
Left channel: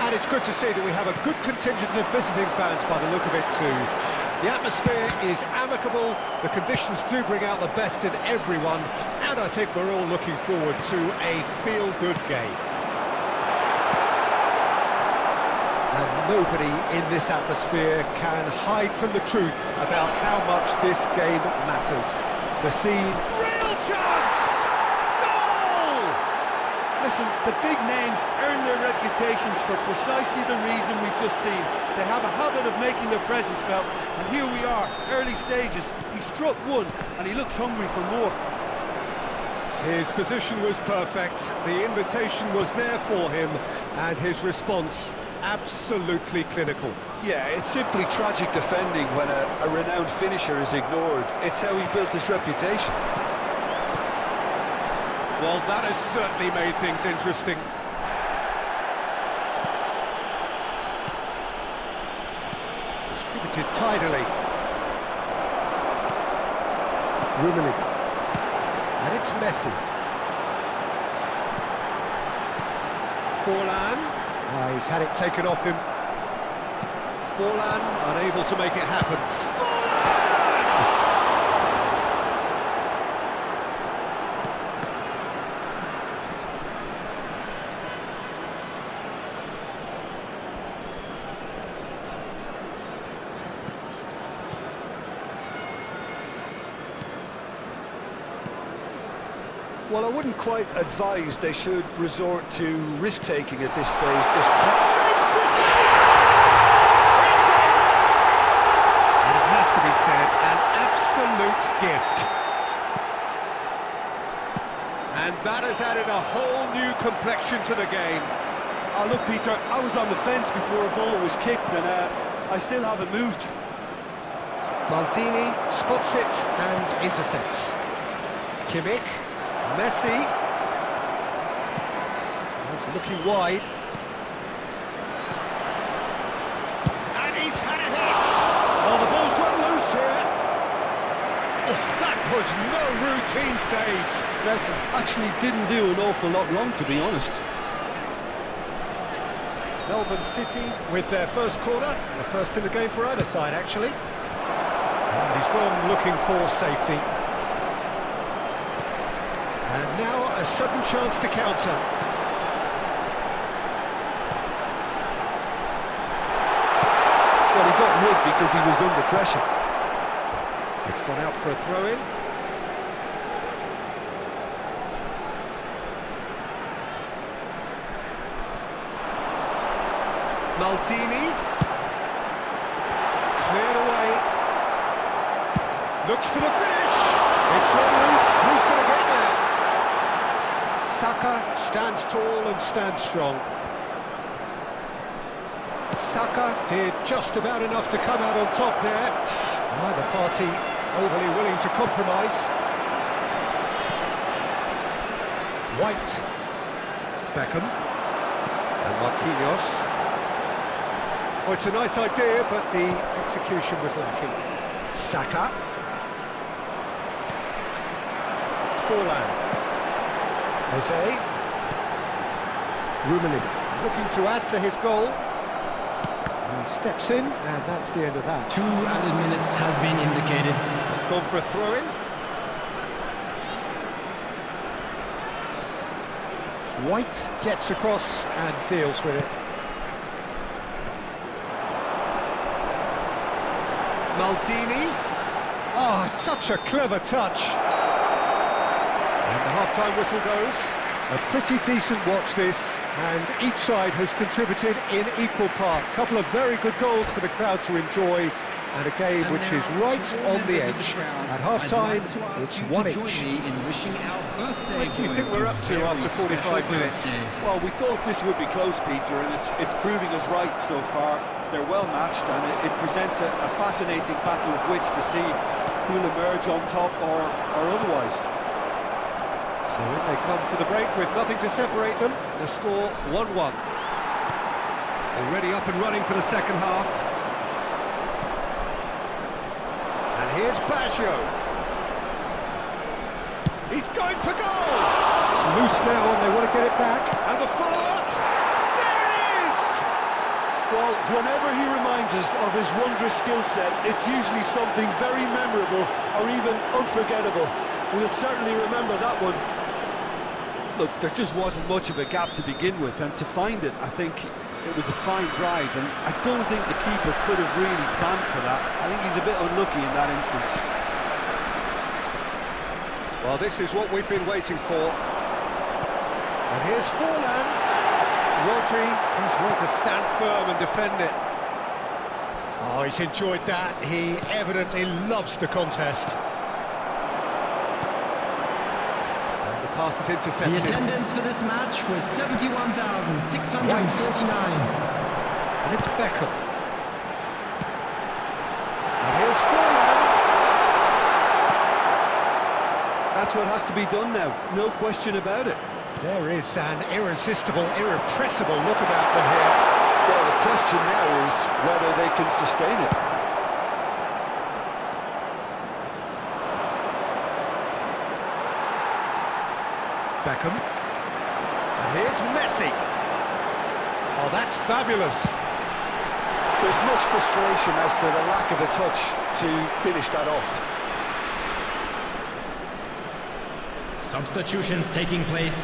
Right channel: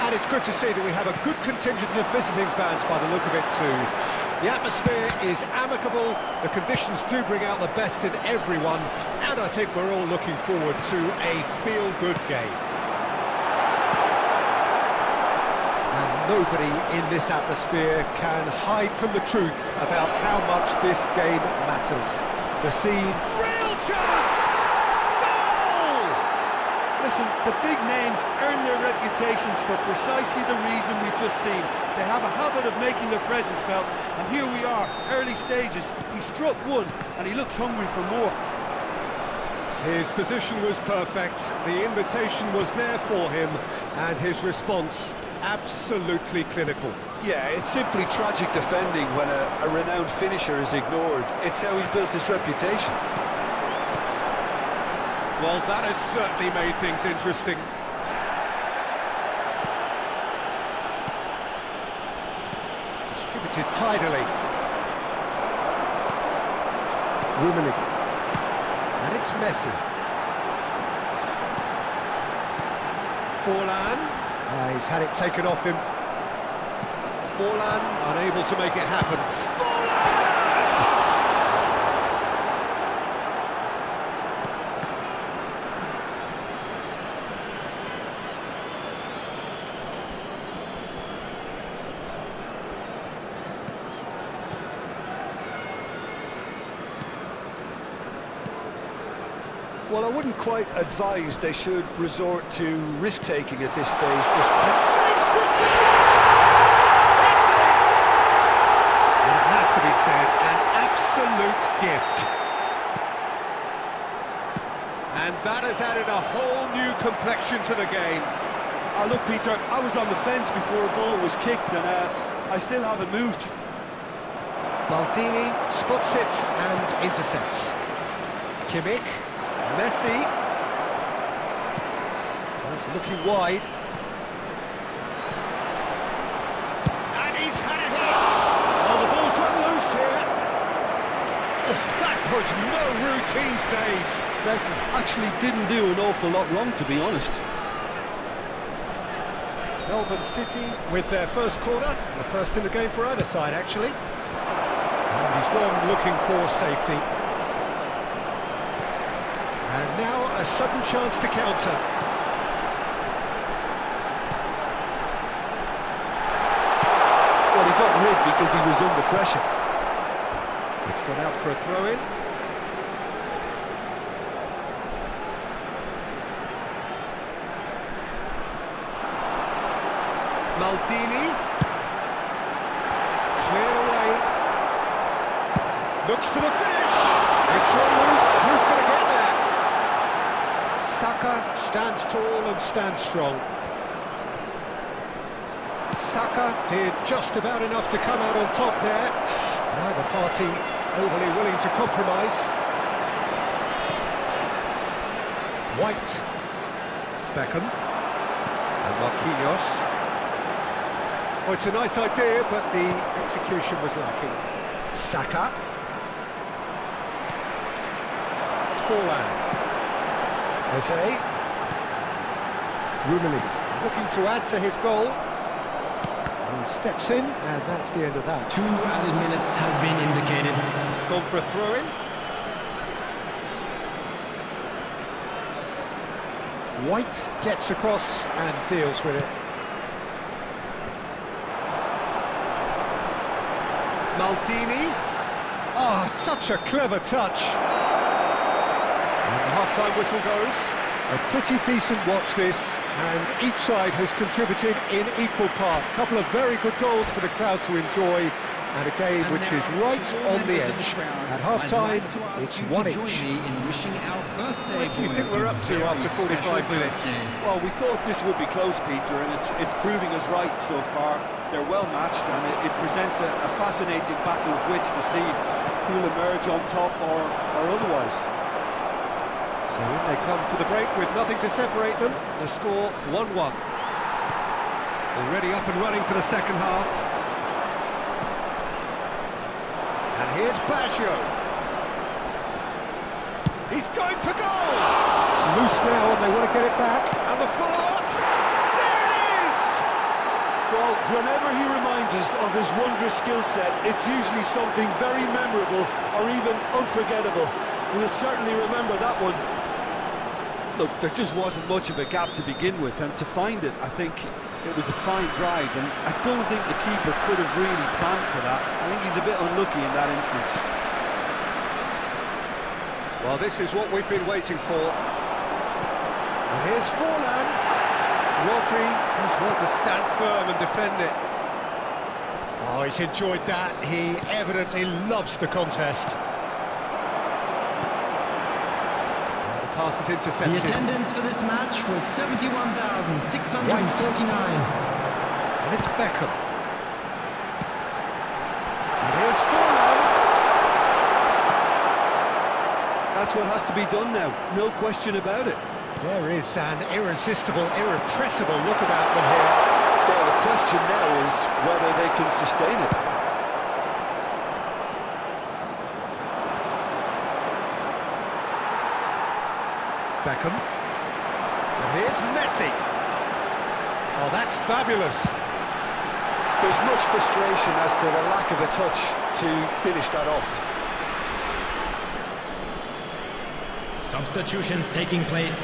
And it's good to see that we have a good contingent of visiting fans by the look of it too. The atmosphere is amicable, the conditions do bring out the best in everyone, and I think we're all looking forward to a feel-good game. And nobody in this atmosphere can hide from the truth about how much this game matters. The scene, real chance! Goal! Listen, the big names earn their reputations for precisely the reason we've just seen. They have a habit of making their presence felt, and here we are, early stages. He struck one, and he looks hungry for more. His position was perfect, the invitation was there for him, and his response absolutely clinical. Yeah, it's simply tragic defending when a renowned finisher is ignored. It's how he built his reputation. Well, that has certainly made things interesting. Distributed tidily. Rummenigge. And it's Messi. Forlan. He's had it taken off him. Forlan unable to make it happen. Forlan! Well, I wouldn't quite advise they should resort to risk-taking at this stage. Shapes to shapes! It's in! And it has to be said, an absolute gift. And that has added a whole new complexion to the game. Oh, look, Peter, I was on the fence before a ball was kicked, and I still haven't moved. Maldini spots it and intercepts. Kimmich. Messi. He's looking wide. And he's had a hit. Oh, the ball's run loose here. Oh, that was no routine save. Messi actually didn't do an awful lot wrong, to be honest. Melbourne City with their first corner. The first in the game for either side, actually. And he's gone looking for safety. And now a sudden chance to counter. Well, he got rid because he was under pressure. It's gone out for a throw-in. Maldini. Cleared away. Looks for the finish. It's run loose. Who's going to get there? Saka stands tall and stands strong. Saka did just about enough to come out on top there. Neither party overly willing to compromise. White. Beckham. And Marquinhos. Oh, it's a nice idea, but the execution was lacking. Saka. Forlan. Eze. Rummenigge looking to add to his goal. He steps in, and that's the end of that. 2 added minutes has been indicated. It's gone for a throw-in. White gets across and deals with it. Maldini. Oh, such a clever touch. And the half-time whistle goes. A pretty decent watch this, and each side has contributed in equal part. A couple of very good goals for the crowd to enjoy, and a game which is right on the edge. At half-time, it's one each. What do you think we're up to after 45 minutes? Well, we thought this would be close, Peter, and it's proving us right so far. They're well matched, and it presents a fascinating battle of wits to see who'll emerge on top or otherwise. So in they come for the break with nothing to separate them. The score 1-1. Already up and running for the second half. And here's Baggio. He's going for goal! It's loose now and they want to get it back. And the follow-up! There it is! Well, whenever he reminds us of his wondrous skill set, it's usually something very memorable or even unforgettable. We'll certainly remember that one. Look, there just wasn't much of a gap to begin with, and to find it, I think it was a fine drive, and I don't think the keeper could have really planned for that. I think he's a bit unlucky in that instance. Well, this is what we've been waiting for. And here's Forlan. Rodri does want to stand firm and defend it. Oh, he's enjoyed that. He evidently loves the contest. Pass is intercepted. The attendance for this match was 71,649. And it's Beckham. And here's Forlan. That's what has to be done now, no question about it. There is an irresistible, irrepressible look about them here. Well, the question now is whether they can sustain it. Beckham. And here's Messi. Oh, that's fabulous. There's much frustration as to the lack of a touch to finish that off. Substitutions taking place.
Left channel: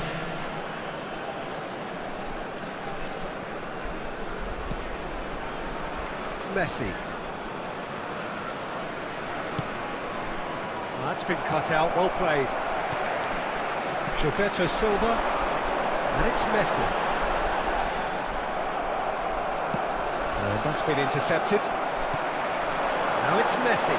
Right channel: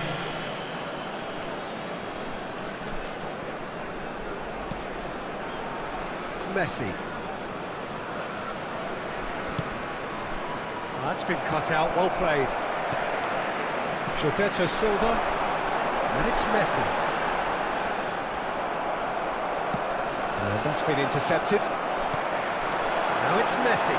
Messi. Oh, that's been cut out, well played. Gilberto Silva, and it's Messi. And that's been intercepted. Now it's Messi.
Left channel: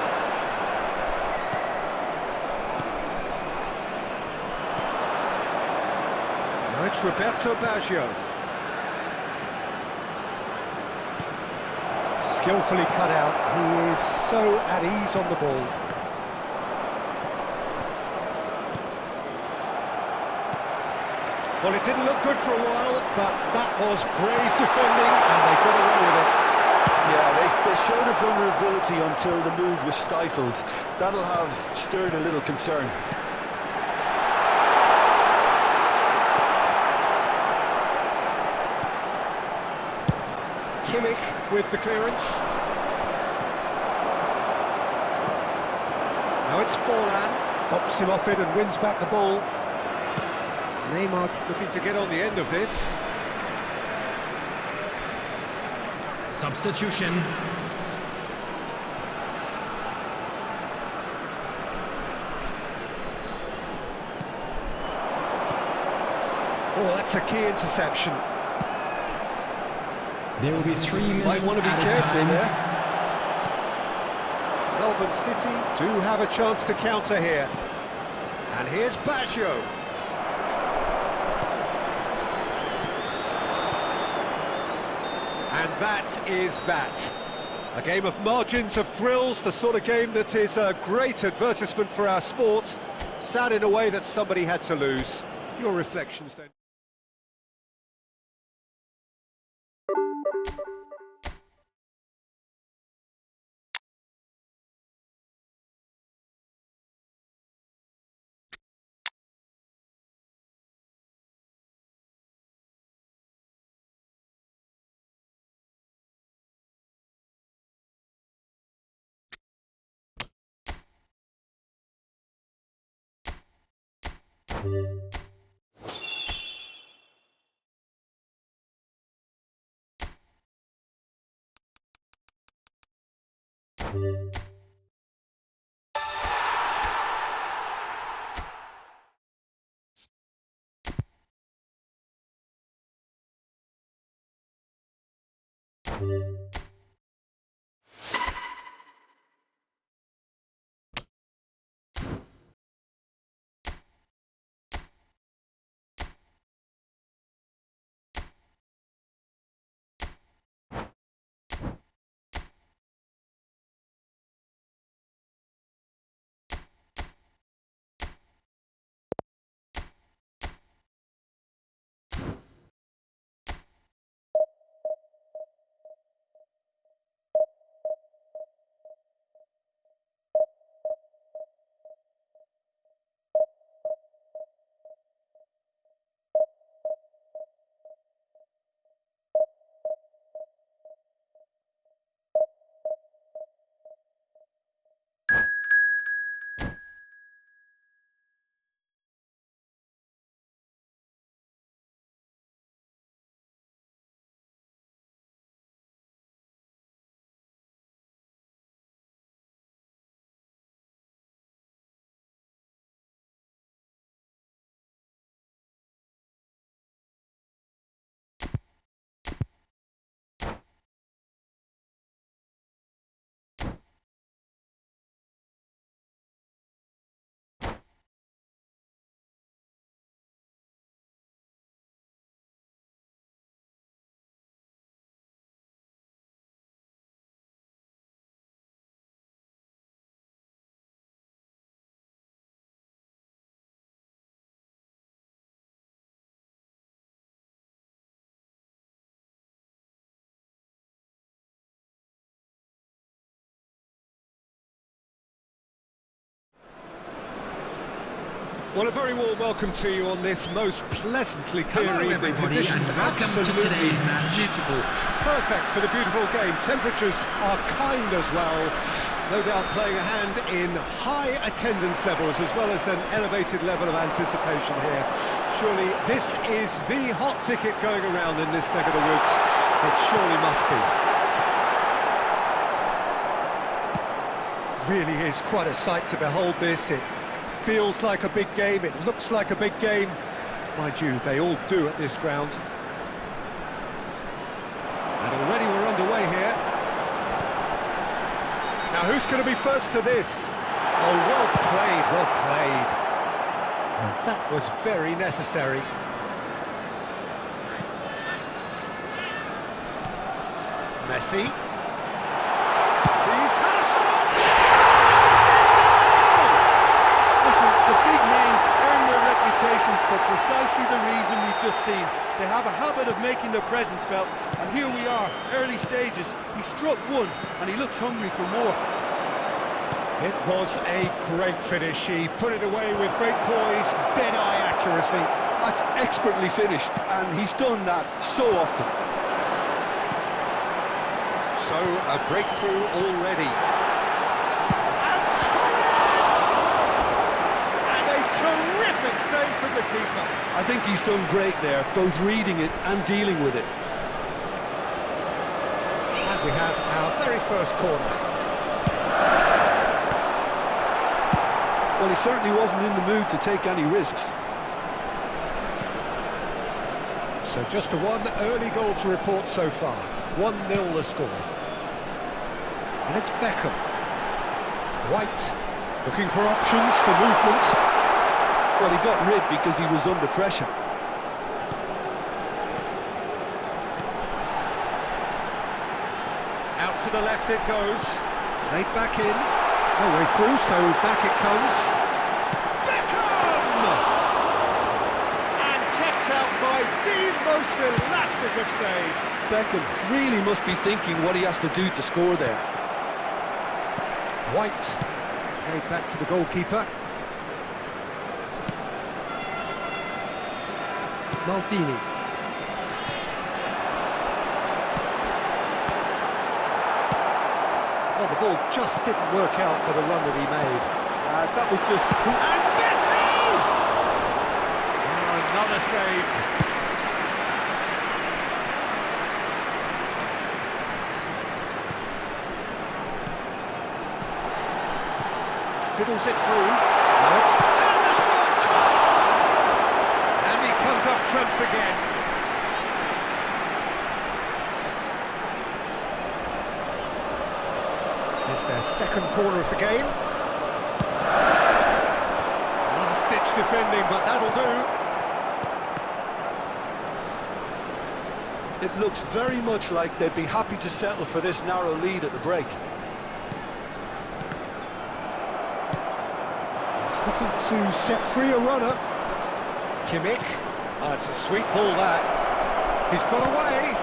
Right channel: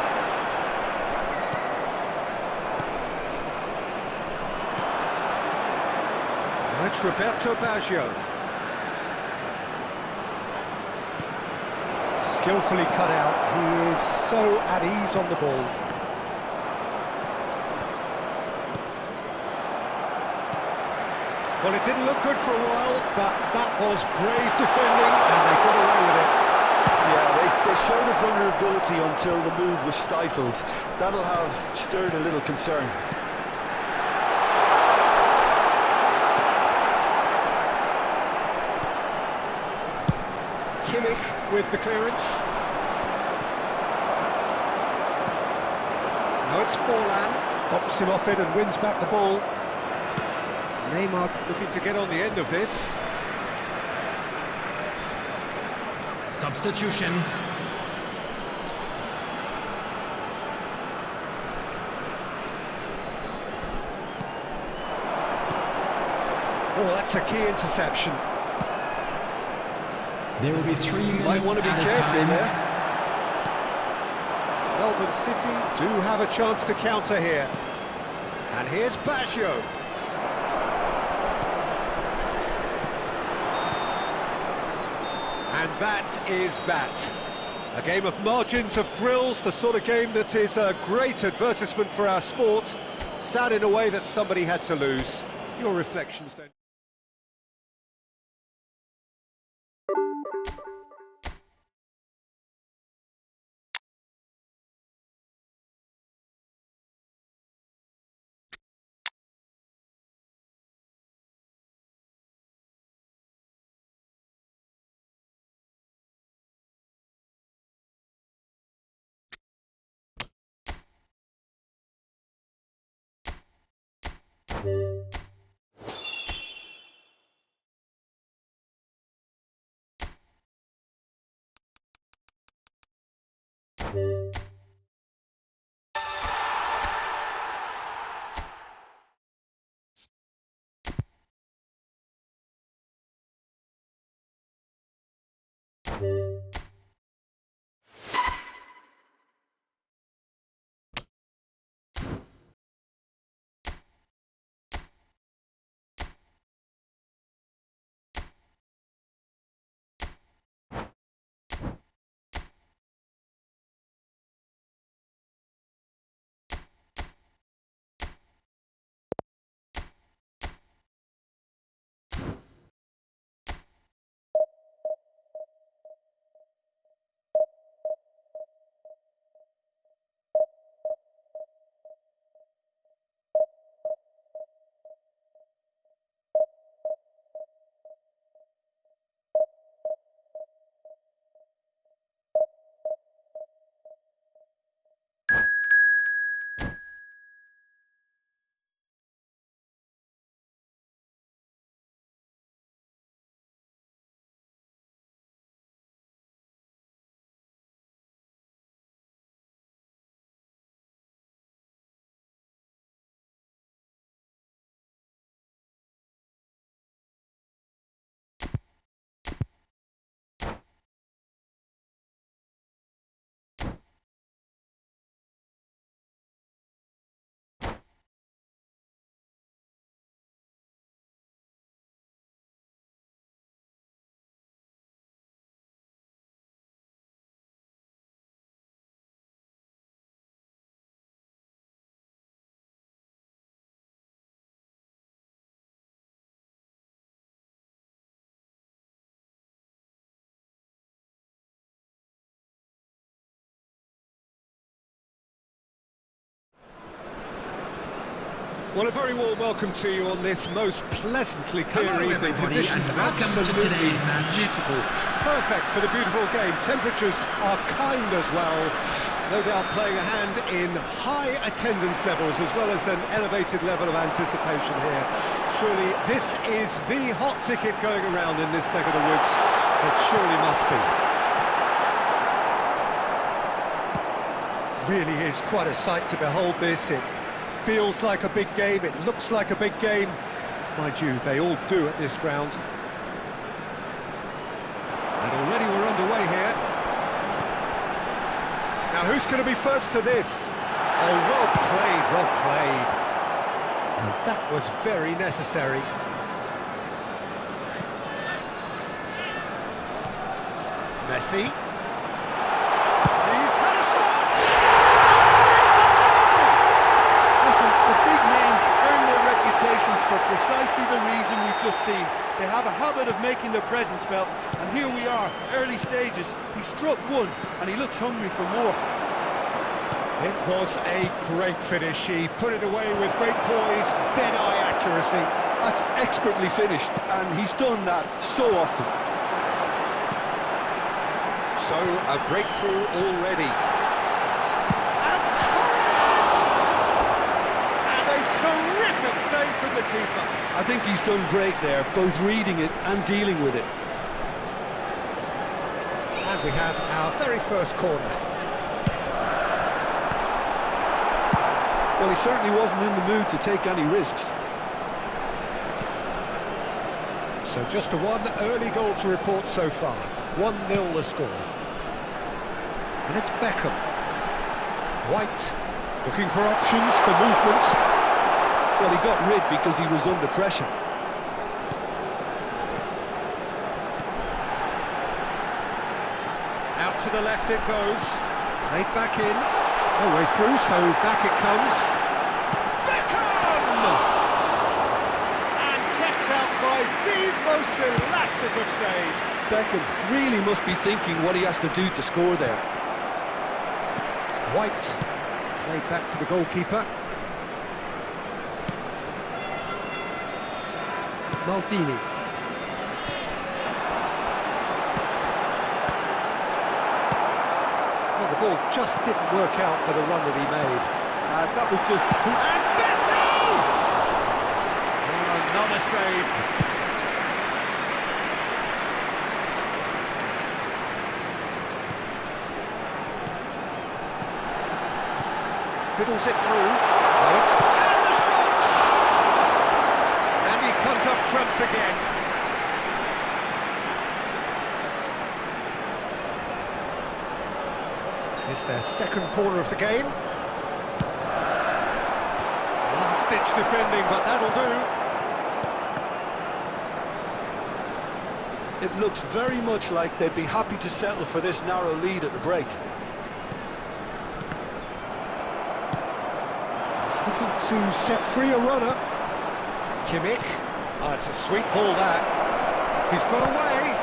Now it's Roberto Baggio. Skillfully cut out, he is so at ease on the ball. Well, it didn't look good for a while, but that was brave defending, and they got away with it. Yeah, they showed a vulnerability until the move was stifled. That'll have stirred a little concern. Kimmich with the clearance. Now it's Forlan, bops him off it and wins back the ball. Neymar looking to get on the end of this. Substitution. Oh, that's a key interception. There will be 3 minutes Might want to be at a careful time. there. Melbourne City do have a chance to counter here. And here's Baggio. And that is that. A game of margins of thrills, the sort of game that is a great advertisement for our sport. Sad in a way that somebody had to lose. Your reflections then? Well, a very warm welcome to you on this most pleasantly clear Hello, evening. everybody, Conditions and welcome to absolutely today's match. beautiful. Perfect for the beautiful game. Temperatures are kind as well. No doubt playing a hand in high attendance levels as well as an elevated level of anticipation here. Surely this is the hot ticket going around in this neck of the woods. It surely must be. Really is quite a sight to behold this. It feels like a big game, it looks like a big game. Mind you, they all do at this ground. And already we're underway here. Now who's going to be first to this? Oh, well played, well played. And that was very necessary. Messi. He's had a shot! Listen, the big names earn their reputations for precisely the reason we've just seen. They have a habit of making their presence felt, and here we are, early stages. He struck one, and he looks hungry for more. It was a great finish. He put it away with great poise, dead-eye accuracy. That's expertly finished, and he's done that so often. So, a breakthrough already. And Torres! And a terrific save from the keeper. I think he's done great there, both reading it and dealing with it. And we have our very first corner. Well, he certainly wasn't in the mood to take any risks. So just a one early goal to report so far. 1-0 the score. And it's Beckham. White, looking for options for movement. Well, he got rid because he was under pressure. Out to the left it goes. Played back in. No way through, so back it comes. Beckham! And kept out by the most elastic of saves. Beckham really must be thinking what he has to do to score there. White, played back to the goalkeeper. Maldini. Well, the ball just didn't work out for the run that he made. That was just... And Messi! Oh, another save. Fiddles it through. Oh, and the shot! And he comes up trumps again. It's their second corner of the game. Last-ditch defending, but that'll do. It looks very much like they'd be happy to settle for this narrow lead at the break. Looking to set free a runner. Kimmich. Oh, it's a sweet ball, that. He's got away.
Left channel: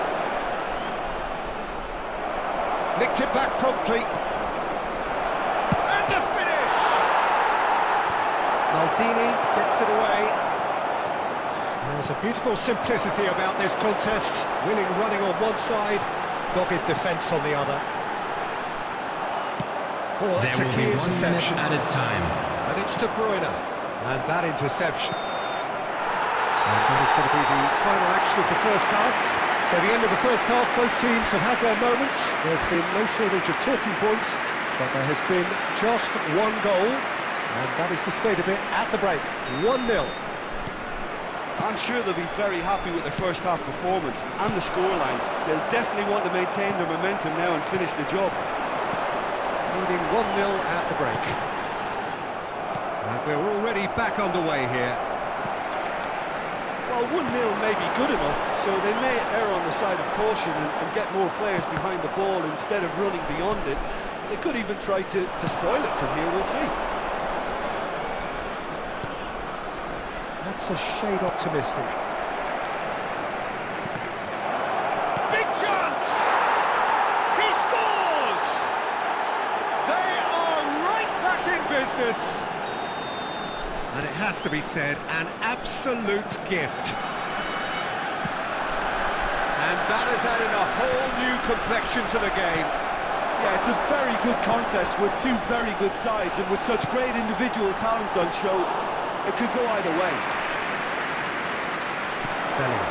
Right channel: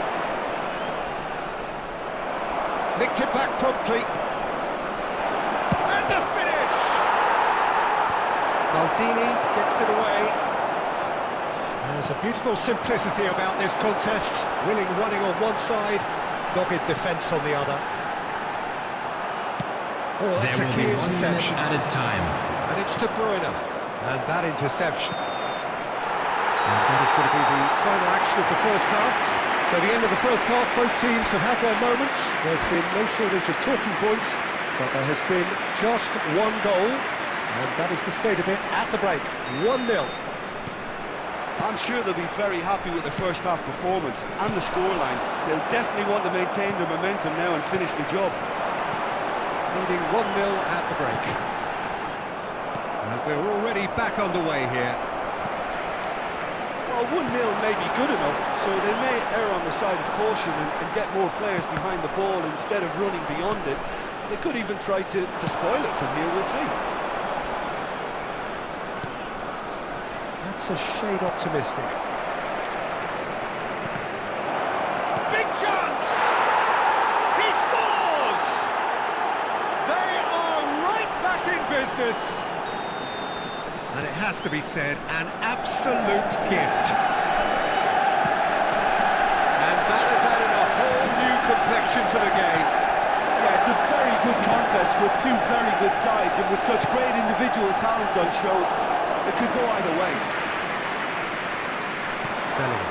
Nicked it back promptly. And the finish! Maldini gets it away. There's a beautiful simplicity about this contest. Willing running on one side, dogged defence on the other. Oh, that's There a will key be 1 minute interception. added time. And it's De Bruyne, and that interception. And that is going to be the final action of the first half. So the end of the first half, both teams have had their moments. There's been no shortage of talking points, but there has been just one goal, and that is the state of it at the break. 1-0. I'm sure they'll be very happy with their first half performance and the scoreline. They'll definitely want to maintain their momentum now and finish the job. Leading 1-0 at the break. And we're already back underway here. Well, 1-0 may be good enough, so they may err on the side of caution and get more players behind the ball instead of running beyond it. They could even try to spoil it from here, we'll see. That's a shade optimistic. Big chance! He scores! They are right back in business. And it has to be said, an absolute gift. And that has added a whole new complexion to the game. Yeah, it's a very good contest with two very good sides, and with such great individual talent on show, it could go either way. Bellingham.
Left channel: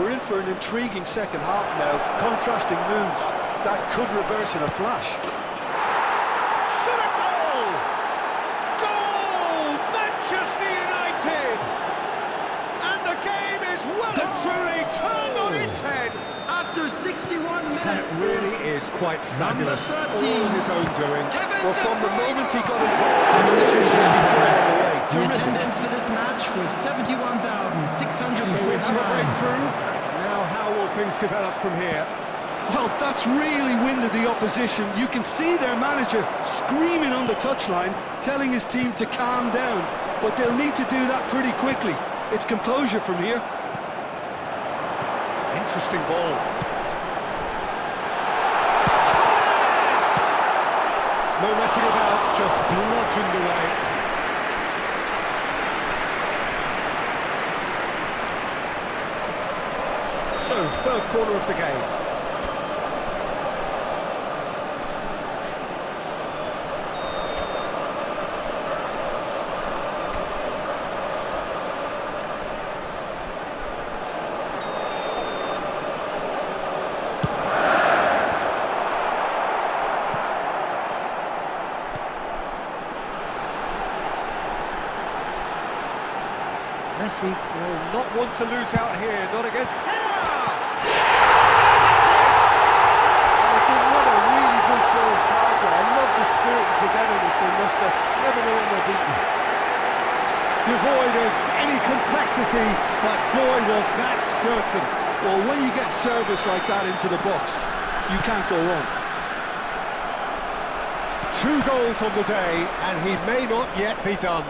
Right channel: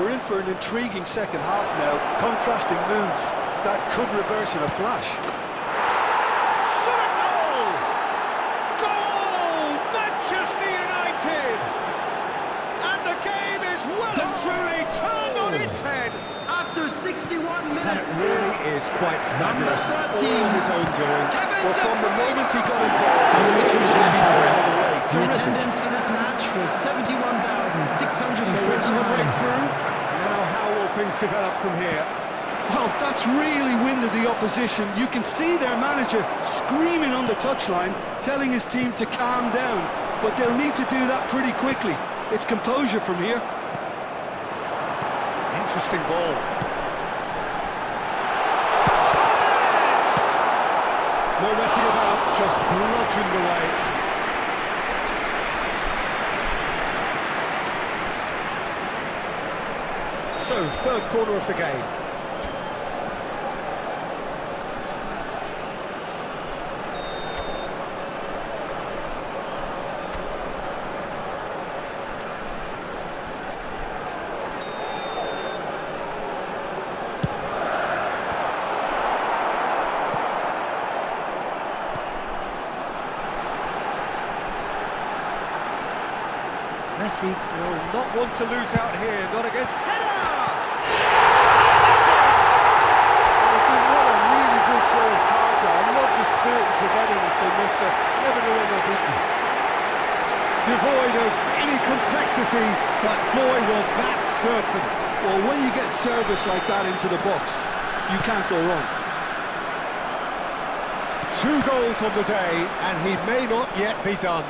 We're in for an intriguing second half now, contrasting moods that could reverse in a flash. Shot a goal! Goal! Manchester United! And the game is well and truly turned on its head. After 61 minutes. That really is quite fabulous. Number 13. All his own doing. Well, from the moment he got involved, he looked as if he'd go all the way. The Terrific. attendance for this match was 71,649. So we have a breakthrough. Now how will things develop from here? Well, that's really winded the opposition. You can see their manager screaming on the touchline, telling his team to calm down. But they'll need to do that pretty quickly. It's composure from here. Interesting ball. Thomas! No messing about, just bludgeoned away. So, third corner of the game. mercy. Well, not one to lose out here, not against header! And it's another really good show of character. I love the spirit and togetherness they muster. Never know when they're beaten. Devoid of any complexity, but boy was that certain. Well, when you get service like that into the box, you can't go wrong. 2 goals on the day, and he may not yet be done.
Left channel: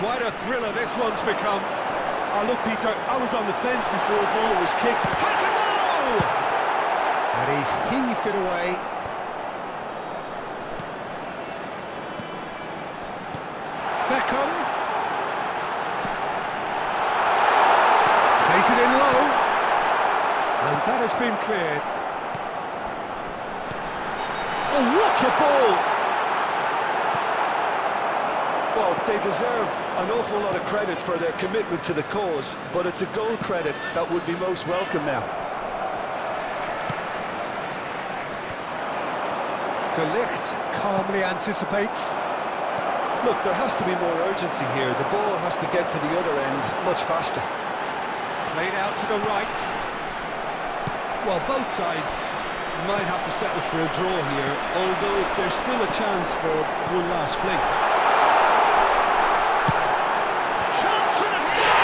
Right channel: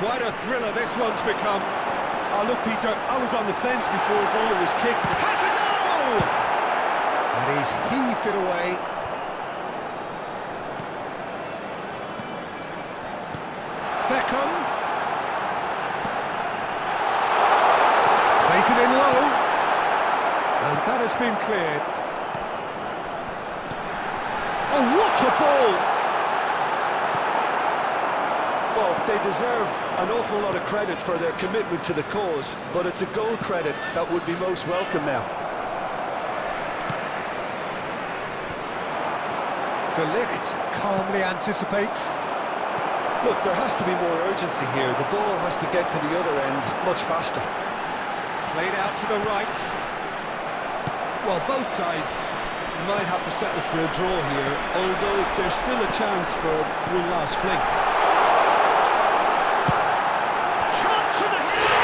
Quite a thriller this one's become. Oh, look, Peter, I was on the fence before the ball was kicked. Has a goal! And he's heaved it away. Beckham. Plays it in low. And that has been cleared. Oh, what a ball! Well, they deserve an awful lot of credit for their commitment to the cause, but it's a goal credit that would be most welcome now. De Ligt calmly anticipates. Look, there has to be more urgency here. The ball has to get to the other end much faster. Played out to the right. Well, both sides might have to settle for a draw here, although there's still a chance for one last fling. Chance for the header!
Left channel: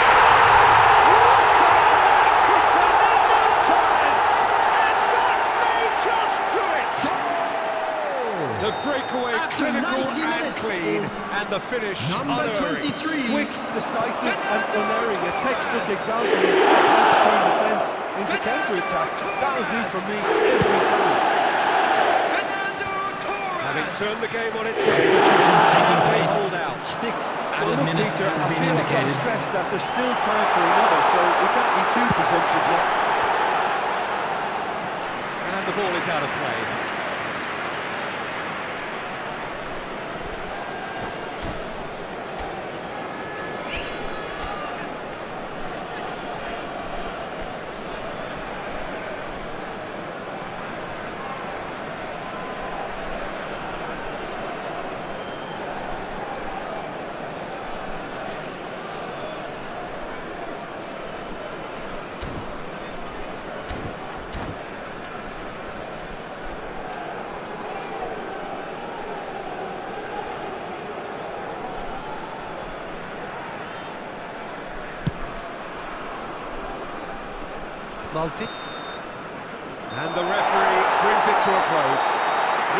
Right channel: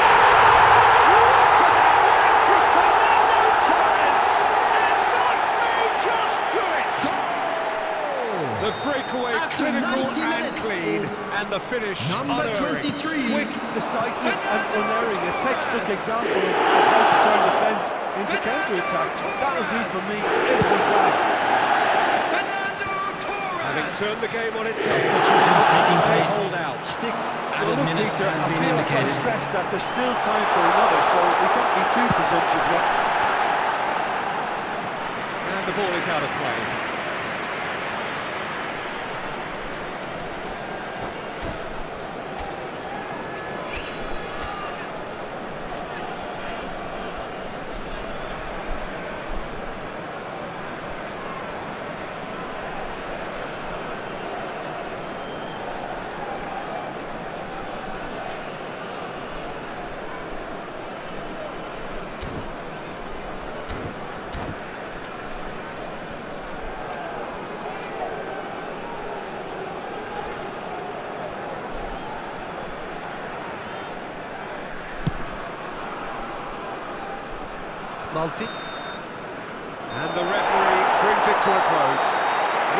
What about that from Fernando Torres? And that may just do it! The breakaway After clinical 90 and minutes clean, is and the finish number unerring. 23. Quick, decisive and unerring, a textbook example of how to turn defence into counter-attack. That'll do for me every time. Having turned the game on its head, Substitutions taking they place. hold out. 6 Well, added look, minutes Peter, has I been feel I've got to indicated. stress that there's still time for another, so we can't be too presumptuous yet. And the ball is out of play. Multi. And the referee brings it to a close.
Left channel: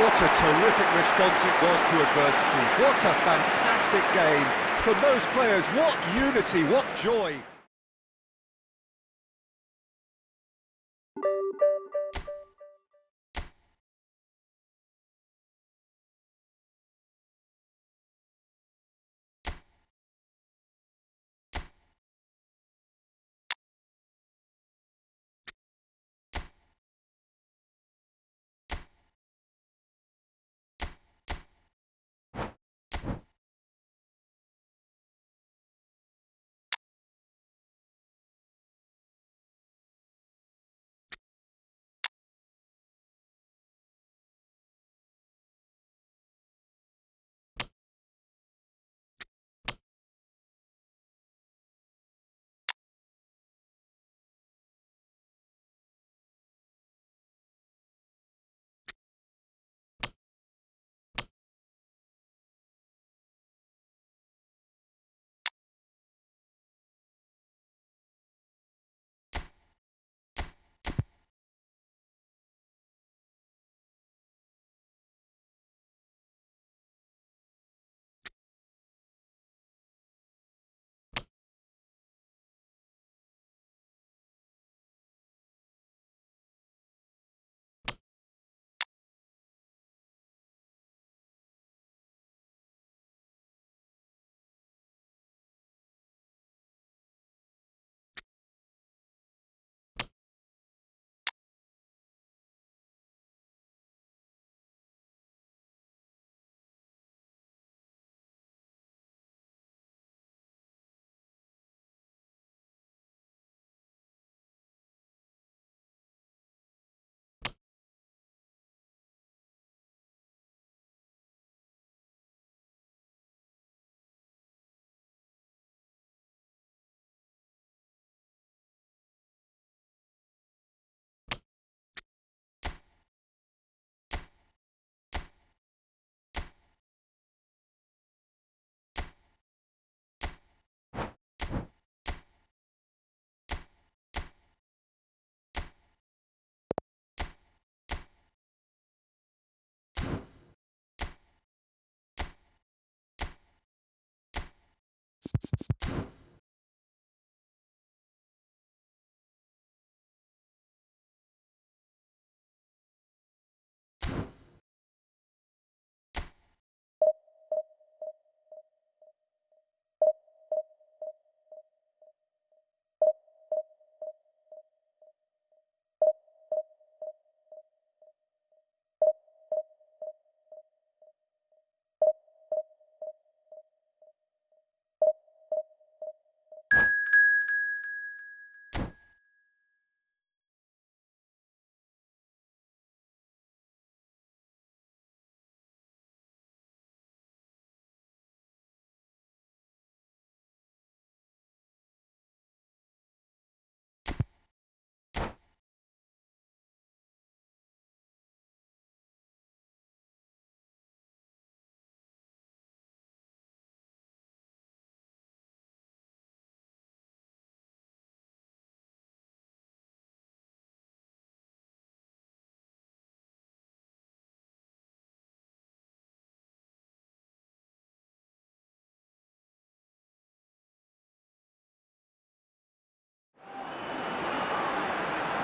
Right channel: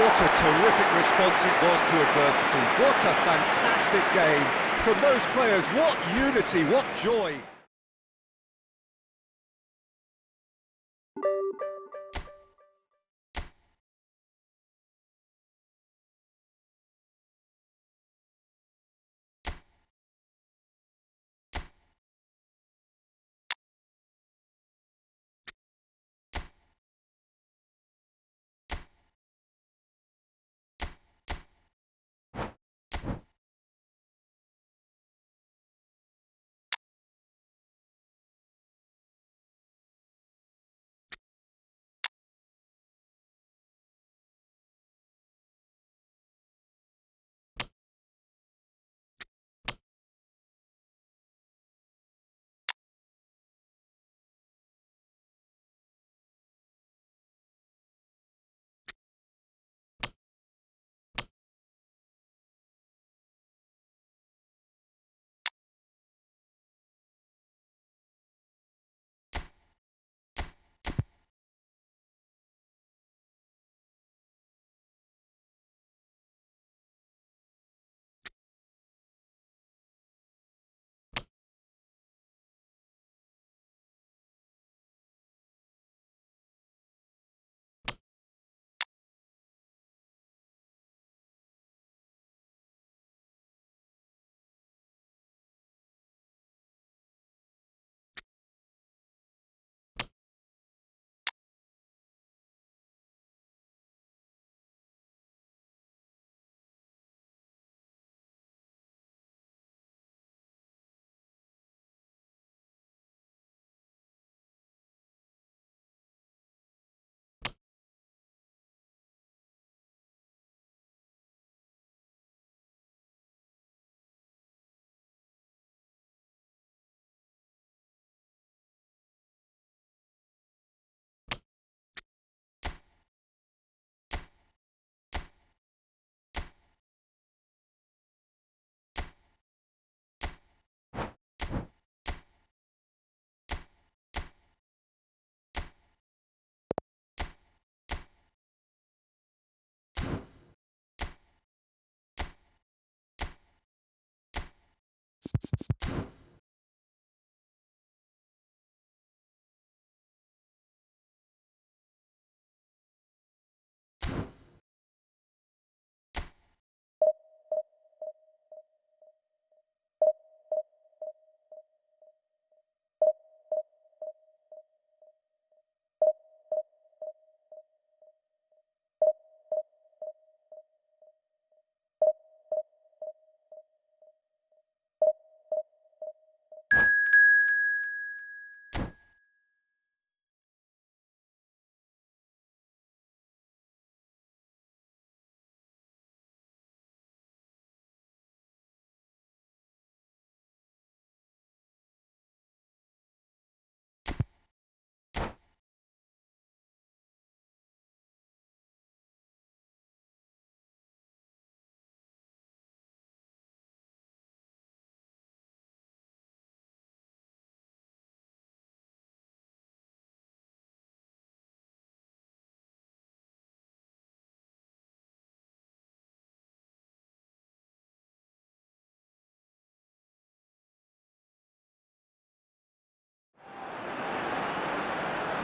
What a terrific response it was to adversity. What a fantastic game. From those players, what unity, what joy.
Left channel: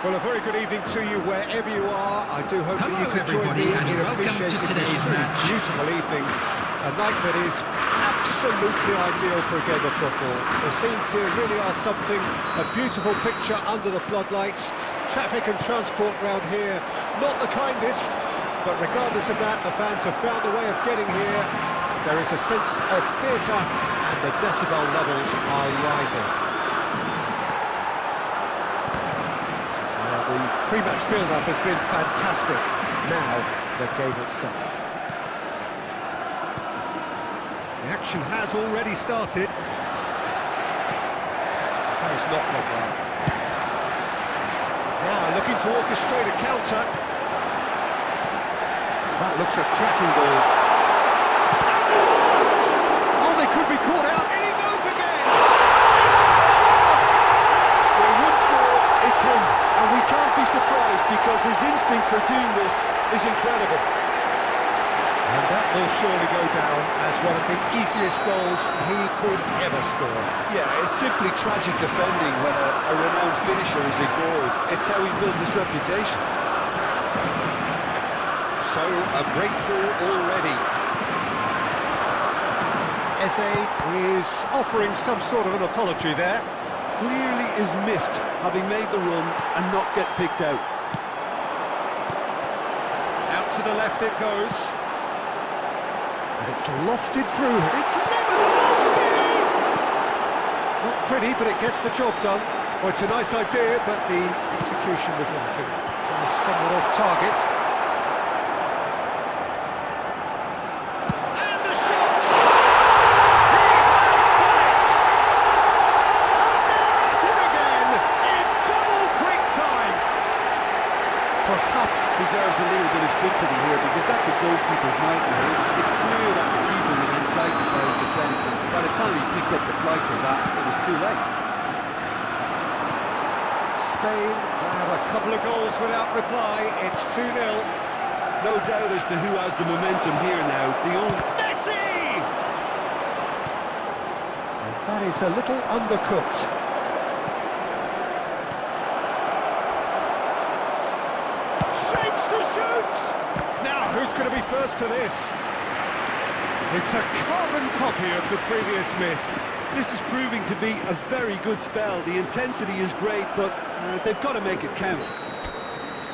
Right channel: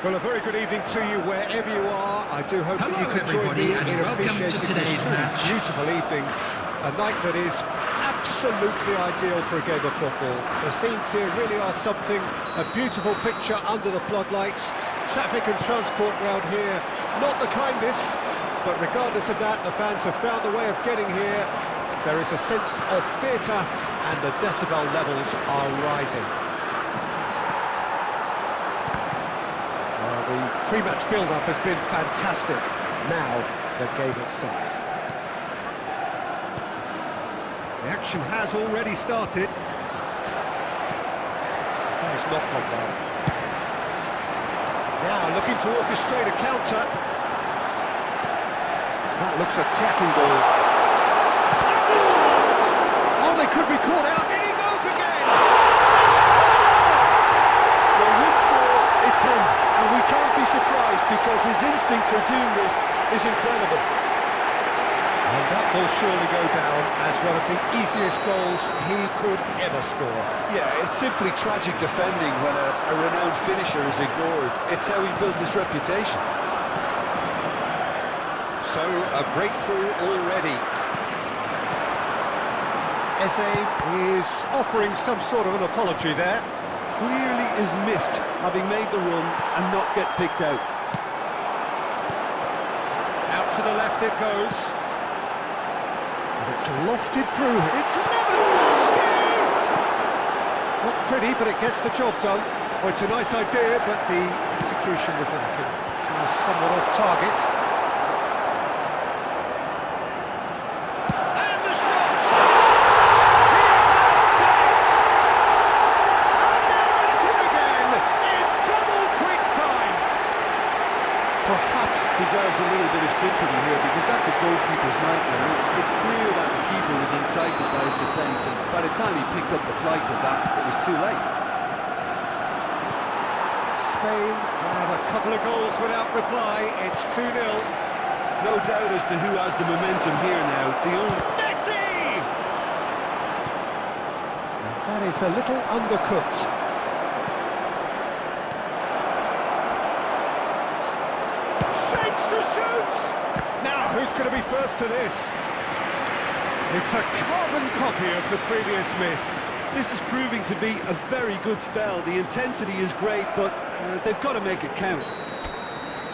Well, a very good evening to you wherever you are. I do hope Hello, that you can join me everybody, in and welcome to appreciating this today's truly match. beautiful evening. A night that is absolutely ideal for a game of football. The scenes here really are something, a beautiful picture under the floodlights. Traffic and transport round here, not the kindest, but regardless of that, the fans have found a way of getting here. There is a sense of theatre, and the decibel levels are rising. The pre-match build-up has been fantastic. Now, the game itself. The action has already started. That has not gone well. Now, looking to orchestrate a counter. That looks a cracking ball. And the shot! Oh, they could be caught out. In he goes again! They score! Well, one score, it's him, and we can't be surprised because his instinct for doing this is incredible. And that will surely go down as one of the easiest goals he could ever score. Yeah, it's simply tragic defending when a renowned finisher is ignored. It's how he built his reputation. So, a breakthrough already. Eze is offering some sort of an apology there. Clearly is miffed, having made the run and not get picked out. Out to the left it goes. And it's lofted through. It's Lewandowski! Not pretty, but it gets the job done. Oh, it's a nice idea, but the execution was lacking. It was somewhat off target. And the shot! He has done it! And they're at it again in double quick time. Perhaps deserves a little bit of sympathy here because that's a goalkeeper's nightmare. It's clear that the keeper was incited by his defence, and by the time he picked up the flight of that, it was too late. Spain grab a couple of goals without reply. It's 2-0. No doubt as to who has the momentum here now. The only... Messi! And that is a little undercooked. Shapes to shoot! Now, who's going to be first to this? It's a carbon copy of the previous miss. This is proving to be a very good spell. The intensity is great, but they've got to make it count.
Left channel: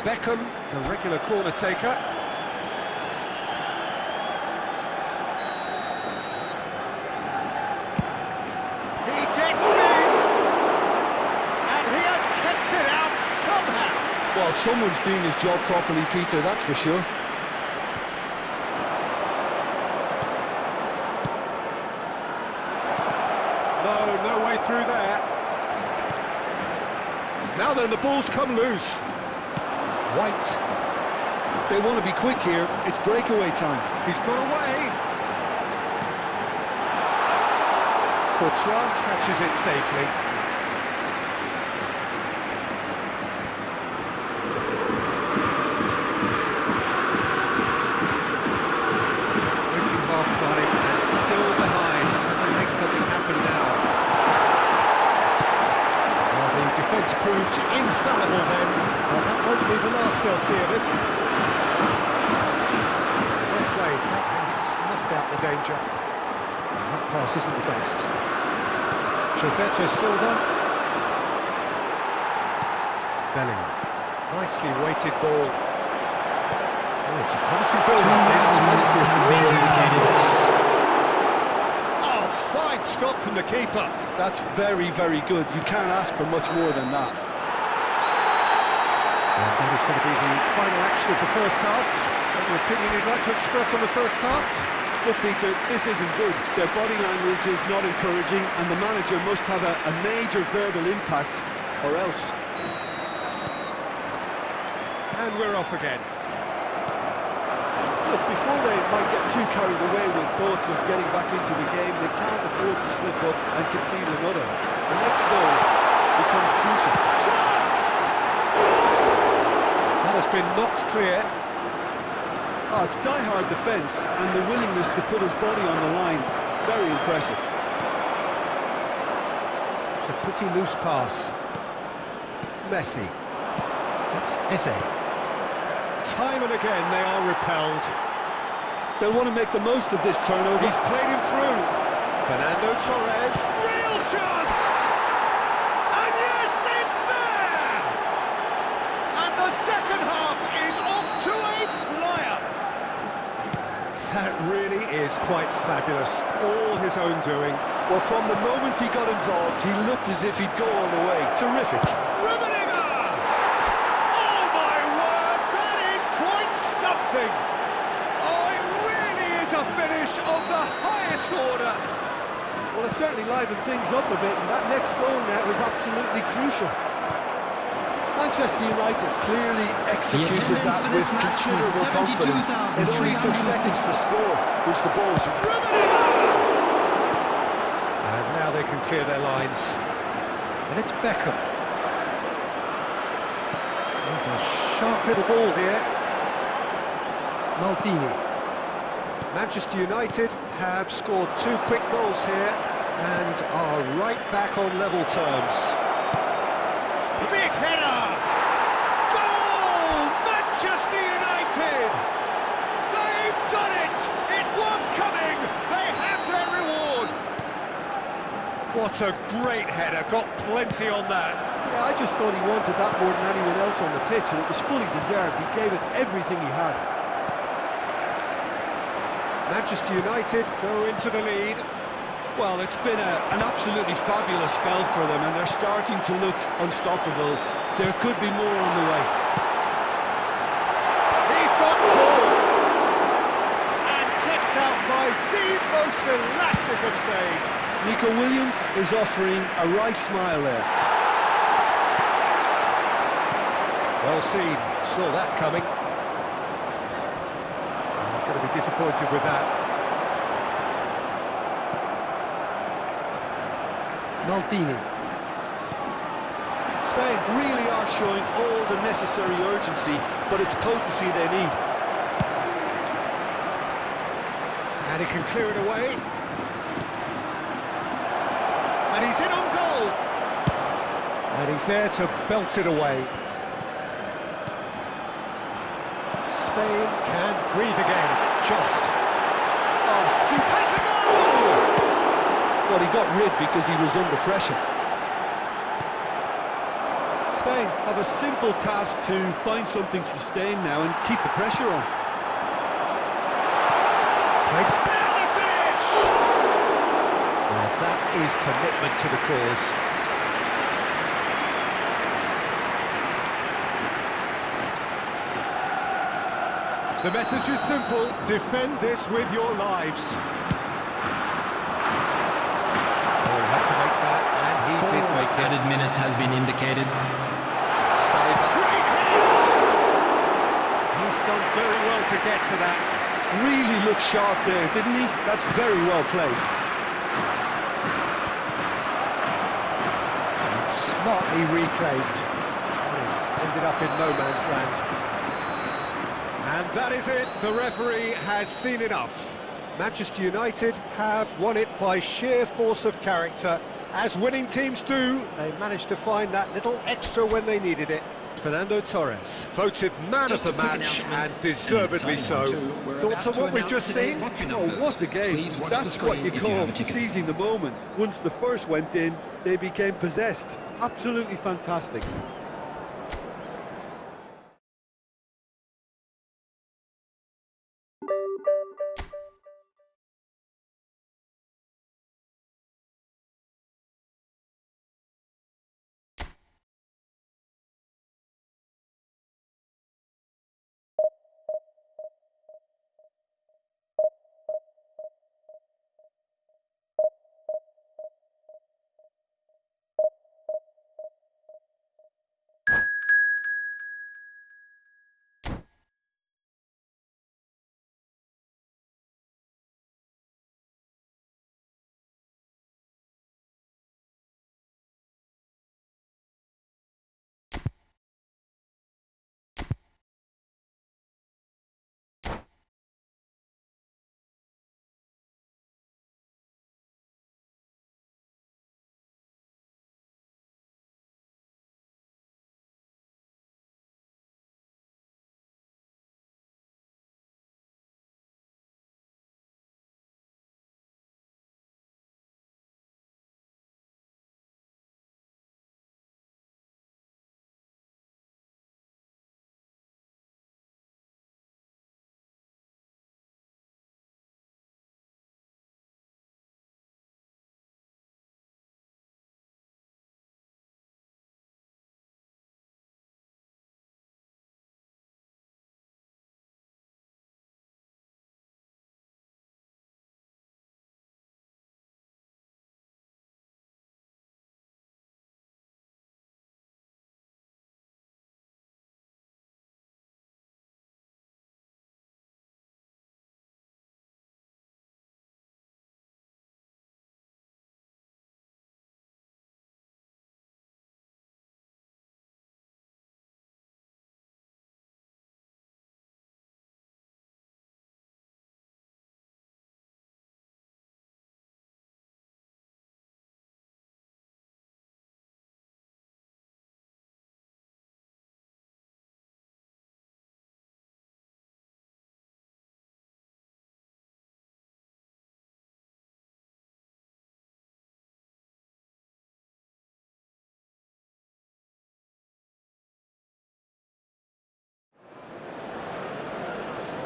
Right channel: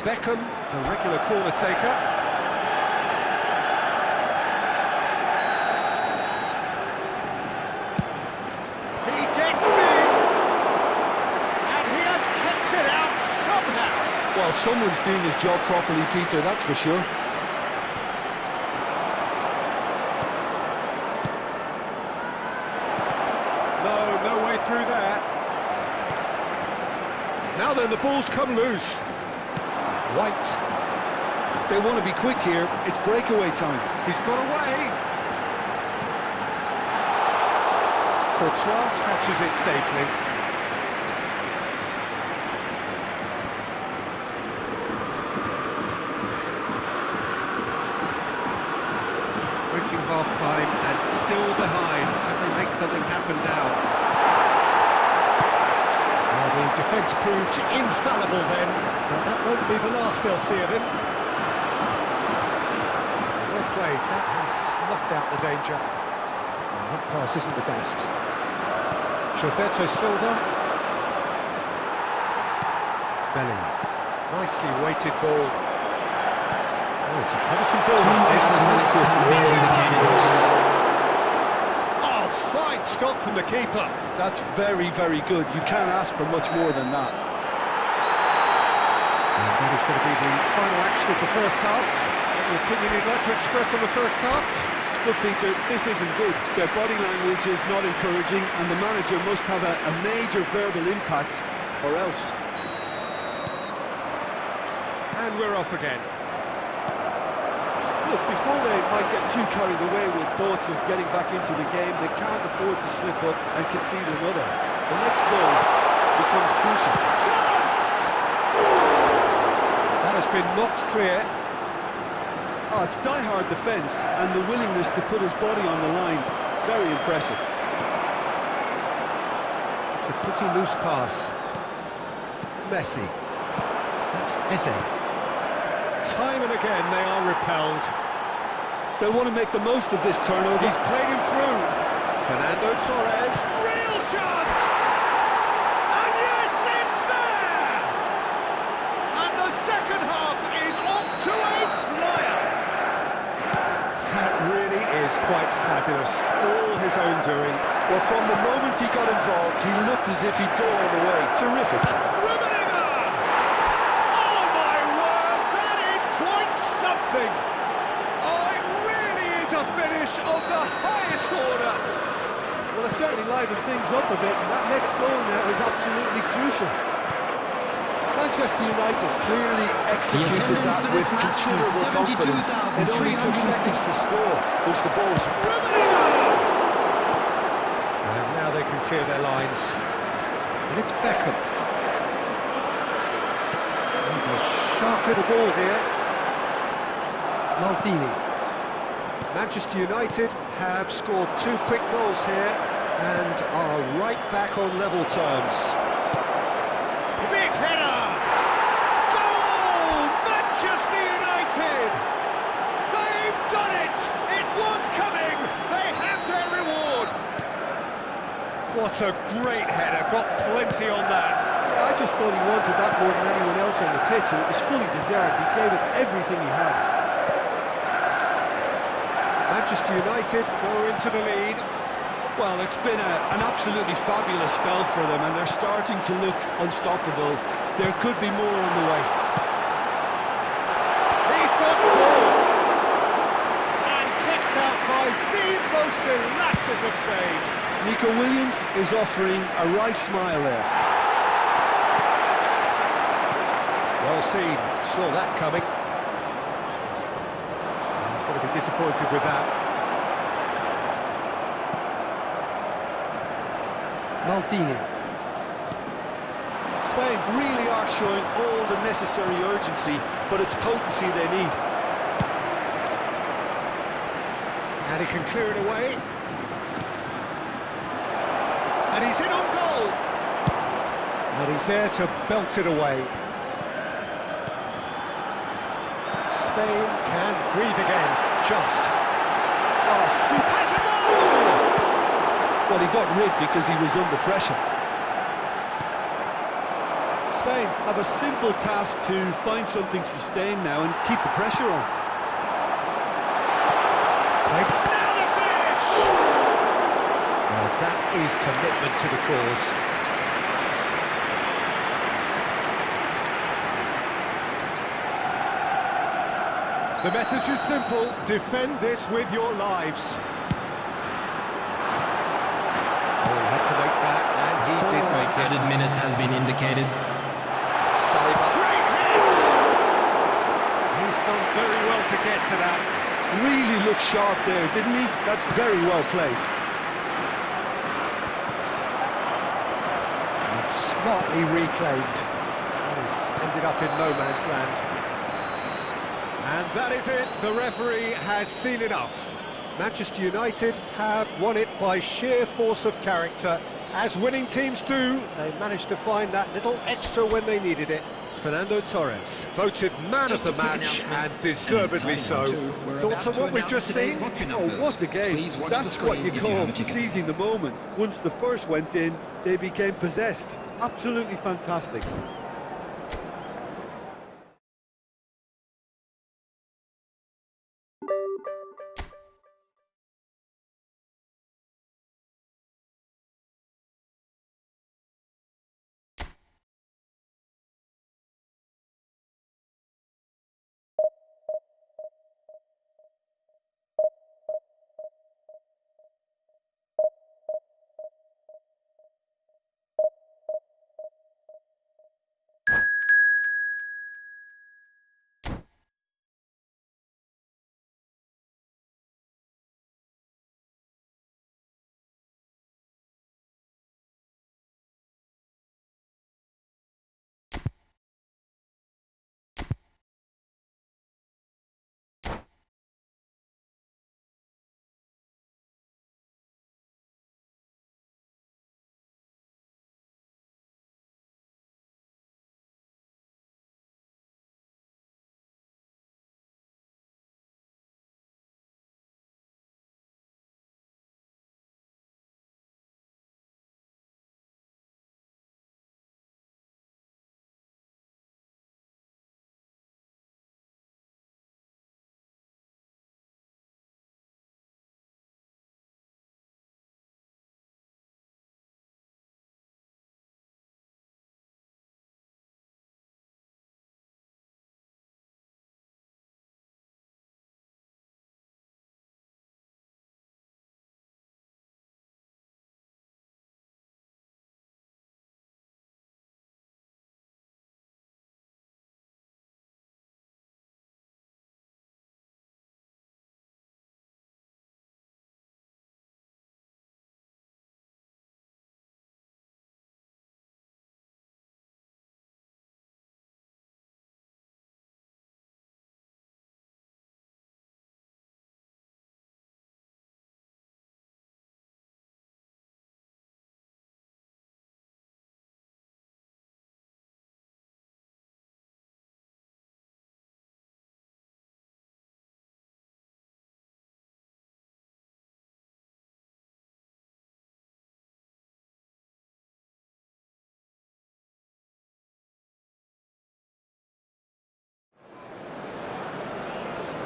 Beckham, the regular corner taker. He gets big! And he has kept it out somehow! Well, someone's doing his job properly, Peter, that's for sure. No way through there. Now then, the ball's come loose. White. They want to be quick here. It's breakaway time. He's got away. Courtois catches it safely. Reaching half-time and still behind. Can they make something happen now? defence proved infallible then, but that won't be the last they'll see of him. Well played, that has snuffed out the danger. And that pass isn't the best. Gilberto Silva. Bellingham. Nicely weighted ball. Oh, it's a promising build-up. This has been indicated. Oh, fine stop from the keeper. That's very, very good. You can't ask for much more than that. And that is going to be the final action of the first half. Any opinion you'd like to express on the first half? Look, Peter, this isn't good. Their body language is not encouraging, and the manager must have a major verbal impact, or else. And we're off again. Look, before they might get too carried away with thoughts of getting back into the game, they can't afford to slip up and concede another. The next goal becomes crucial. Chance! That has been knocked clear. Oh, it's die-hard defence and the willingness to put his body on the line. Very impressive. It's a pretty loose pass. Messi. That's Eze. Time and again they are repelled. They'll want to make the most of this turnover. He's played him through. Fernando Torres. Real chance! And yes, it's there! And the second half is off to a flyer. That really is quite fabulous. All his own doing. Well, from the moment he got involved, he looked as if he'd go all the way. Terrific. Something. Oh, it really is a finish of the highest order. Well, it certainly livened things up a bit, and that next goal now is absolutely crucial. Manchester United clearly executed that with considerable confidence. It only took seconds to score once the ball was... And now they can clear their lines. And it's Beckham. There's a sharp little ball here. Maldini. Manchester United have scored 2 quick goals here and are right back on level terms. Big header! Goal! Manchester United! They've done it! It was coming! They have their reward! What a great header, got plenty on that. Yeah, I just thought he wanted that more than anyone else on the pitch, and it was fully deserved. He gave it everything he had. Manchester United go into the lead. Well, it's been an absolutely fabulous spell for them, and they're starting to look unstoppable. There could be more on the way. He's got 4. And kicked out by the most elastic of saves. Nico Williams is offering a right smile there. Well seen, saw that coming. He's going to be disappointed with that. Maldini. Spain really are showing all the necessary urgency, but it's potency they need. And he can clear it away. And he's in on goal. And he's there to belt it away. Spain can breathe again, just. Oh, super. Has a goal! Well, he got rid because he was under pressure. Spain have a simple task to find something sustained now and keep the pressure on. Now the finish! Well, that is commitment to the cause. The message is simple, defend this with your lives. Oh, he had to make that, and he did make it. Added minutes has been indicated. Saliba. Great hit! He's done very well to get to that. Really looked sharp there, didn't he? That's very well played. And smartly reclaimed. This ended up in no man's land. And that is it, the referee has seen enough. Manchester United have won it by sheer force of character As winning teams do, they managed to find that little extra when they needed it. Fernando Torres, voted man of the match, and deservedly so. Thoughts on what we've just seen? Oh, what a game. That's what you call seizing the moment. Once the first went in, they became possessed. Absolutely fantastic.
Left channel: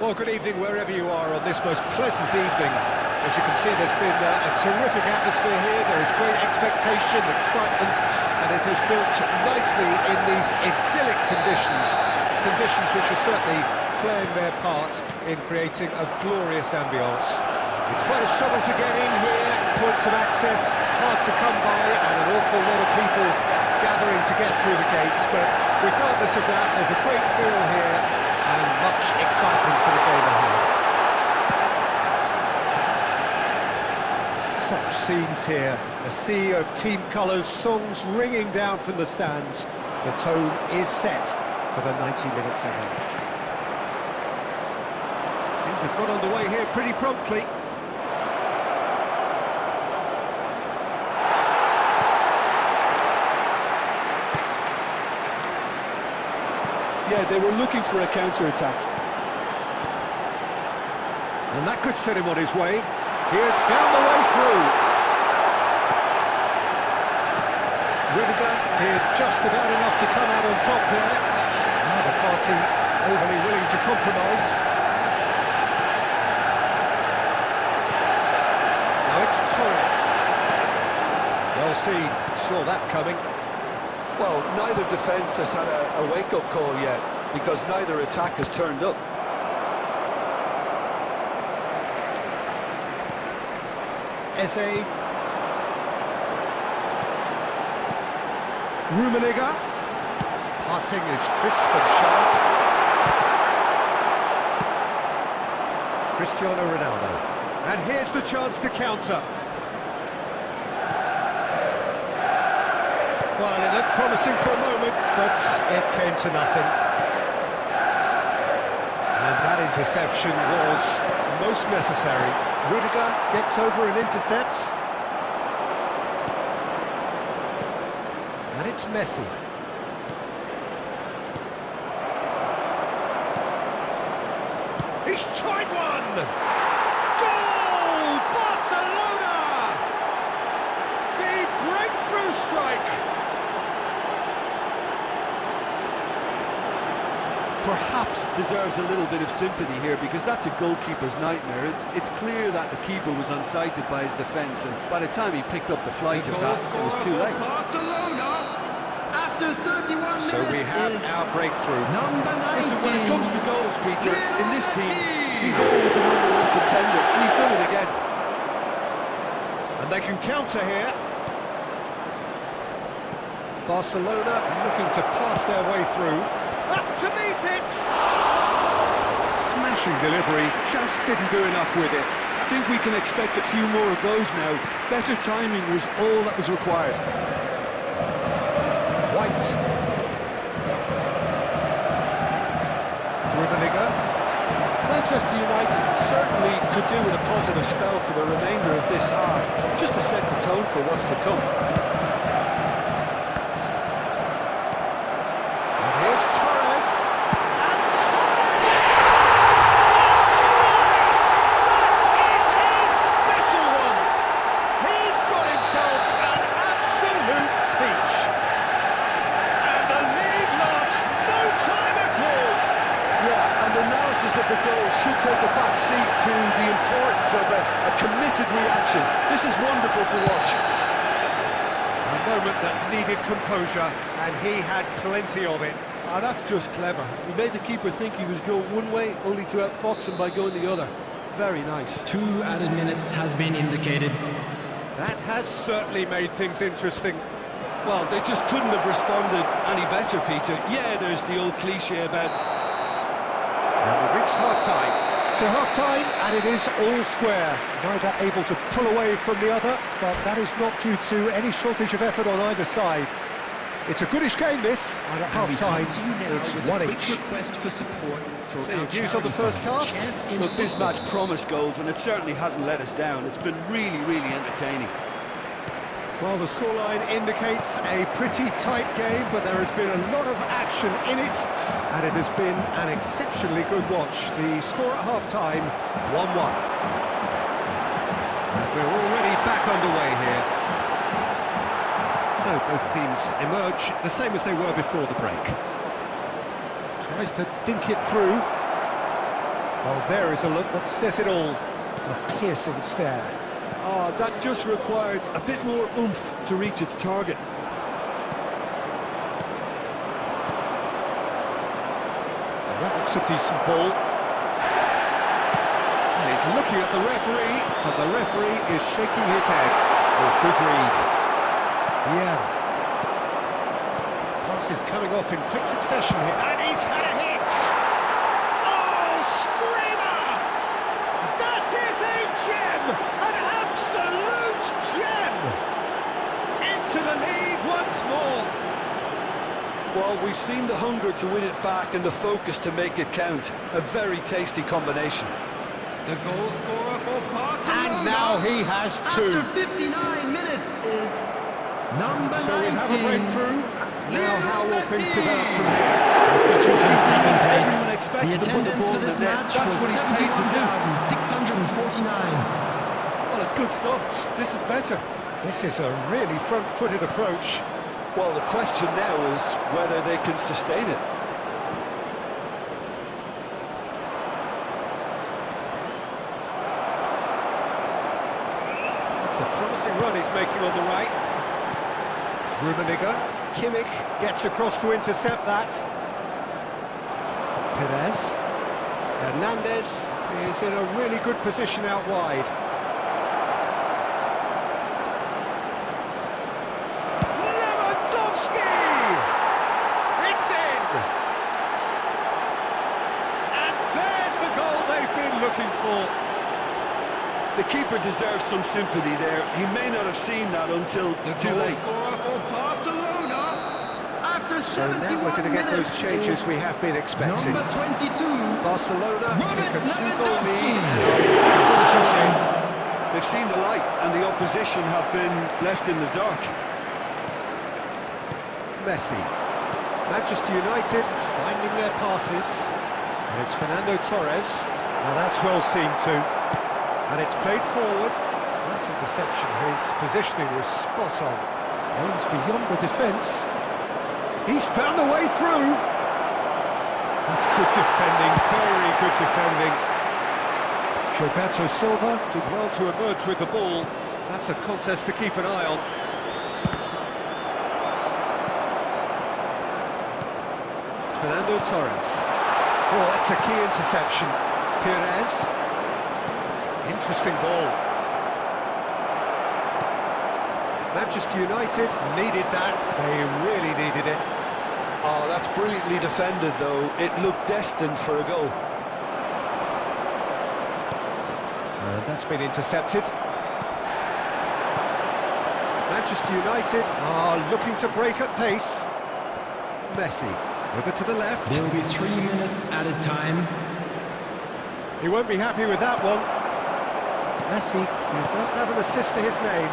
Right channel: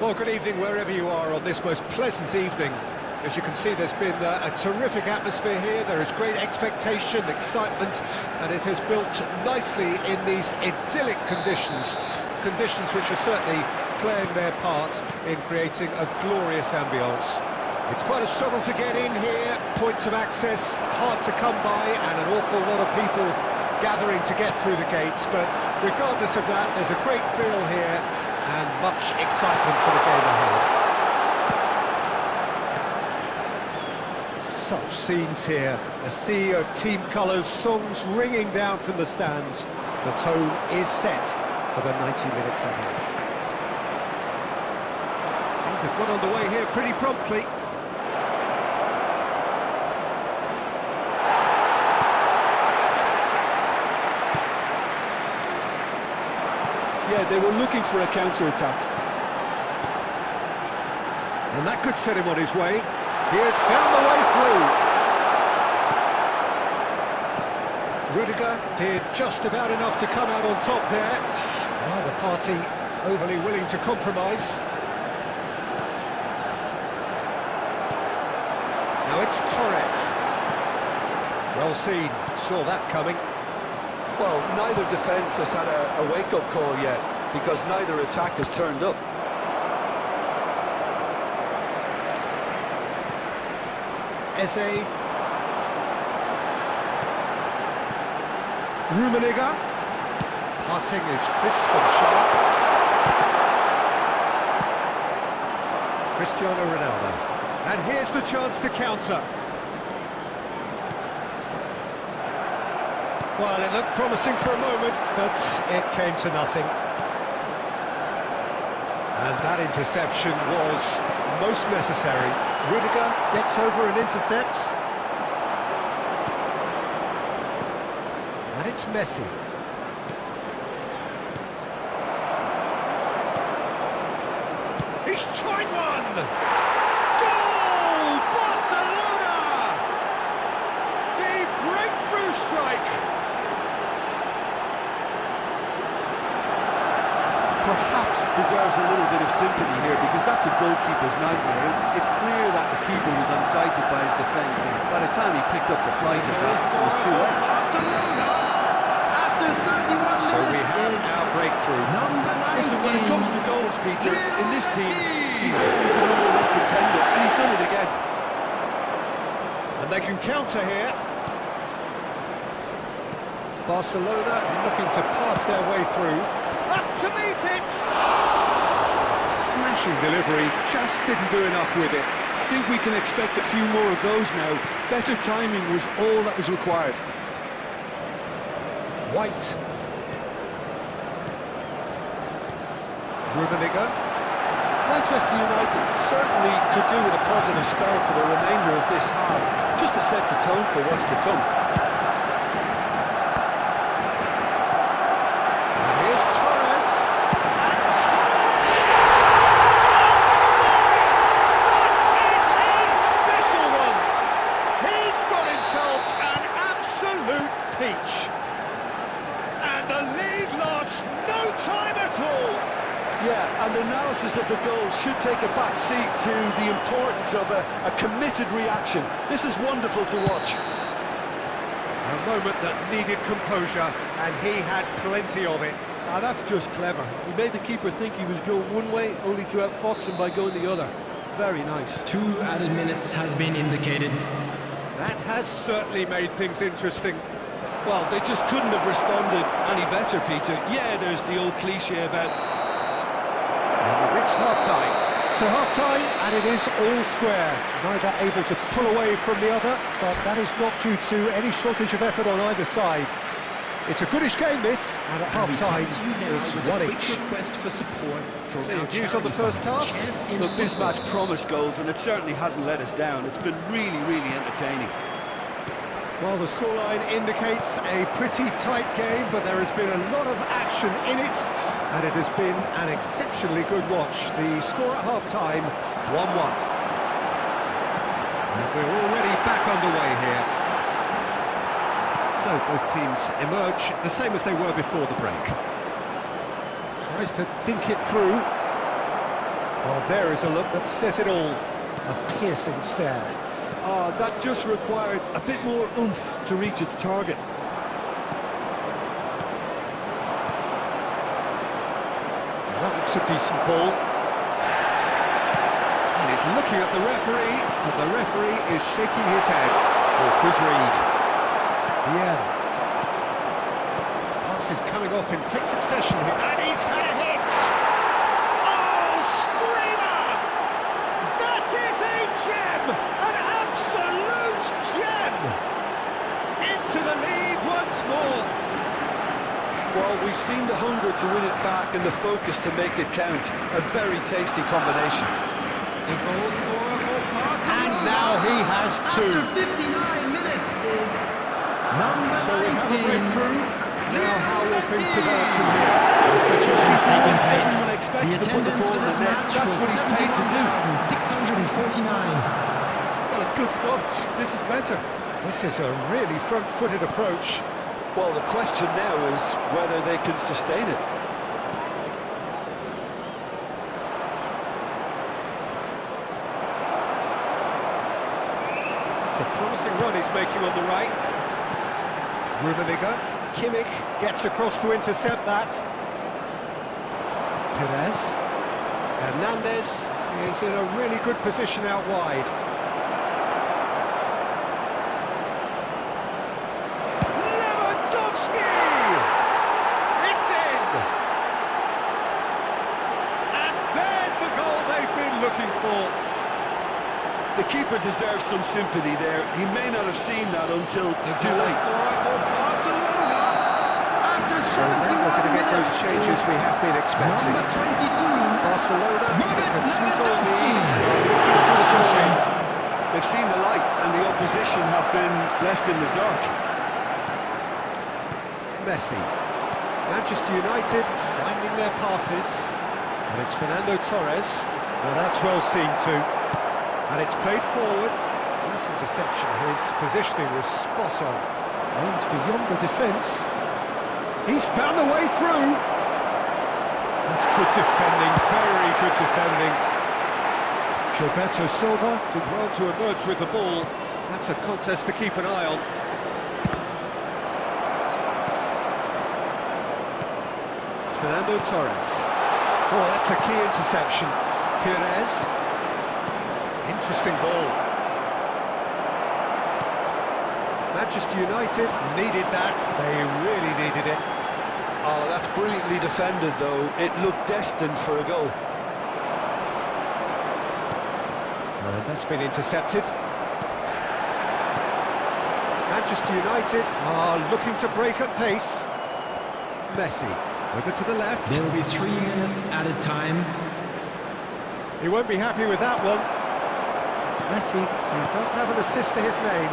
Well, good evening wherever you are on this most pleasant evening. As you can see, there's been a terrific atmosphere here. There is great expectation, excitement, and it has built nicely in these idyllic conditions. Conditions which are certainly playing their part in creating a glorious ambience. It's quite a struggle to get in here, points of access hard to come by, and an awful lot of people gathering to get through the gates, but regardless of that, there's a great feel here and much excitement for the game ahead. Such scenes here, a sea of team colours, songs ringing down from the stands. The tone is set for the 90 minutes ahead. Things have got underway here pretty promptly. Yeah, they were looking for a counter-attack. And that could set him on his way. He has found the way through. Rudiger did just about enough to come out on top there. Neither party overly willing to compromise. Now it's Torres. Well seen, saw that coming. Well, neither defence has had a wake-up call yet, because neither attack has turned up. Eze. Rummenigge. Passing is crisp and sharp. Cristiano Ronaldo. And here's the chance to counter. Well, it looked promising for a moment, but it came to nothing. And that interception was most necessary. Rudiger gets over and intercepts. And it's Messi. He's tried one! Goal! Barcelona! The breakthrough strike! Perhaps deserves a little bit of sympathy here, because that's a goalkeeper's nightmare. It's clear that the keeper was unsighted by his defence, and by the time he picked up the flight of that, it was too late. Barcelona, after 31 minutes, So we have our breakthrough. number 19. Listen, when it comes to goals, Peter, in this team, he's always the #1 contender, and he's done it again. And they can counter here. Barcelona looking to pass their way through. Up to meet it! Smashing delivery, just didn't do enough with it. I think we can expect a few more of those now. Better timing was all that was required. White. Rummenigge. Manchester United certainly could do with a positive spell for the remainder of this half, just to set the tone for what's to come. And here's Torres. And Torres! Oh, glorious! That is a special one! He's got himself an absolute peach. And the lead lasts no time at all. Yeah, and analysis of the goal should take a back seat to the importance of a committed reaction. This is wonderful to watch. A moment that needed composure, and he had plenty of it. Ah, that's just clever. He made the keeper think he was going one way, only to outfox him by going the other. Very nice. 2 added minutes has been indicated. That has certainly made things interesting. Well, they just couldn't have responded any better, Peter. Yeah, there's the old cliche about... And we've reached half-time. So half-time, and it is all square. Neither able to pull away from the other, but that is not due to any shortage of effort on either side. It's a goodish game, this, and at half-time, it's one each. Request for support So your views on the first half? Look, this match promised goals, and it certainly hasn't let us down. It's been really, really entertaining. Well, the scoreline indicates a pretty tight game, but there has been a lot of action in it, and it has been an exceptionally good watch. The score at half-time, 1-1. And we're already back underway here. So both teams emerge the same as they were before the break. Tries to dink it through. Well, there is a look that says it all. A piercing stare. Oh, that just required a bit more oomph to reach its target. Well, that looks a decent ball. And he's looking at the referee, but the referee is shaking his head. Oh, good read. Yeah. Pass is coming off in quick succession here, and he's had a hit! Oh, screamer! That is a gem! An absolute gem! Into the lead once more. Well, we've seen the hunger to win it back and the focus to make it count. A very tasty combination. The goal scorer for Barcelona. And now he has two. After 59 minutes is number 19. So we have a breakthrough. Now how will things develop from here? Substitutions taking place. Everyone expects to put the ball in the net. That's what he's paid to do. 649. Well, it's good stuff. This is better. This is a really front-footed approach. Well, the question now is whether they can sustain it. It's a promising run he's making on the right. Rummenigge. Kimmich gets across to intercept that. Perez. Hernandez is in a really good position out wide. Lewandowski! It's in! And there's the goal they've been looking for. The keeper deserves some sympathy there. He may not have seen that until too late. Scorer for Barcelona. After So 71 now we're going to get those minutes changes is we have been expecting. Number 22. Barcelona take a 2-goal lead. Substitution. They've seen the light and the opposition have been left in the dark. Messi. Manchester United finding their passes. And it's Fernando Torres. Now that's well seen too. And it's played forward. Nice interception. His positioning was spot on. Aimed beyond the defence. He's found a way through. That's good defending, very good defending. Gilberto Silva did well to emerge with the ball. That's a contest to keep an eye on. Fernando Torres. Oh, that's a key interception. Pires. Interesting ball. Manchester United needed that. They really needed it. Oh, that's brilliantly defended, though. It looked destined for a goal. And that's been intercepted. Manchester United are looking to break at pace. Messi, over to the left. There will be 3 minutes added time. He won't be happy with that one. Messi, who does have an assist to his name.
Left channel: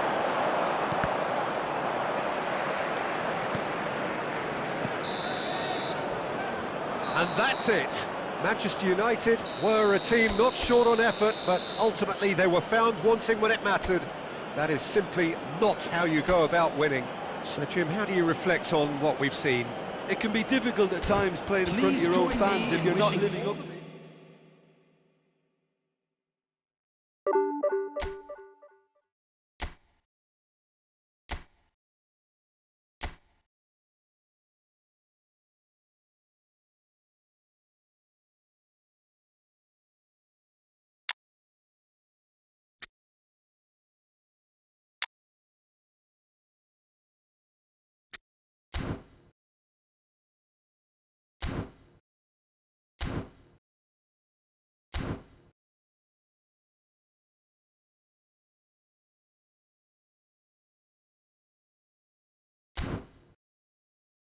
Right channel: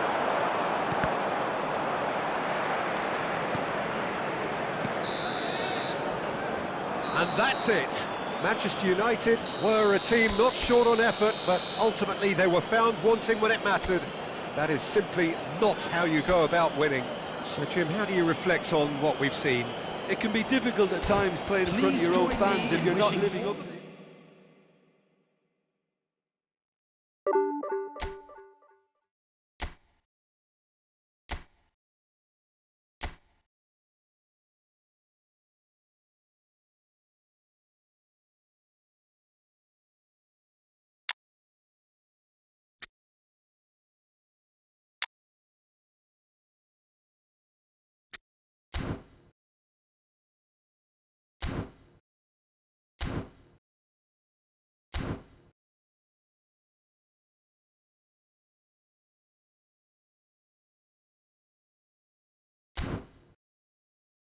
And that's it. Manchester United were a team not short on effort, but ultimately they were found wanting when it mattered. That is simply not how you go about winning. So, Jim, how do you reflect on what we've seen? It can be difficult at times playing in front of your own fans if you're not living up to the